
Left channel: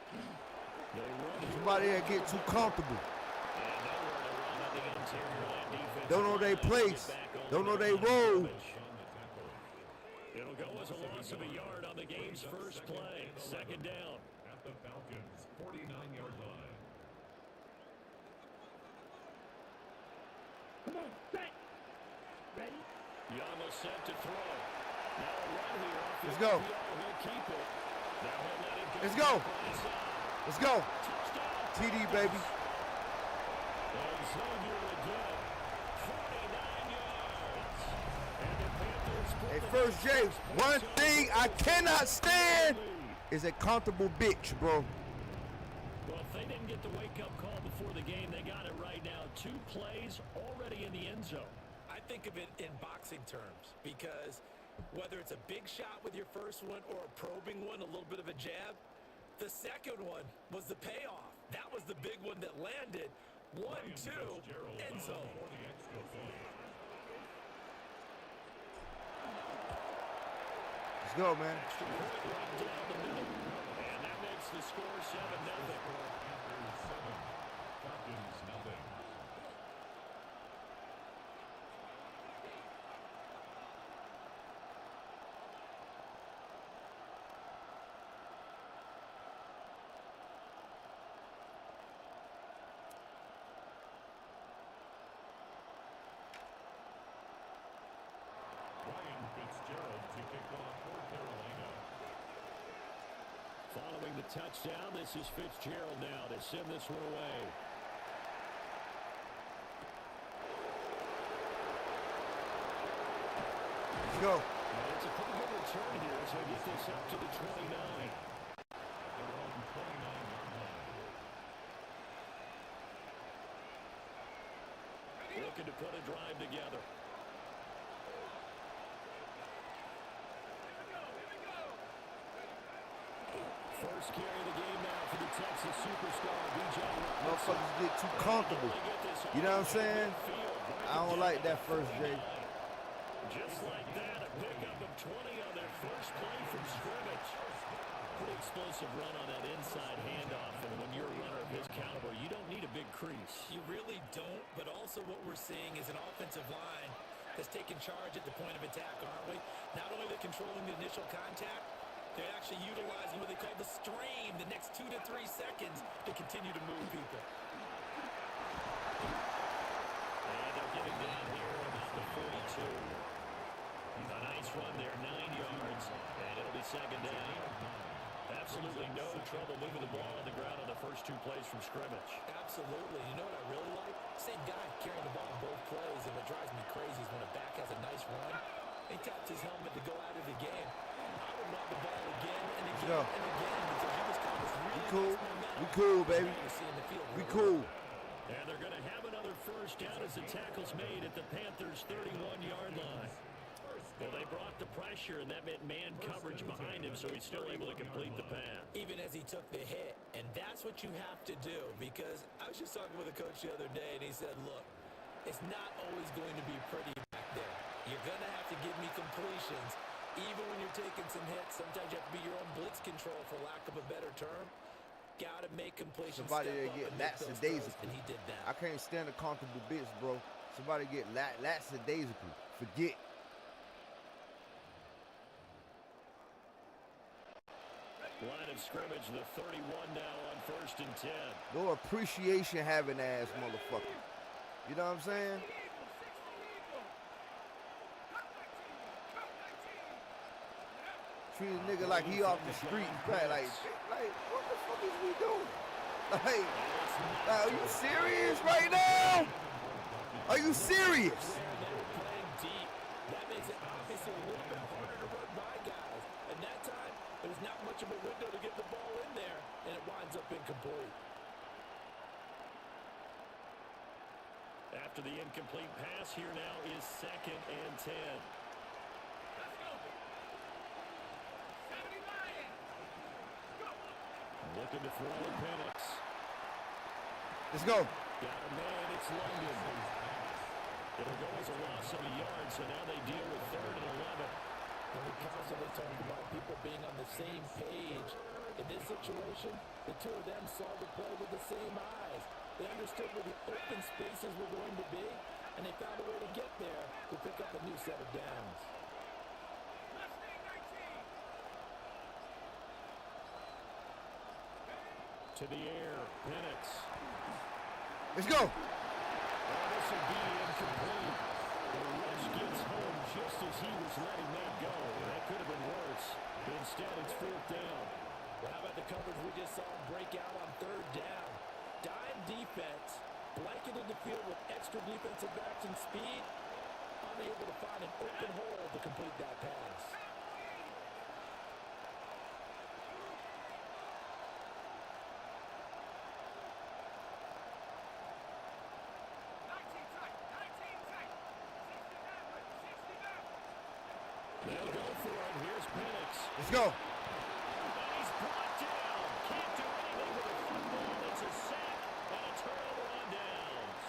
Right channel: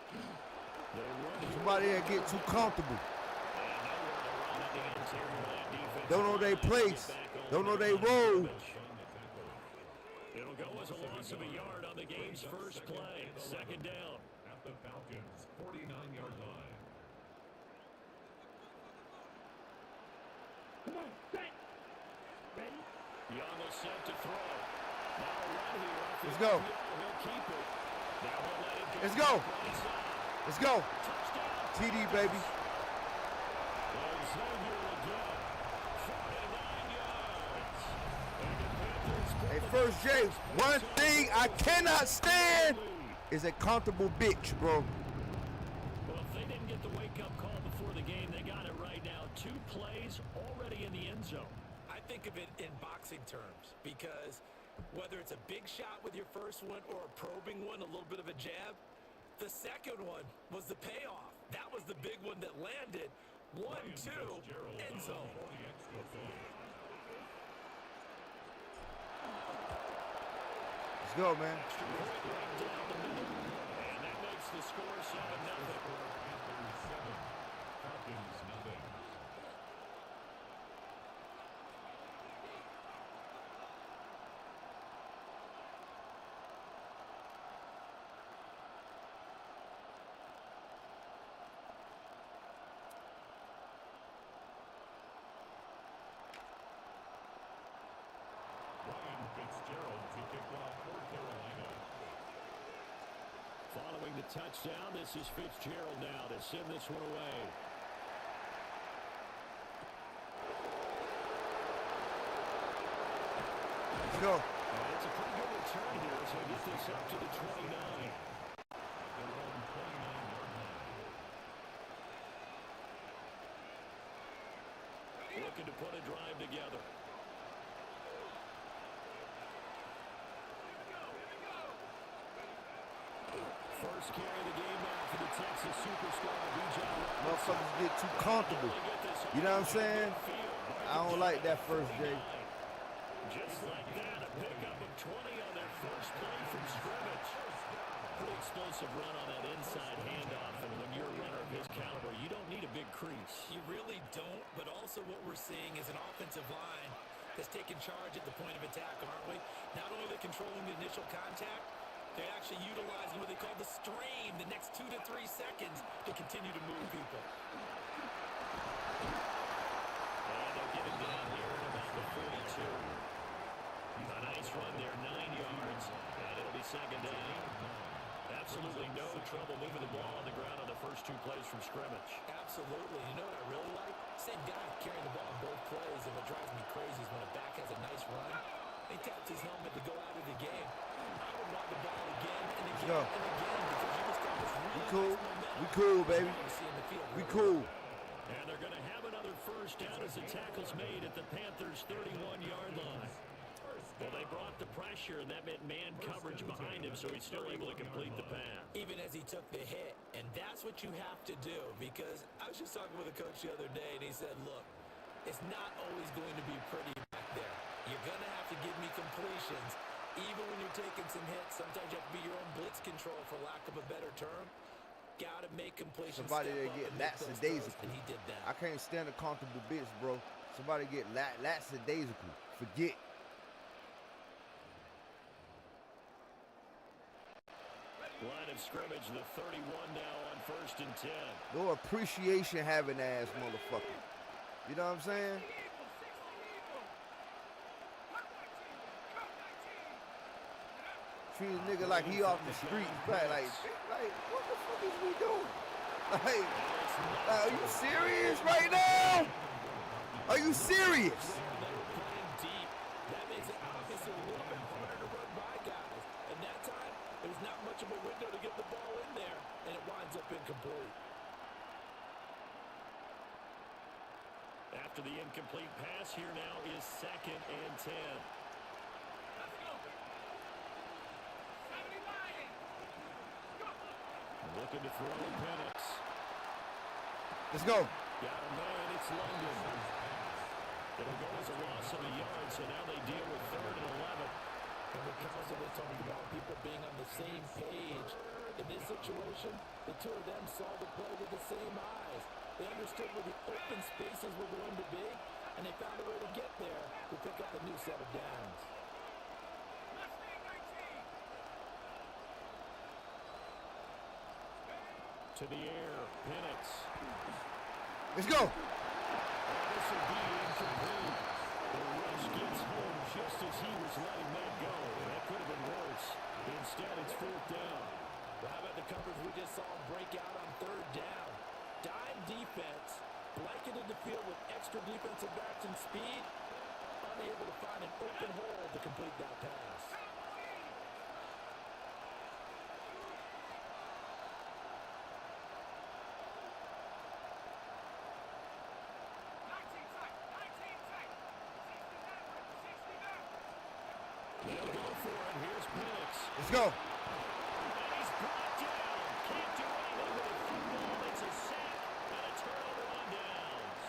They run here. Somebody that get too comfortable. And nowhere to run on the interior of that defense. Don't know they place. Don't know they role. It'll go as a loss of a yard on the game's first play. Second down. At the Falcons' 49-yard line. Come on, set. Ready? Young will set to throw. Now a run here off the Let's go. RPO. He'll keep it. Now he'll let it go. Let's go. Right side. Let's go. Touchdown. TD, baby. And Xavier again. 49 yards. And the Panthers put Hey, the First J, one thing I cannot stand lead. is a comfortable bitch, bro. Well, if they didn't get the wake-up call before the game, they got it right now. 2 plays already in the end zone. I think of it in boxing terms because whether it's a big shot with your first one or a probing one, a little bit of a jab, the second one was the payoff. That was the big one that landed. 1-2, end zone. For the extra point. Let's go, man. Extra point right down the middle. And that makes the score 7-0. Panthers 7, Falcons nothing. Fitzgerald to kick off for Carolina. Following the touchdown, this is Fitzgerald now to send this one away. Let's go. And it's a pretty good return here, so get this up to the 29. At their own 29-yard line. Looking to put a drive together. First carry of the game now for the Texas superstar, Bijan Robinson. Motherfuckers get too comfortable. You know what I'm saying? I don't like that first, Jay. Just like that, a pickup of 20 on their first play from scrimmage. Pretty explosive run on that inside handoff, and when you're a runner of his caliber, you don't need a big crease. You really don't, but also what we're seeing is an offensive line that's taking charge at the point of attack, aren't we? Not only are they controlling the initial contact, they're actually utilizing what they call the strain, the next 2 to 3 seconds to continue to move people. And they'll get him down here at about the 42. A nice run there, 9 yards, and it'll be second down. Absolutely no trouble moving the ball on the ground on the first 2 plays from scrimmage. Absolutely. You know what I really like? Same guy carrying the ball in both plays, and what drives me crazy is when a back has a nice run, he taps his helmet to go out of the game. I would want the ball again and again and again because you establish really nice momentum. We cool, baby. We cool. And they're going to have another first down as the tackle's made at the Panthers' 31-yard line. Well, they brought the pressure, and that meant man coverage behind him, so he's still able to complete the pass. Even as he took the hit, and that's what you have to do, because I was just talking with a coach the other day, and he said, look, it's not always going to be pretty back there. You're going to have to give me completions. Even when you're taking some hits, sometimes you have to be your own blitz control, for lack of a better term. Got to make completions. Somebody that get lackadaisical. And he did that. I can't stand a comfortable bitch, bro. Somebody get lackadaisical. Forget. Line of scrimmage, the 31 now on 1st and 10. No appreciation having ass motherfucker. You know what I'm saying? Treat a nigga like he off the street. Like, what the fuck is we doing? Like, are you serious right now? Are you serious? They were playing deep. That makes it obviously a little bit harder to run by guys. And that time, there was not much of a window to get the ball in there, and it winds up incomplete. After the incomplete pass, here now is 2nd and 10. Let's go. 70 Lions. Go. Looking to throw Penix. Let's go. Got a man, it's London. It'll go as a loss of a yard, so now they deal with 3rd and 11. And we constantly talk about people being on the same page. In this situation, the two of them saw the play with the same eyes. They understood where the open spaces were going to be, and they found a way to get there to pick up a new set of downs. Mustang 19. To the air, Penix. Let's go. Oh, this will be incomplete. The rush gets home just as he was letting that go. That could have been worse. Instead, it's 4th down. Well, how about the coverage we just saw him break out on 3rd down? Dime defense, blanketed the field with extra defensive backs and speed, unable to find an open hole to complete that pass. They'll go for it. Here's Penix. Let's go. And he's brought down. Can't do anything with a football. It's a sack and a turnover on downs.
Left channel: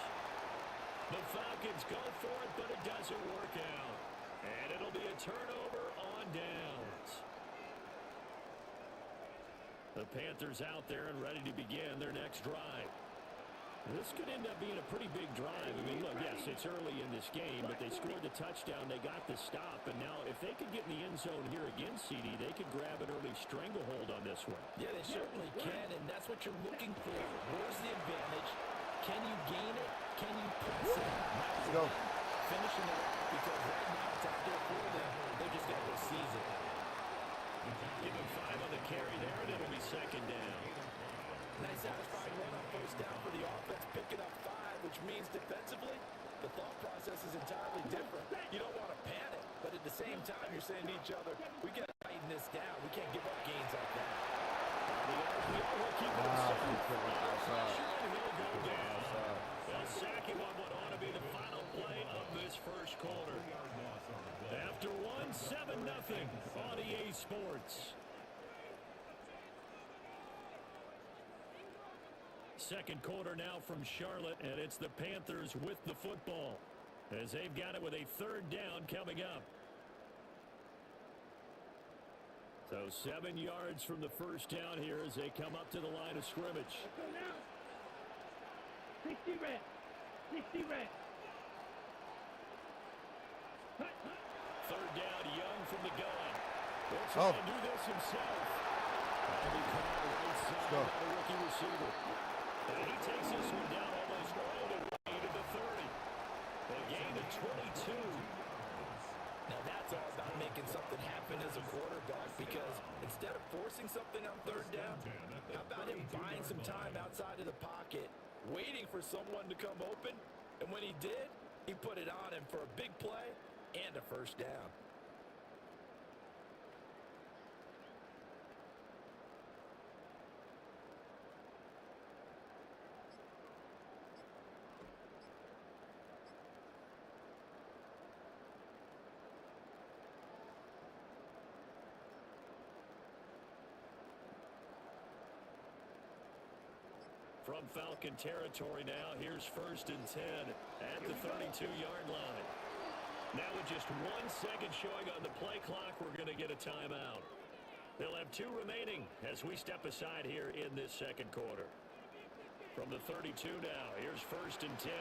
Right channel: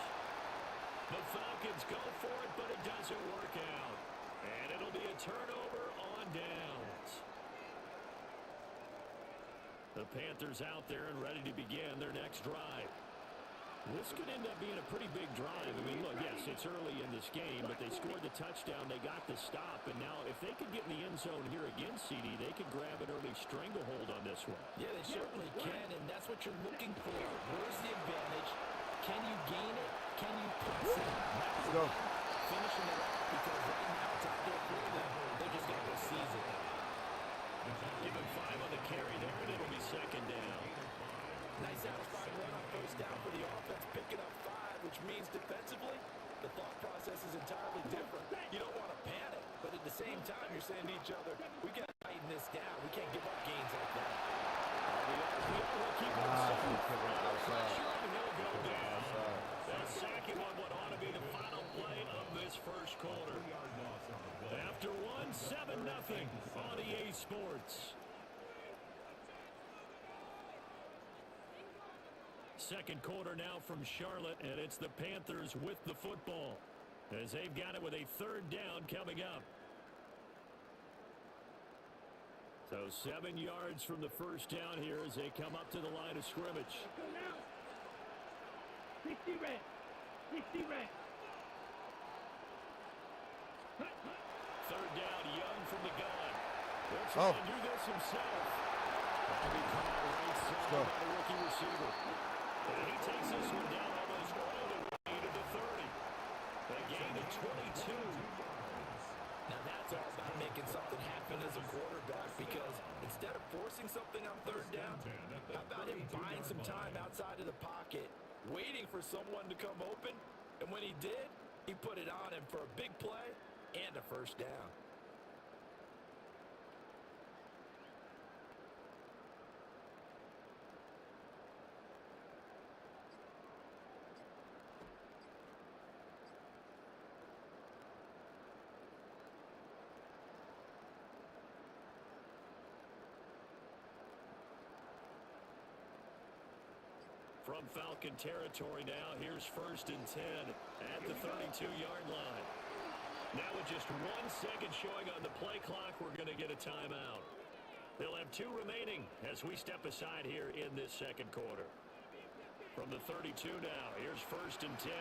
The Falcons go for it, but it doesn't work out. And it'll be a turnover on downs. The Panthers out there and ready to begin their next drive. This could end up being a pretty big drive. I mean, look, yes, it's early in this game, but they scored the touchdown. They got the stop, and now if they could get in the end zone here again, CD, they could grab an early stranglehold on this one. Yeah, they certainly can, and that's what you're looking for. Where's the advantage? Can you gain it? Can you press it? Now Let's go. finishing it off, because right now it's out there for them. They pretty satisfying run on first down for the offense, picking up 5, which means defensively, the thought process is entirely different. You don't want to panic, but at the same time, you're saying to each other, we got to tighten this down. We can't give up gains like that. The RPO will keep it outside. Pressure, and he'll go down. They'll sack him on what ought to be the final play of this first quarter. After 1, 7-0 on EA Sports. Second quarter now from Charlotte, and it's the Panthers with the football as they've got it with a third down coming up. So 7 yards from the first down here as they come up to the line of scrimmage. Let's go now. 60 red. 60 red. Hut, hut. Third down, Young from the gun. He'll try to do this himself. That'll be caught right side by the rookie receiver. And he takes this one down almost all the way to the 30. A gain of 22. Now that's all about making something happen as a quarterback, because instead of forcing something on third down, how about him buying some time outside of the pocket, waiting for someone to come open, and when he did, he put it on him for a big play and a first down. From Falcon territory now, here's 1st and 10 at the 32-yard line. Now with just 1 second showing on the play clock, we're going to get a timeout. They'll have 2 remaining as we step aside here in this second quarter. From the 32 now, here's 1st and 10.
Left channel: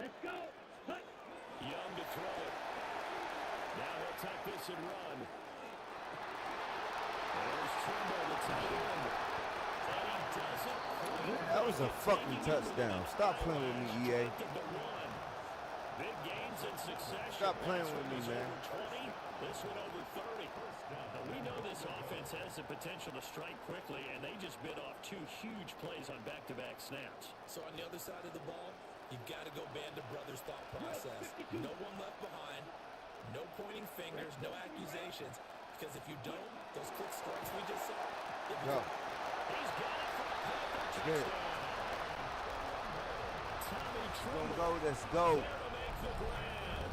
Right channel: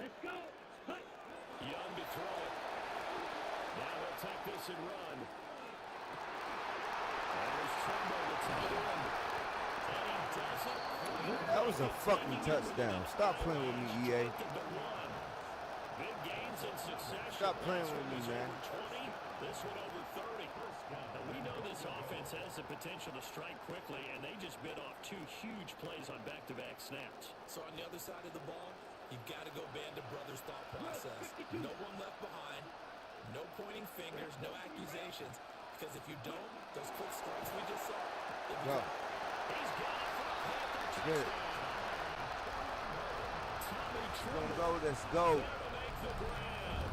Let's go. Hut. Young to throw it. Now he'll tuck this and run. There's Trimble, the tight end. And he doesn't quite. That was a fucking touchdown. Stop playing with me, EA. Big gains in succession. Stop playing with me, man. Over 20, this one over 30. Now, we know this offense has the potential to strike quickly, and they just bit off 2 huge plays on back-to-back snaps. So on the other side of the ball, you've got to go band of brothers thought process. No one left behind, no pointing fingers, no accusations. Because if you don't, those quick strikes we just saw, it becomes... He's got it for a Panther Get it. Tommy Trimble. Don't go, let's go. There to make the grab.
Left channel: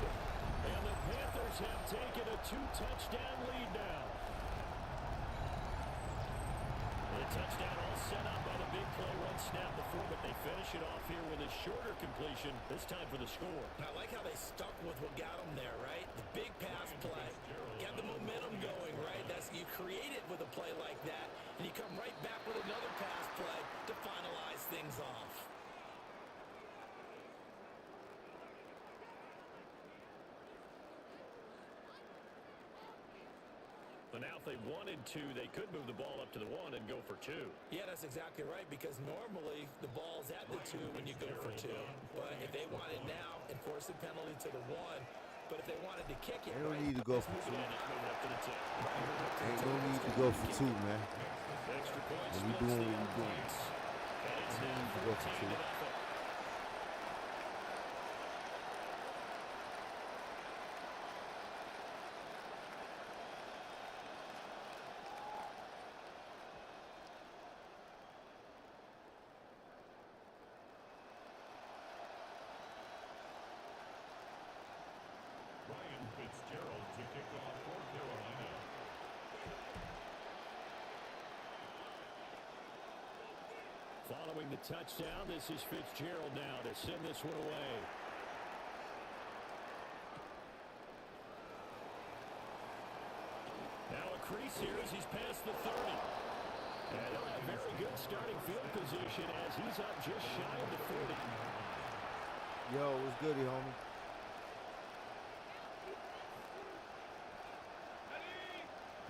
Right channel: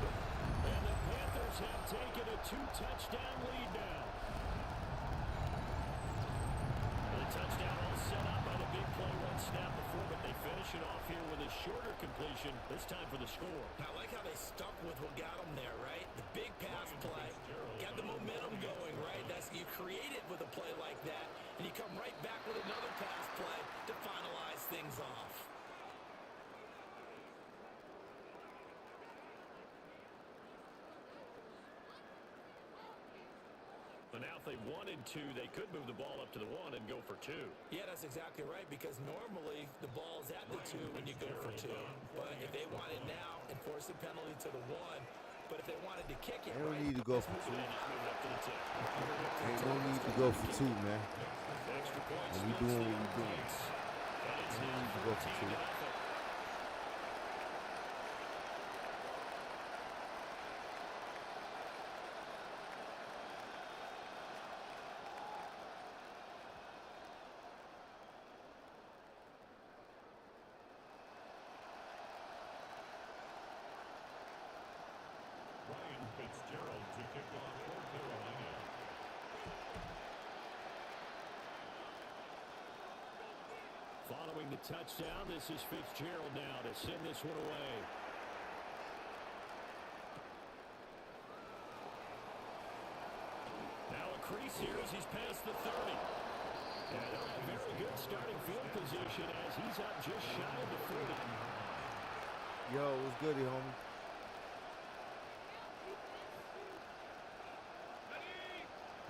And the Panthers have taken a 2-touchdown lead now. The touchdown all set up by the big play 1 snap before, but they finish it off here with a shorter completion, this time for the score. I like how they stuck with what got them there, right? The big pass play, got the momentum going, right? You create it with a play like that, and you come right back with another pass play to finalize things off. But now if they wanted to, they could move the ball up to the 1 and go for 2. Yeah, that's exactly right, because normally the ball's at the 2 when you go for 2. But if they want it now, enforce the penalty to the 1. But if they wanted to kick it, They don't need to go for 2. Just move it up to the 10. Right, Ain't no need to go for 2, man. Extra points. What we doing, what we doing. And it's Ain't no now need to go for 2. 14-0. Ryan Fitzgerald to kick off for Carolina. Following the touchdown, this is Fitzgerald now to send this one away. Now a crease here as he's past the 30. And they'll have very good starting field position as he's up just shy of the 40. Yo, what's good, homie?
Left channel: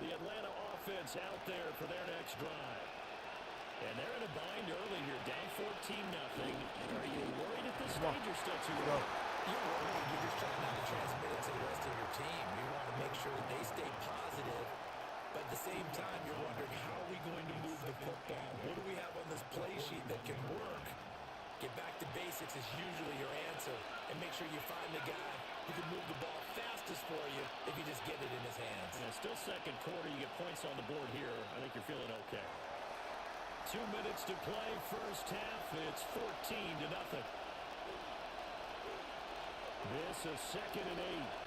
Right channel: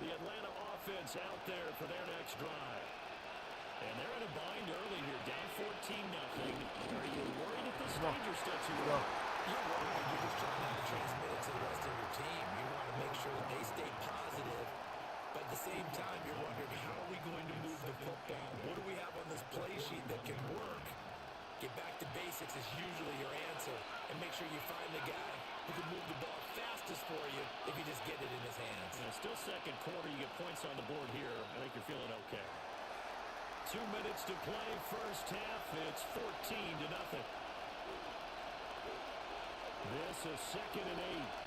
The Atlanta offense out there for their next drive. And they're in a bind early here, down 14-0. Are you worried at this stage or still too early? You're worried. You're just trying not to transmit it to the rest of your team. You want to make sure that they stay positive, but the same time, you're wondering, how are we going to move the football? What do we have on this play sheet that can work? Get back to basics is usually your answer. And make sure you find the guy who can move the ball fastest for you if you just get it in his hands. Yeah, still second quarter. You get points on the board here. I think you're feeling okay. 2 minutes to play, first half. It's 14-0. This is 2nd and 8.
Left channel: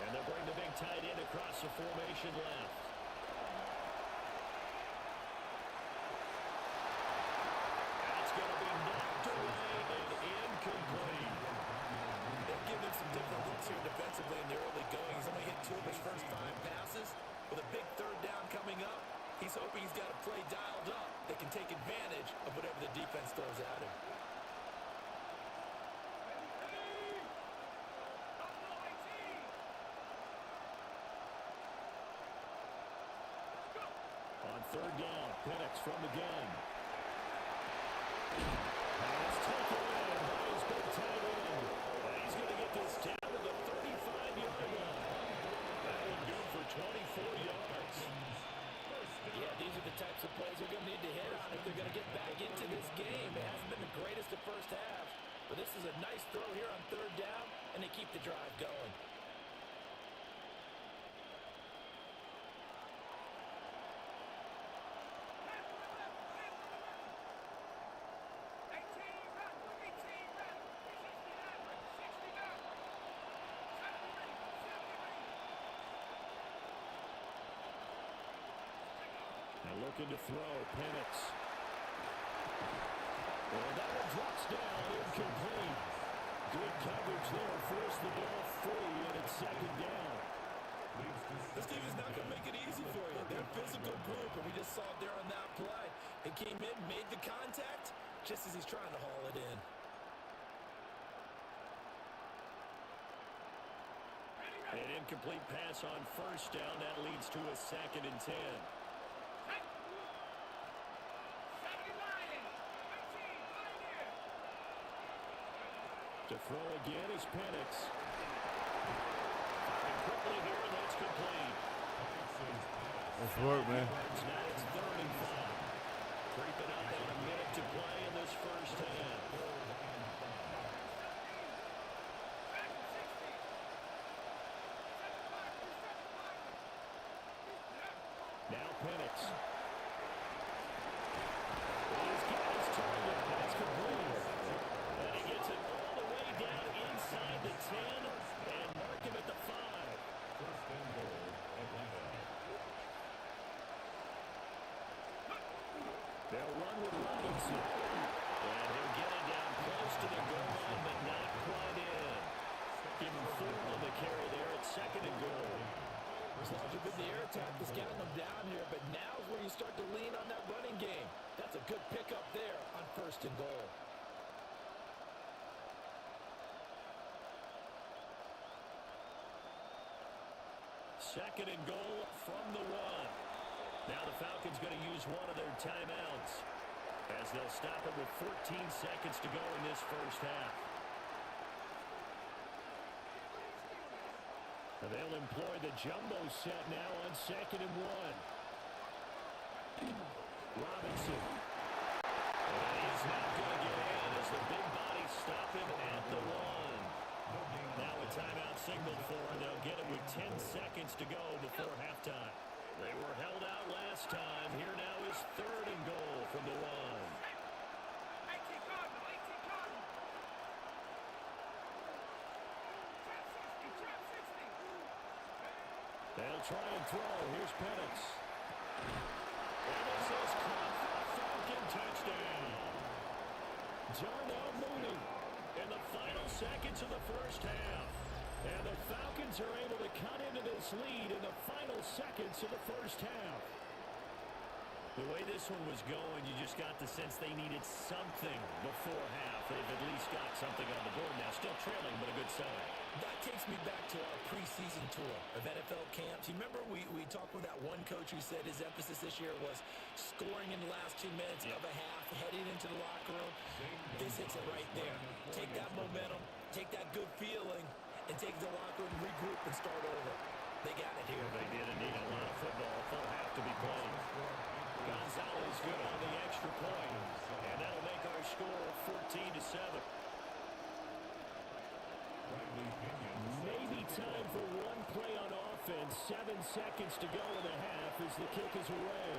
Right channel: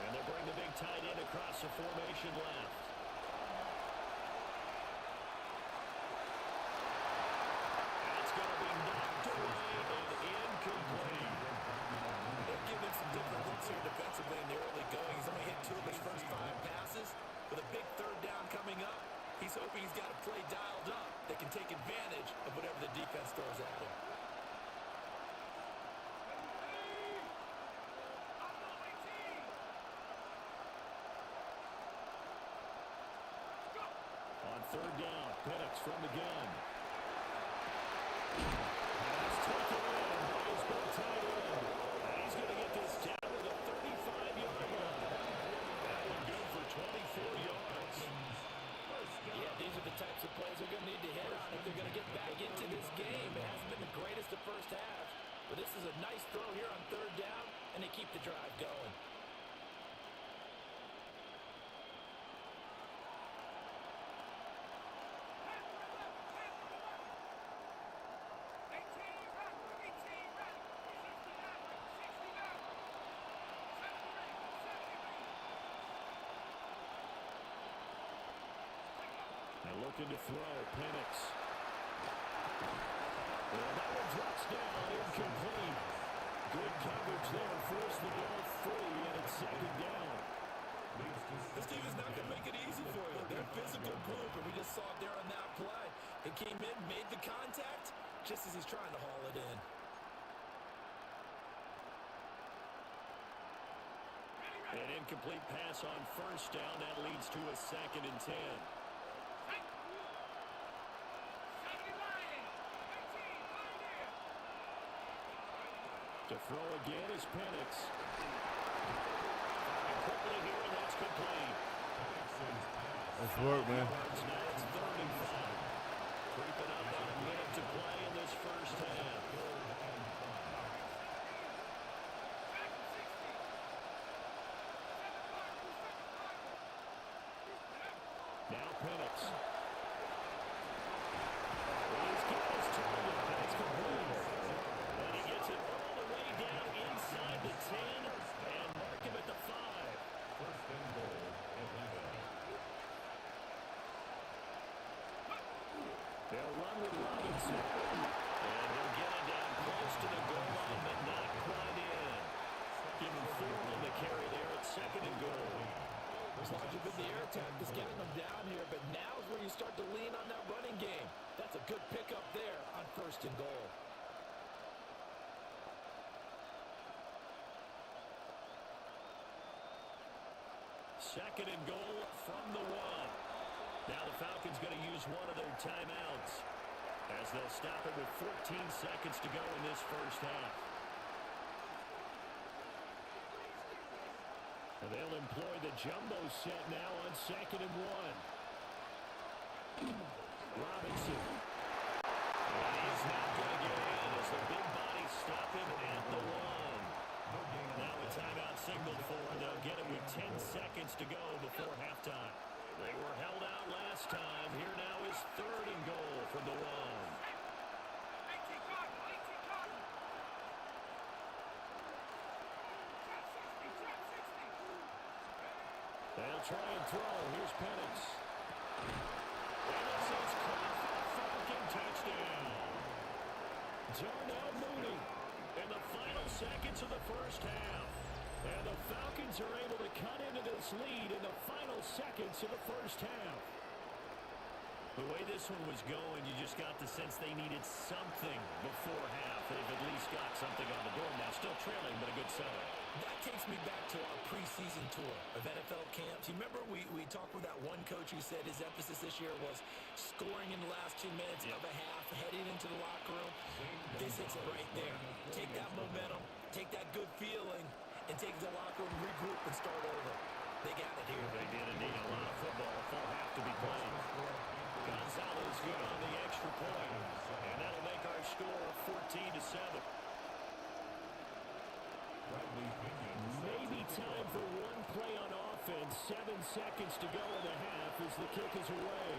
And they'll bring the big tight end across the formation left. That's going to be knocked away and incomplete. They've given him some different looks here defensively in the early going. He's only hit 2 of his first 5 passes. With a big third down coming up, he's hoping he's got a play dialed up that can take advantage of whatever the defense throws at him. On third down, Penix from the gun. Pass taken in by his big tight end. And he's going to get this down to the 35-yard line. That one good for 24 yards. Yeah, these are the types of plays they're going to need to hit on if they're going to get back into this game. It hasn't been the greatest of first halves, but this is a nice throw here on third down, and they keep the drive going. Looking to throw, Penix. And that one drops down, incomplete. Good coverage there, forced the ball free, and it's 2nd down. This team is not going to make it easy for you. They're a physical group, and we just saw it there on that play. He came in, made the contact, just as he's trying to haul it in. An incomplete pass on first down. That leads to a 2nd and 10. To throw again is Penix. Firing quickly here, and that's complete. Let's work, man. Now it's 3rd and 5. Creeping up on a minute to play in this first half. Now Penix. He's got his target. That's complete. And he gets it all the way down inside the 10 and mark him at the 5. 1st and goal, Atlanta. They'll run with Robinson. And he'll get it down close to the goal line, but not quite in. Give him 4 on the carry there at 2nd and goal. As long as you've been the air attack that's gotten them down here, but now's where you start to lean on that running game. That's a good pickup there on 1st and goal. Second and goal from the 1. Now the Falcons going to use one of their timeouts as they'll stop it with 14 seconds to go in this first half. And they'll employ the jumbo set now on 2nd and 1. Robinson. And he is not going to get in as the big bodies stop him at the 1. Now a timeout signaled for, and they'll get it with 10 seconds to go before halftime. They were held out last time. Here now is 3rd and goal from the 1. They'll try and throw. Here's Penix. And this is caught for a Falcon touchdown. Darnell Mooney in the final seconds of the first half. And the Falcons are able to cut into this lead in the final seconds of the first half. The way this one was going, you just got the sense they needed something before half. They've at least got something on the board now. Still trailing, but a good sign. That takes me back to our preseason tour of NFL camps. You remember we talked with that one coach who said his emphasis this year was scoring in the last 2 minutes of a half, heading into the locker room. This hits it right there. Take that momentum, take that good feeling, and take the locker room, regroup, and start over. They got it here. They did indeed. A lot of football, full half to be played. Gonzalez good on the extra point, and that'll make our score 14-7. Maybe time for one play on offense. 7 seconds to go in the half as the kick is away.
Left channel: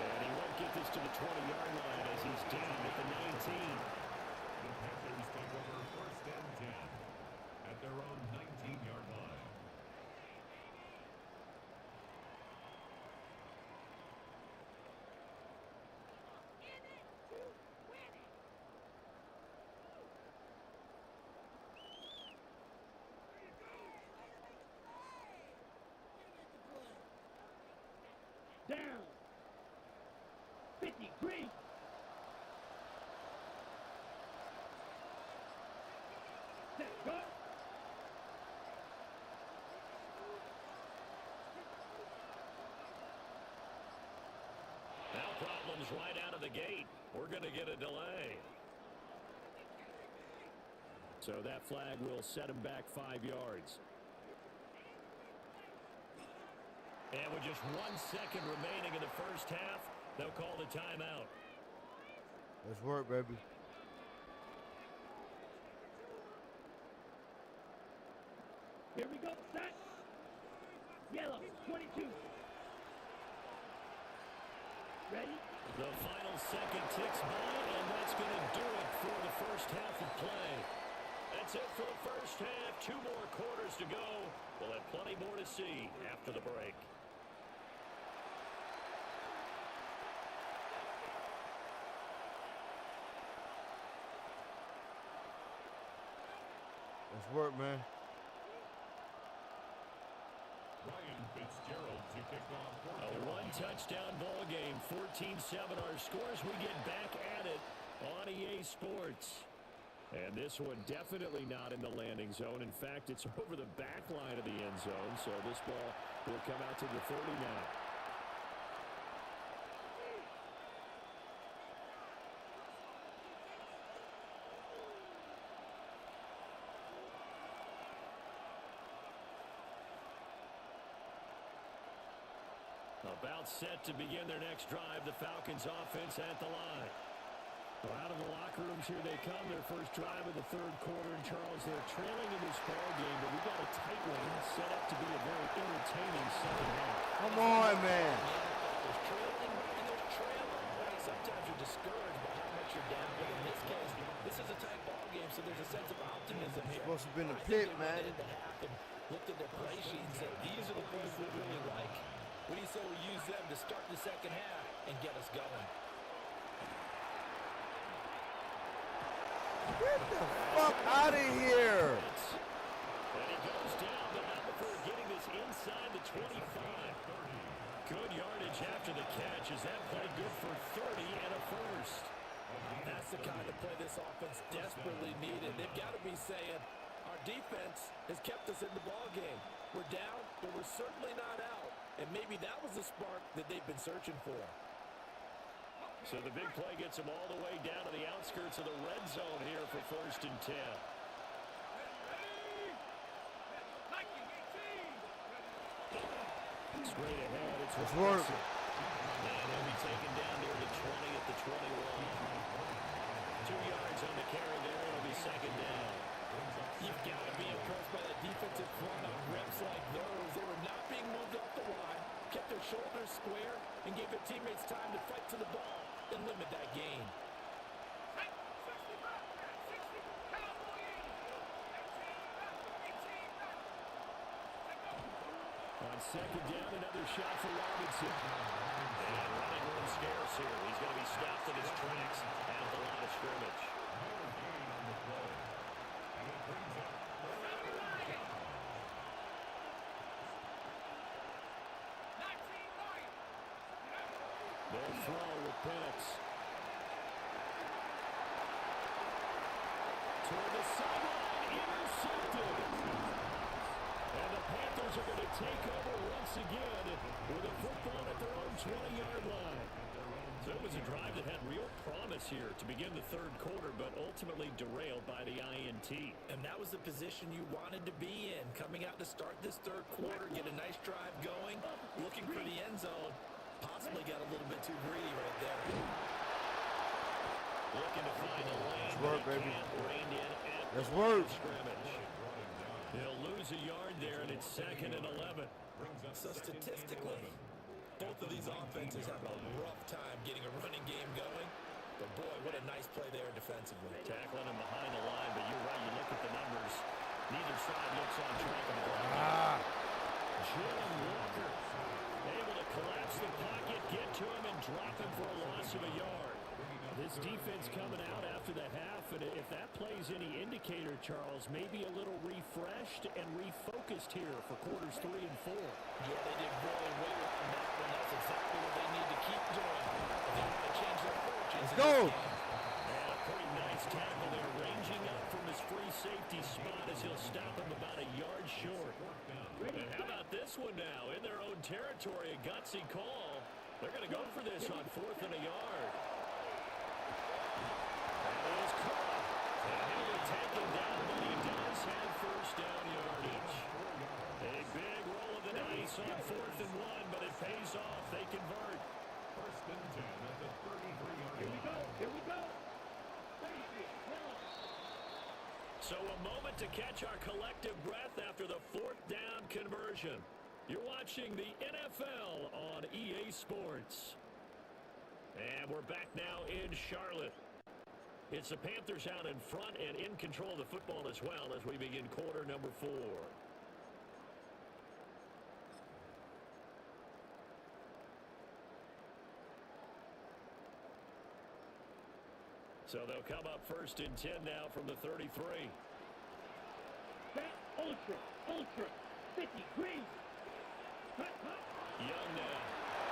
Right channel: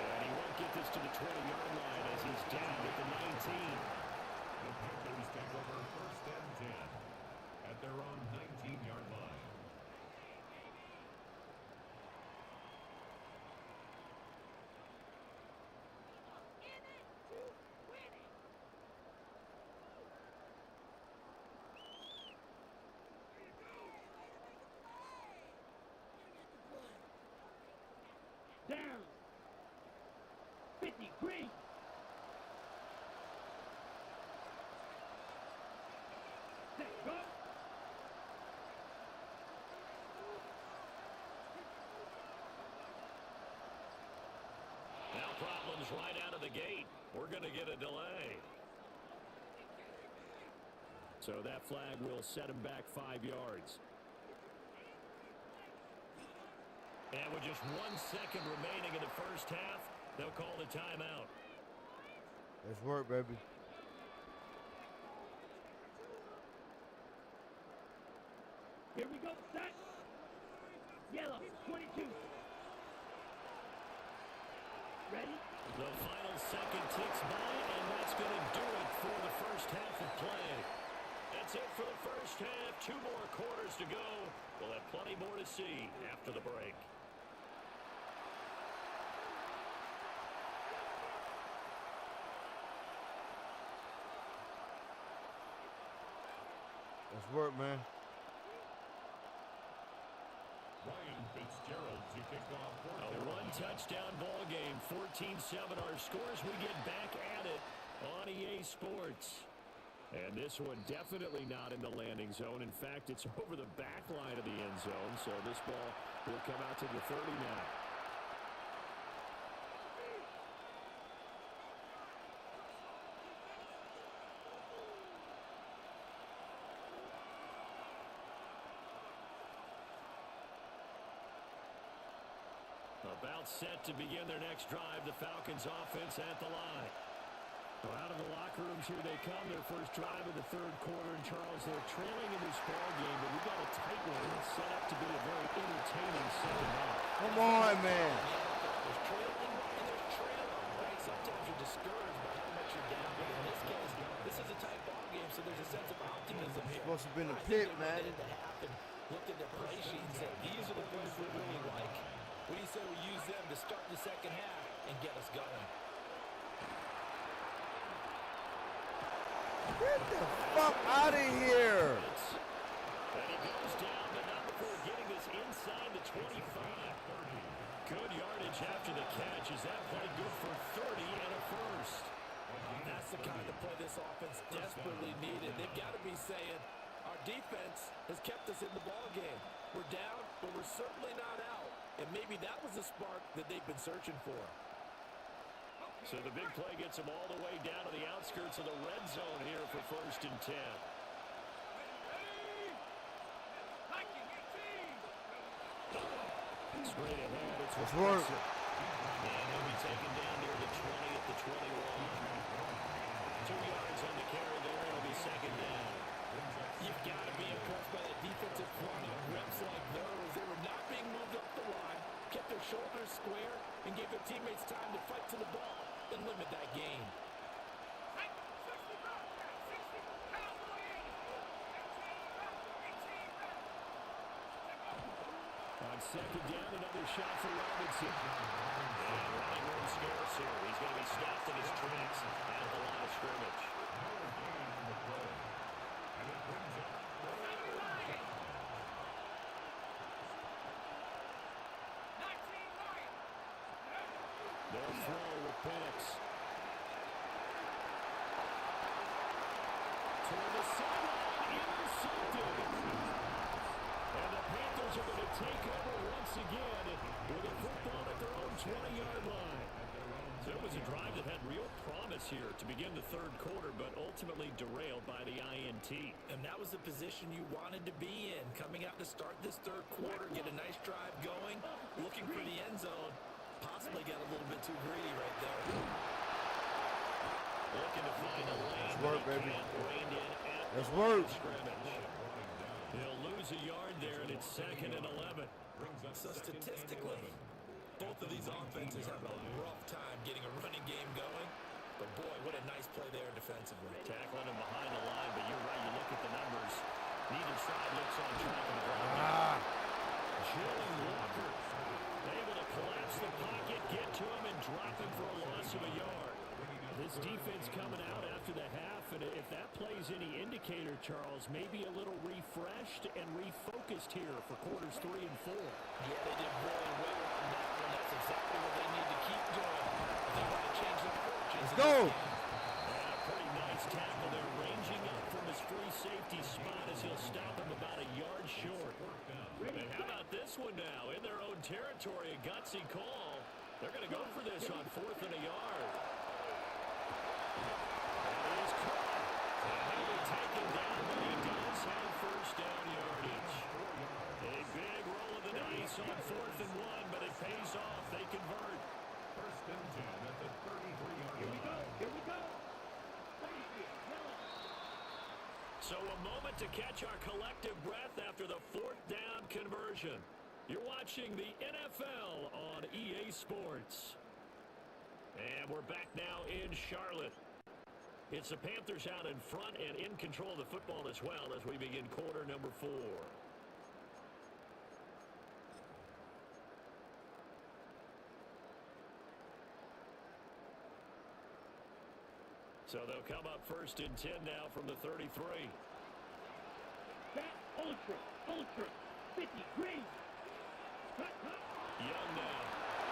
And he won't get this to the 20-yard line as he's down at the 19. The Panthers take over 1st and 10 at their own 19-yard line. Down. 50, green. Set, go. Now problems right out of the gate. We're going to get a delay. So that flag will set him back 5 yards. And with just 1 second remaining in the first half, they'll call the timeout. Let's work, baby. Here we go, set. Yellow, 22. Ready? The final second ticks by, and that's going to do it for the first half of play. That's it for the first half. 2 more quarters to go. We'll have plenty more to see after the break. Let's work, man. Ryan Fitzgerald to kick off. A 1-touchdown ball game, 14-7 our scores. We get back at it on EA Sports. And this one definitely not in the landing zone. In fact, it's over the back line of the end zone, so this ball will come out to the 30 now. About set to begin their next drive, the Falcons offense at the line. Well, out of the locker rooms here they come, their first drive of the third quarter. And Charles, they're trailing in this ball game, but we got a tight one set up to be a very entertaining second half. Come on, man. There's trailing and there's trailing, right? Sometimes you're discouraged by how much you're down, but in this case, this is a tight ball game, so there's a sense of optimism here. Supposed to have been a I pit, think man. they went into half and looked at their play sheet and said, these are the plays we really like. What do you say we use them to start the second half and get us going? Get the fuck out of here. And he goes down, but not before getting this inside the 25. Good yardage after the catch. Is that play good for 30 and a first? That's the kind of play this offense desperately needed. They've got to be saying, our defense has kept us in the ball game. We're down, but we're certainly not out. And maybe that was the spark that they've been searching for. So the big play gets them all the way down to the outskirts of the red zone here for 1st and 10. Straight ahead, it's Let's work. And he'll be taken down near the 20 at the 21. 2 yards on the carry there. It'll be second down. You've got to be impressed by that defensive front on reps like those. They were not being moved off the line, kept their shoulders square, and gave their teammates time to fight to the ball and limit that gain. On second down, another shot for Robinson. And running room scarce here. He's going to be stopped in his tracks at the line of scrimmage. No gain on the play. And it brings up 3rd down. Penix. Toward the sideline, intercepted. And the Panthers are going to take over once again with a football at their own 20-yard line. So it was a drive that had real promise here to begin the third quarter, but ultimately derailed by the INT. And that was the position you wanted to be in, coming out to start this third quarter, get a nice drive going, looking for the end zone. Possibly got a little bit too greedy right there. Looking to find a lane. That's work, baby. Reined in at That's the line work. of scrimmage. He'll lose a yard there, and it's 2nd and 11. So statistically, both of these offenses have a rough time getting a running game going. But boy, what a nice play there defensively. Tackling him behind the line, but you're right. You look at the numbers. Neither side looks on track on the ground. Jalen Walker able to collapse the pocket, get to him, and drop him for a loss of a yard. This defense coming out after the half, and if that plays any indicator, Charles, maybe a little refreshed and refocused here for quarters 3 and 4. Yeah, they did really well on that one. That's exactly what they need to keep doing if they want to change their fortunes. Let's go. And a pretty nice tackle there, ranging up from his free safety spot as he'll stop him about a yard short. And how about this one now? In their own territory, a gutsy call. They're going to go for this on 4th and a yard. And he is caught. And he'll be taken down, but he does have first down yardage. A big roll of the dice on 4th and 1, but it pays off. They convert. 1st and 10 at the 33-yard line. Here we go. Here we go. 33, yellow. So a moment to catch our collective breath after the 4th down conversion. You're watching the NFL on EA Sports. And we're back now in Charlotte. It's the Panthers out in front and in control of the football as well as we begin quarter number 4. So they'll come up 1st and 10 now from the 33. Back, ultra, 50, green. Hut, hut. Young now.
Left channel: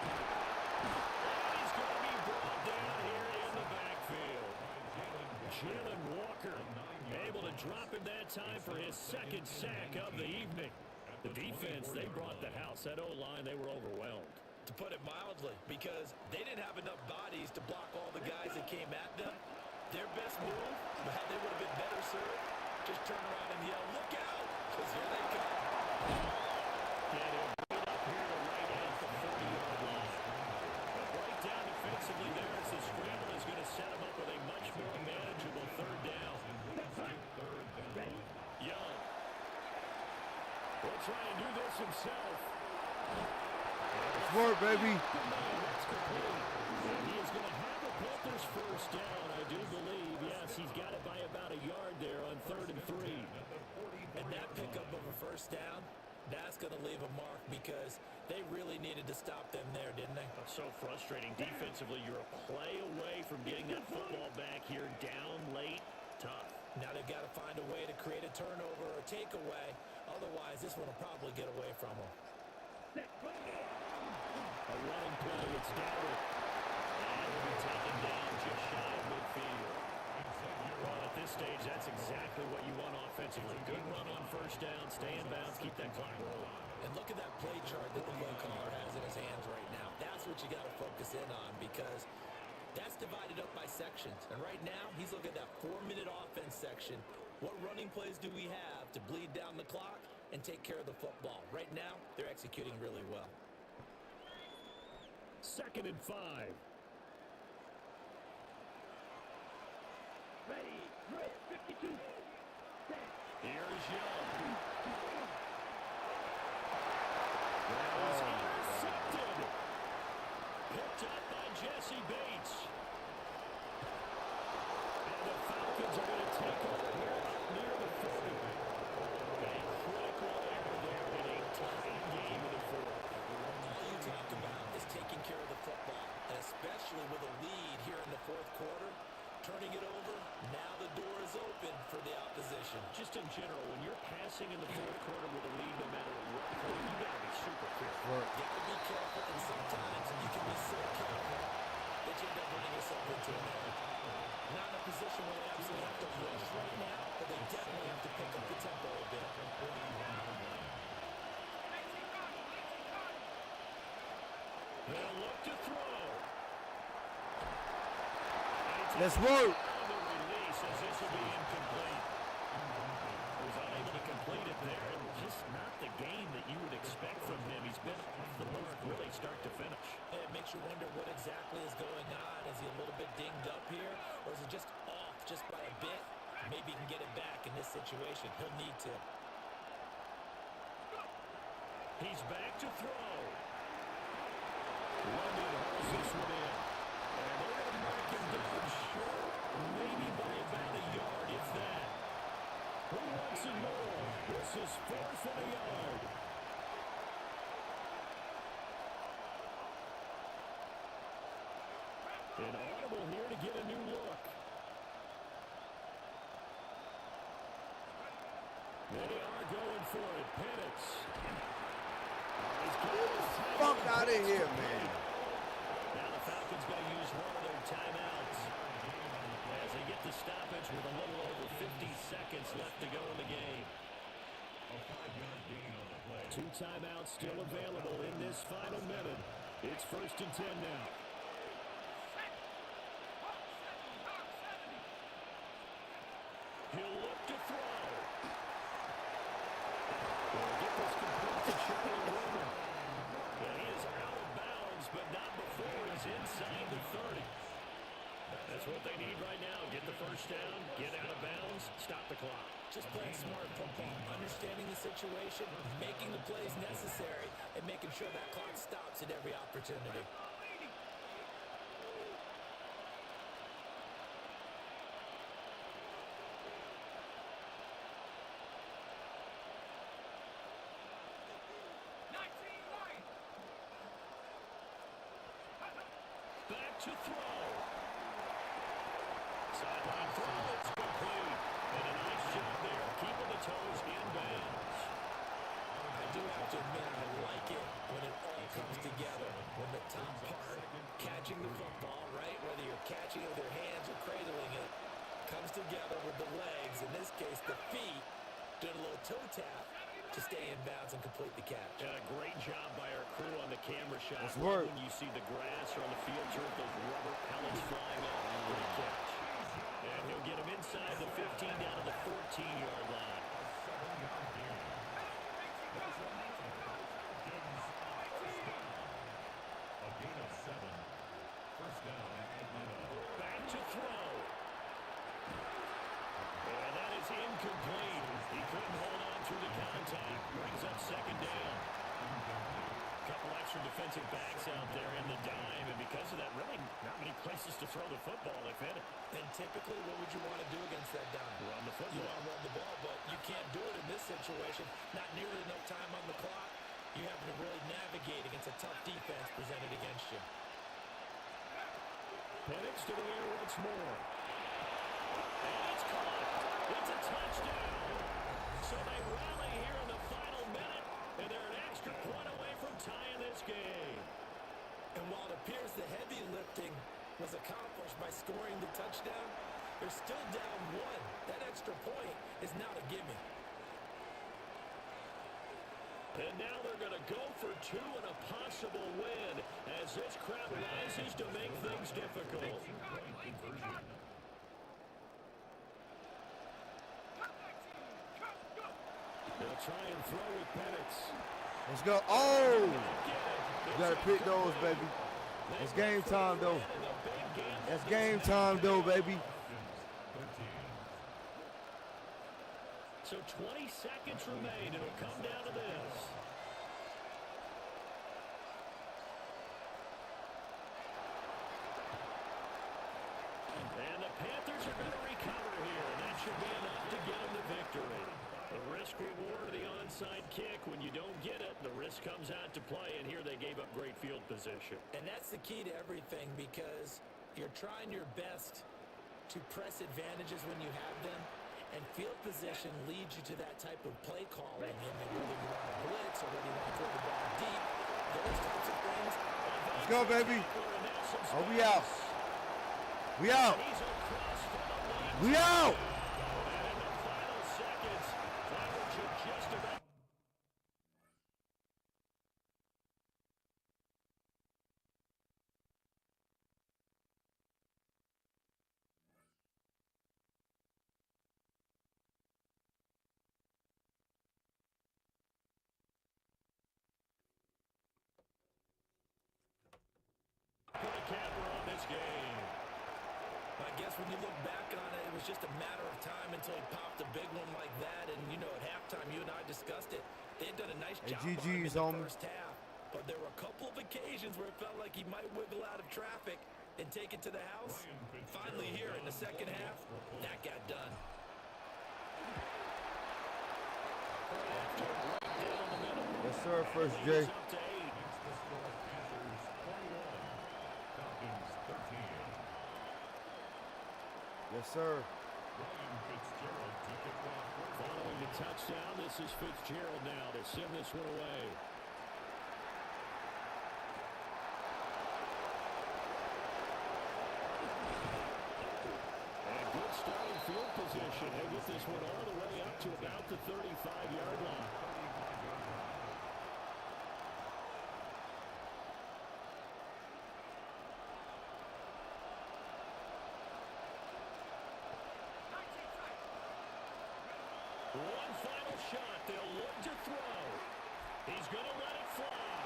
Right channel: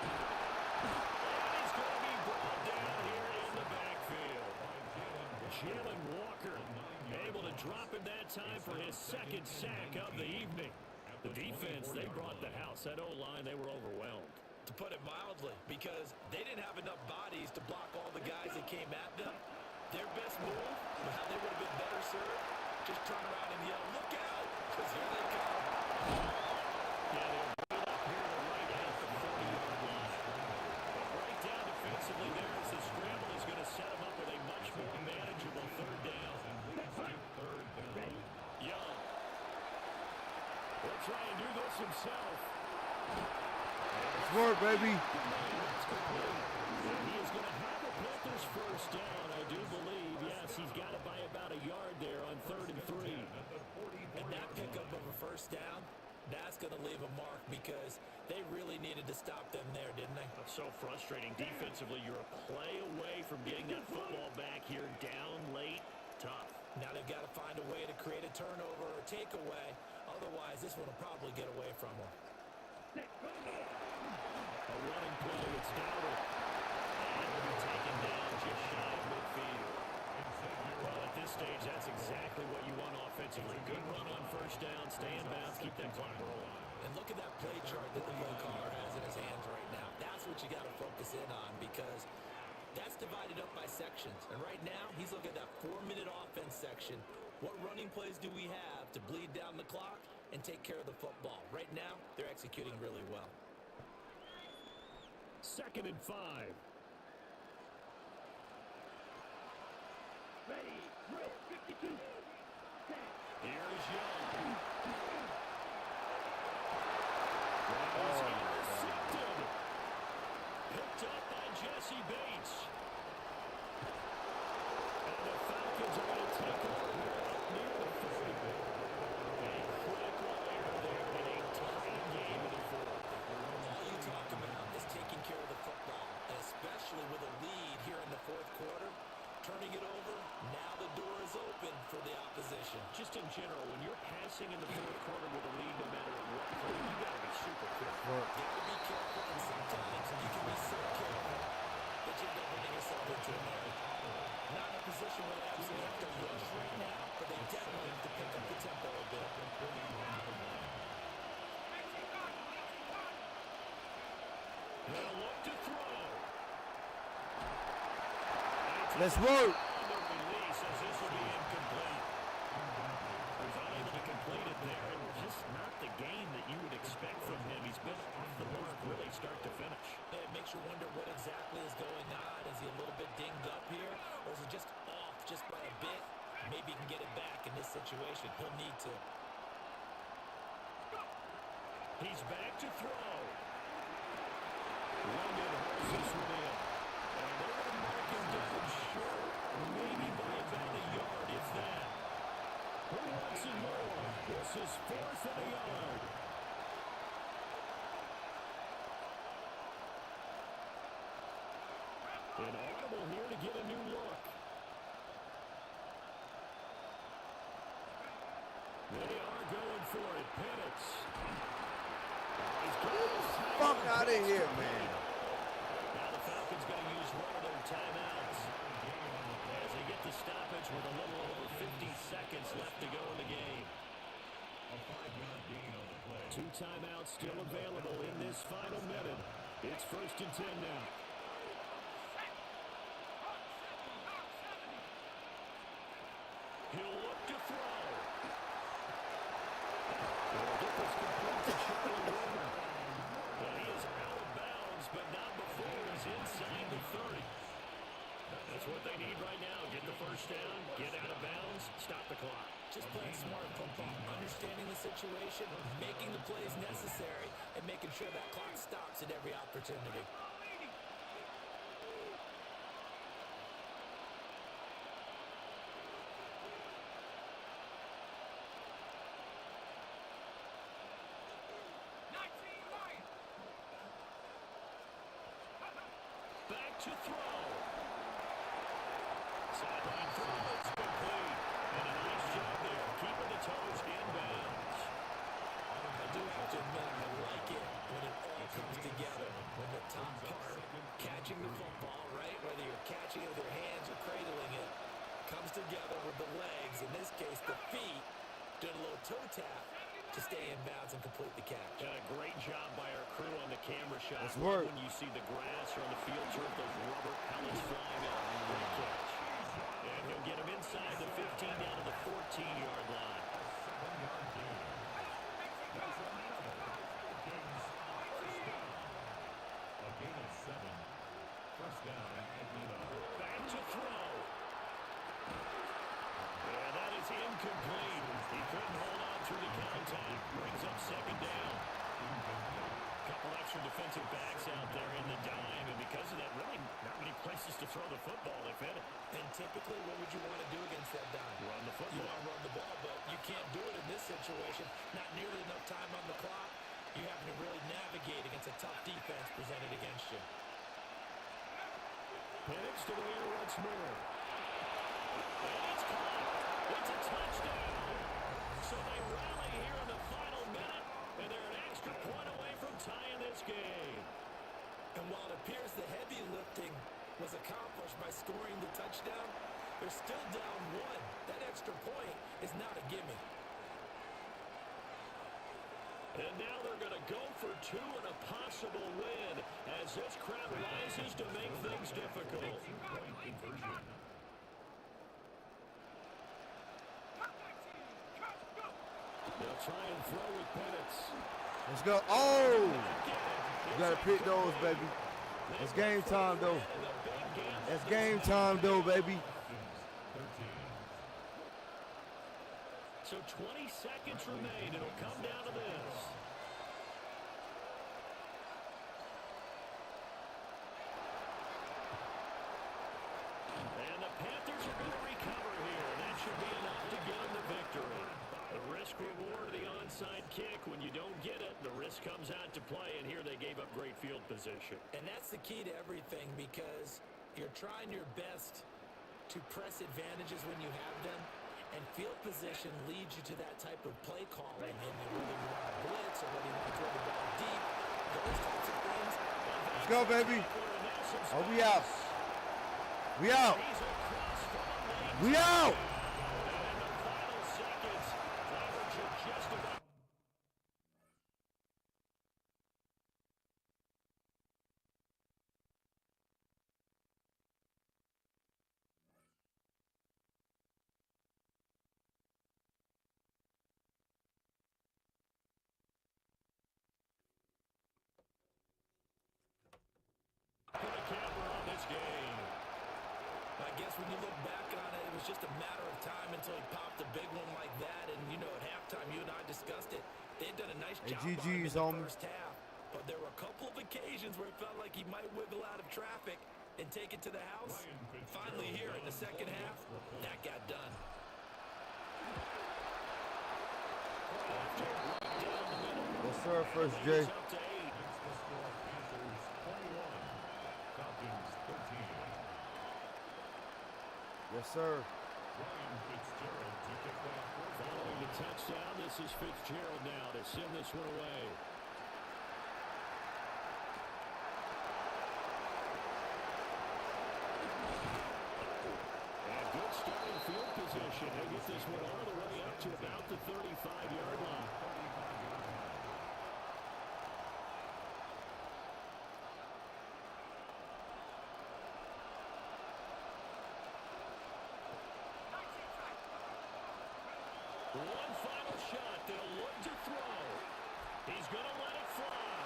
And he's going to be brought down here in the backfield. Jalen Walker able to drop him that time for his 2nd sack of the evening. The defense, they brought the house. That O-line, they were overwhelmed. To put it mildly, because they didn't have enough bodies to block all the guys that came at them. Their best move, how they would have been better served, just turn around and yell, "Look out!" Because here they come. And he'll bring it up here to right at the 40-yard line. But right down defensively there as the scramble is going to set him up with a much more manageable 3rd down. Young. He'll try and do this himself. Let's work, baby. That's complete. And he is going to have a Panthers first down, I do believe. Yes, he's got it by about a yard there on 3rd and 3. And that pickup of a first down, that's going to leave a mark because they really needed to stop them there, didn't they? So frustrating defensively. You're a play away from getting that football back here down late. Tough. Now they've got to find a way to create a turnover or takeaway. Otherwise, this one will probably get away from them. A running play. It's Dowdle. And will be taken down just shy of midfield. Well, at this stage, that's exactly what you want offensively. Good run on first down. Stay in bounds. Keep that clock rolling. And look at that play chart that the play caller has in his hands right now. That's what you got to focus in on because that's divided up by sections. And right now, he's looking at that 4-minute offense section. What running plays do we have to bleed down the clock and take care of the football? Right now, they're executing really well. 2nd and 5. Ready, drill, 52. Here's Young. That is intercepted. Picked up by Jesse Bates. And the Falcons are going to take over here up near the 40. A critical error there in a tight game in the 4th. All you talk about is taking care of the football, and especially with a lead here in the 4th quarter, turning it over, now the door is open for the opposition. Just in general, when you're passing in the 4th quarter with a lead, no matter what point, you got to be super careful. Got to be careful, and sometimes you can be so careful that you end up into an error. Not in a position where they absolutely have to rush right now, but they definitely have to pick up the tempo a bit. They'll look to throw. Let's work. The release as this will be incomplete. Was unable to complete it there, and just not the game that you would expect from him. He's been off the mark really start to finish. It makes you wonder what exactly is going on. Is he a little bit dinged up here, or is he just off just by a bit? Maybe he can get it back in this situation. He'll need to. He's back to throw. London hauls this one in. And they're going to mark him down short, maybe by about a yard, if that. Who wants it more? This is 4th and a yard. An audible here to get a new look. They are going for it. Penix. Oh, he's got his Fuck out of here, man. Now the Falcons going to use one of their timeouts as they get the stoppage with a little over 50 seconds left to go in the game. A 5-yard gain on the play. 2 timeouts still available in this final minute. It's 1st and 10 now. He'll look to throw. He'll get this complete to Charlie Warner. And he is out of bounds, but not before he's inside the 30. That's what they need right now. Get the first down, get out of bounds, stop the clock. Just playing smart football, understanding the situation, making the plays necessary, and making sure that clock stops at every opportunity. Back to throw. Sideline throw, it's complete. And a nice job there of keeping the toes inbounds. I do have to admit, I like it when it all comes together. When the top part, catching the football, right, whether you're catching it with your hands or cradling it, comes together with the legs, in this case the feet, doing a little toe tap to stay in bounds and complete the catch. And a great job by our crew on the camera shot. Let's work. When you see the grass or on the field turf, those rubber pellets flying up. Great catch. And he'll get him inside the 15 down to the 14-yard line. A 7-yard gain. That's another Falcons first down. A gain of 7. First down, Atlanta. Back to throw. And that is incomplete. He couldn't hold on through the contact. Brings up 2nd down. Couple extra defensive backs out there in the dime, and because of that, really not many places to throw the football, if any. And typically, what would you want to do against that dime? Run the football. You want to run the ball, but you can't do it in this situation. Not nearly enough time on the clock. You have to really navigate against a tough defense presented against you. Penix to the air once more. And it's caught. It's a touchdown. So they rally here in the final minute, and they're an extra point away from tying this game. And while it appears the heavy lifting was accomplished by scoring the touchdown, they're still down 1. That extra point is not a gimme. And now they're going to go for 2 and a possible win as this crowd rises to make things difficult. 2-point conversion. They'll try and throw with Penix. Let's go. Oh! You got to pick those, baby. It's game time, though. It's game time, though, baby. So 20 seconds remain. It'll come down to this. And the Panthers are going to recover here. That should be enough to get them the victory. The risk reward of the onside kick. When you don't get it, the risk comes out to play, and here they gave up great field position. And that's the key to everything, because you're trying your best to press advantages when you have them, and field position leads you to that type of play calling, and whether you want to blitz or whether you want to throw the ball deep, those types of things. Let's go, baby. Oh, we out. We out. He's across from the lane. We out. And in the final seconds, that one should just about. Put a camper on this game. I guess when you look back on it, it was just a matter of time until he popped a big one like that. And, you know, at halftime, you and I discussed it. They had done a nice job on him in the first half. But there were a couple of occasions where it felt like he might wiggle out of traffic and take it to the house. Finally here in the second half, that got done. Right after, right down the middle. Yes, sir. First Lead J. is up to 8. Makes the score Panthers 21, Falcons 13. Yes, sir. Ryan Fitzgerald to kick off. Following the touchdown, this is Fitzgerald now to send this one away. And good starting field position. He'll get this one all the way up to about the 35-yard line. 35-yard line. One final shot. They'll look to throw. He's going to let it fly.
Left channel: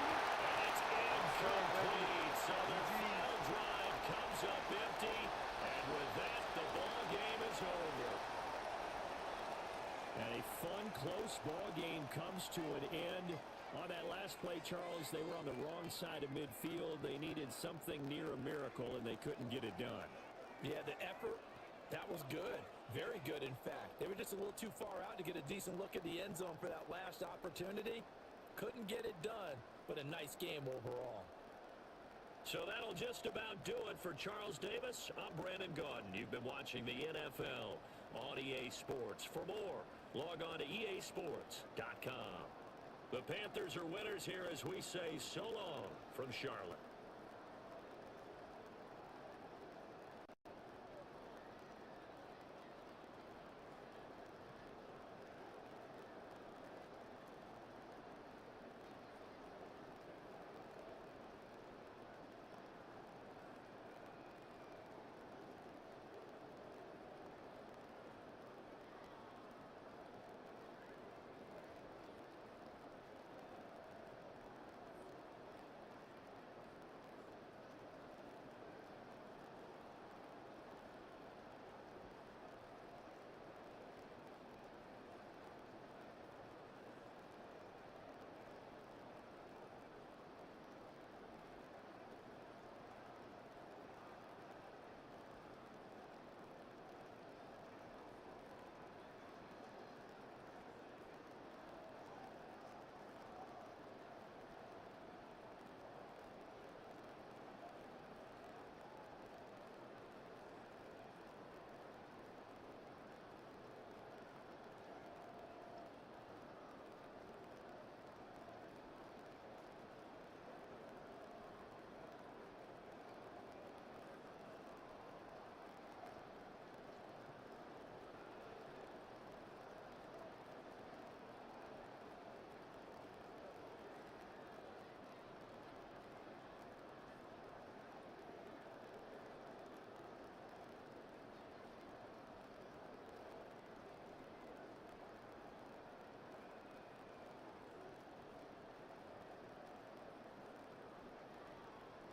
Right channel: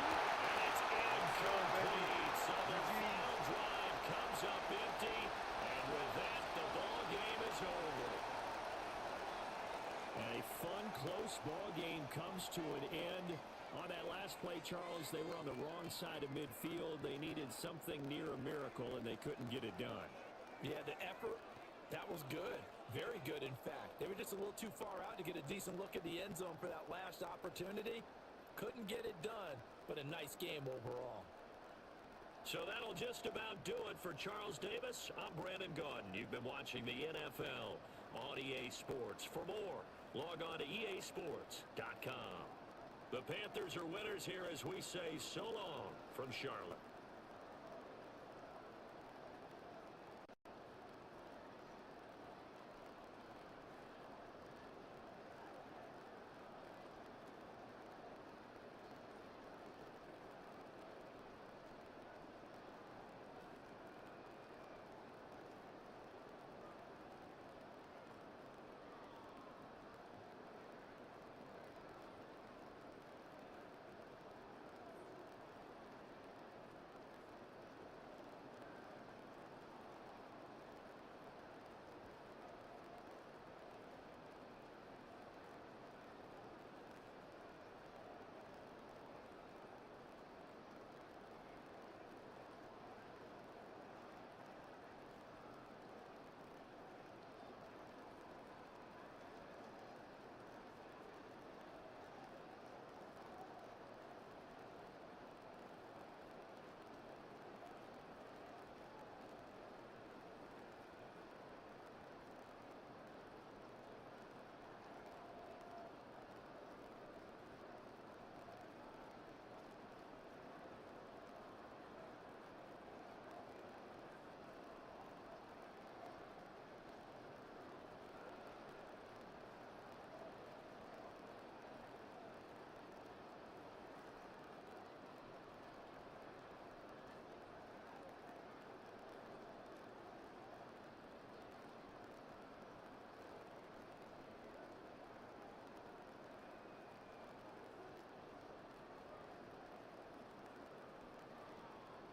And it's incomplete. So their final drive comes up empty. And with that, the ball game is over. And a fun, close ball game comes to an end. On that last play, Charles, they were on the wrong side of midfield. They needed something near a miracle, and they couldn't get it done. Yeah, the effort, that was good. Very good, in fact. They were just a little too far out to get a decent look at the end zone for that last opportunity. Couldn't get it done, but a nice game overall. So that'll just about do it for Charles Davis. I'm Brandon Gaudin. You've been watching the NFL on EA Sports. For more, log on to easports.com. The Panthers are winners here as we say so long from Charlotte.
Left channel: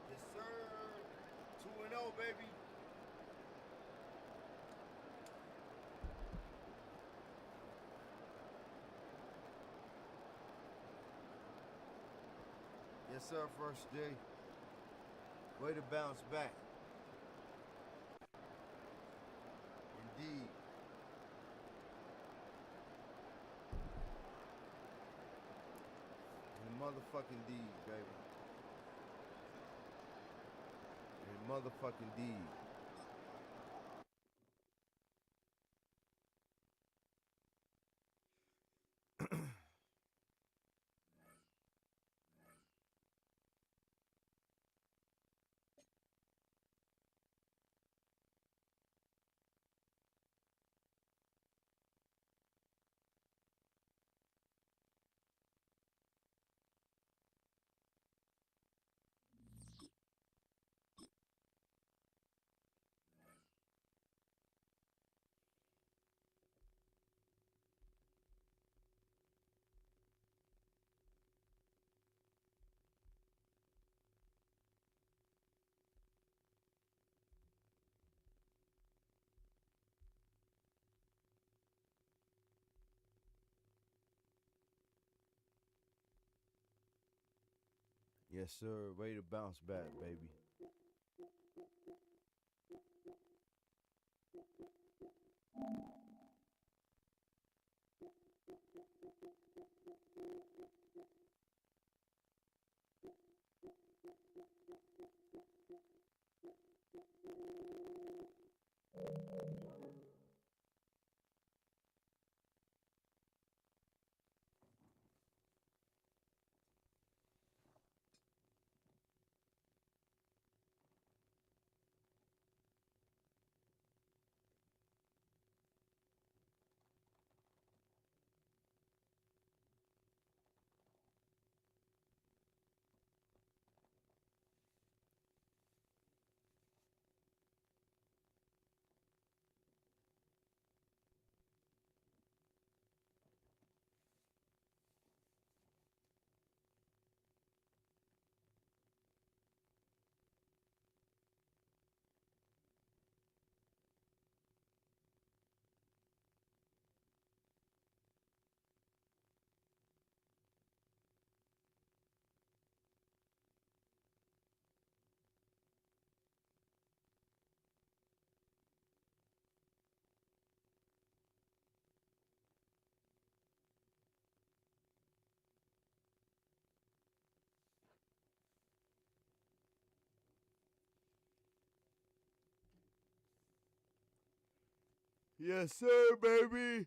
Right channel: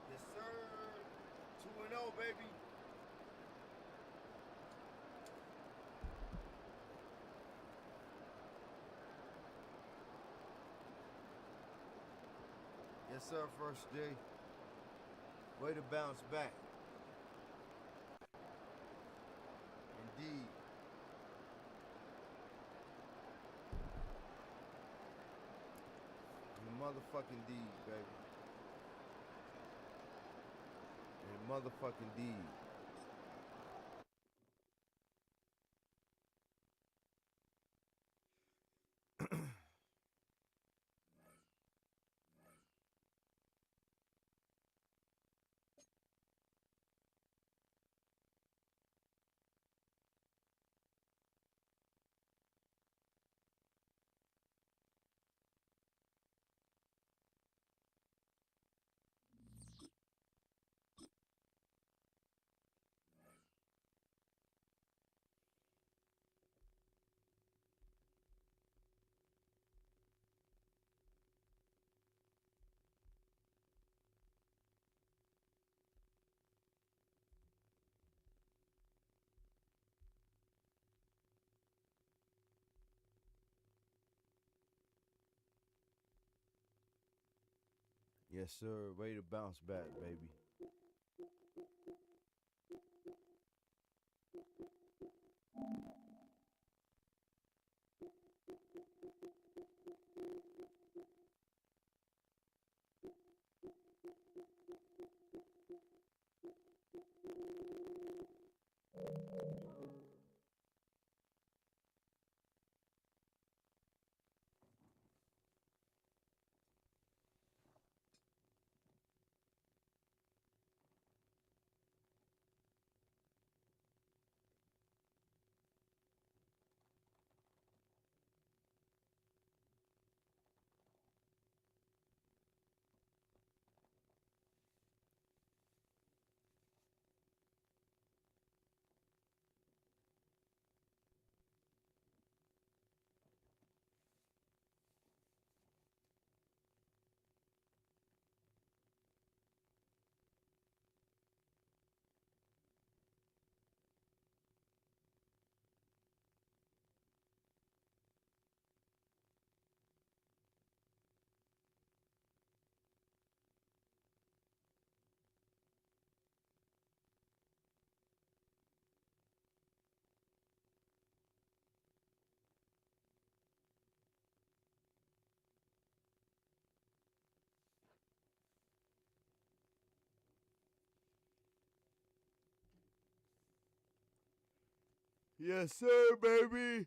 Yes, sir. 2-0, baby. Yes, sir. First day. Way to bounce back. Indeed. And motherfucking deed, baby. And motherfucking deed. Yes, sir. Ready to bounce back, baby. Yes, sir, baby.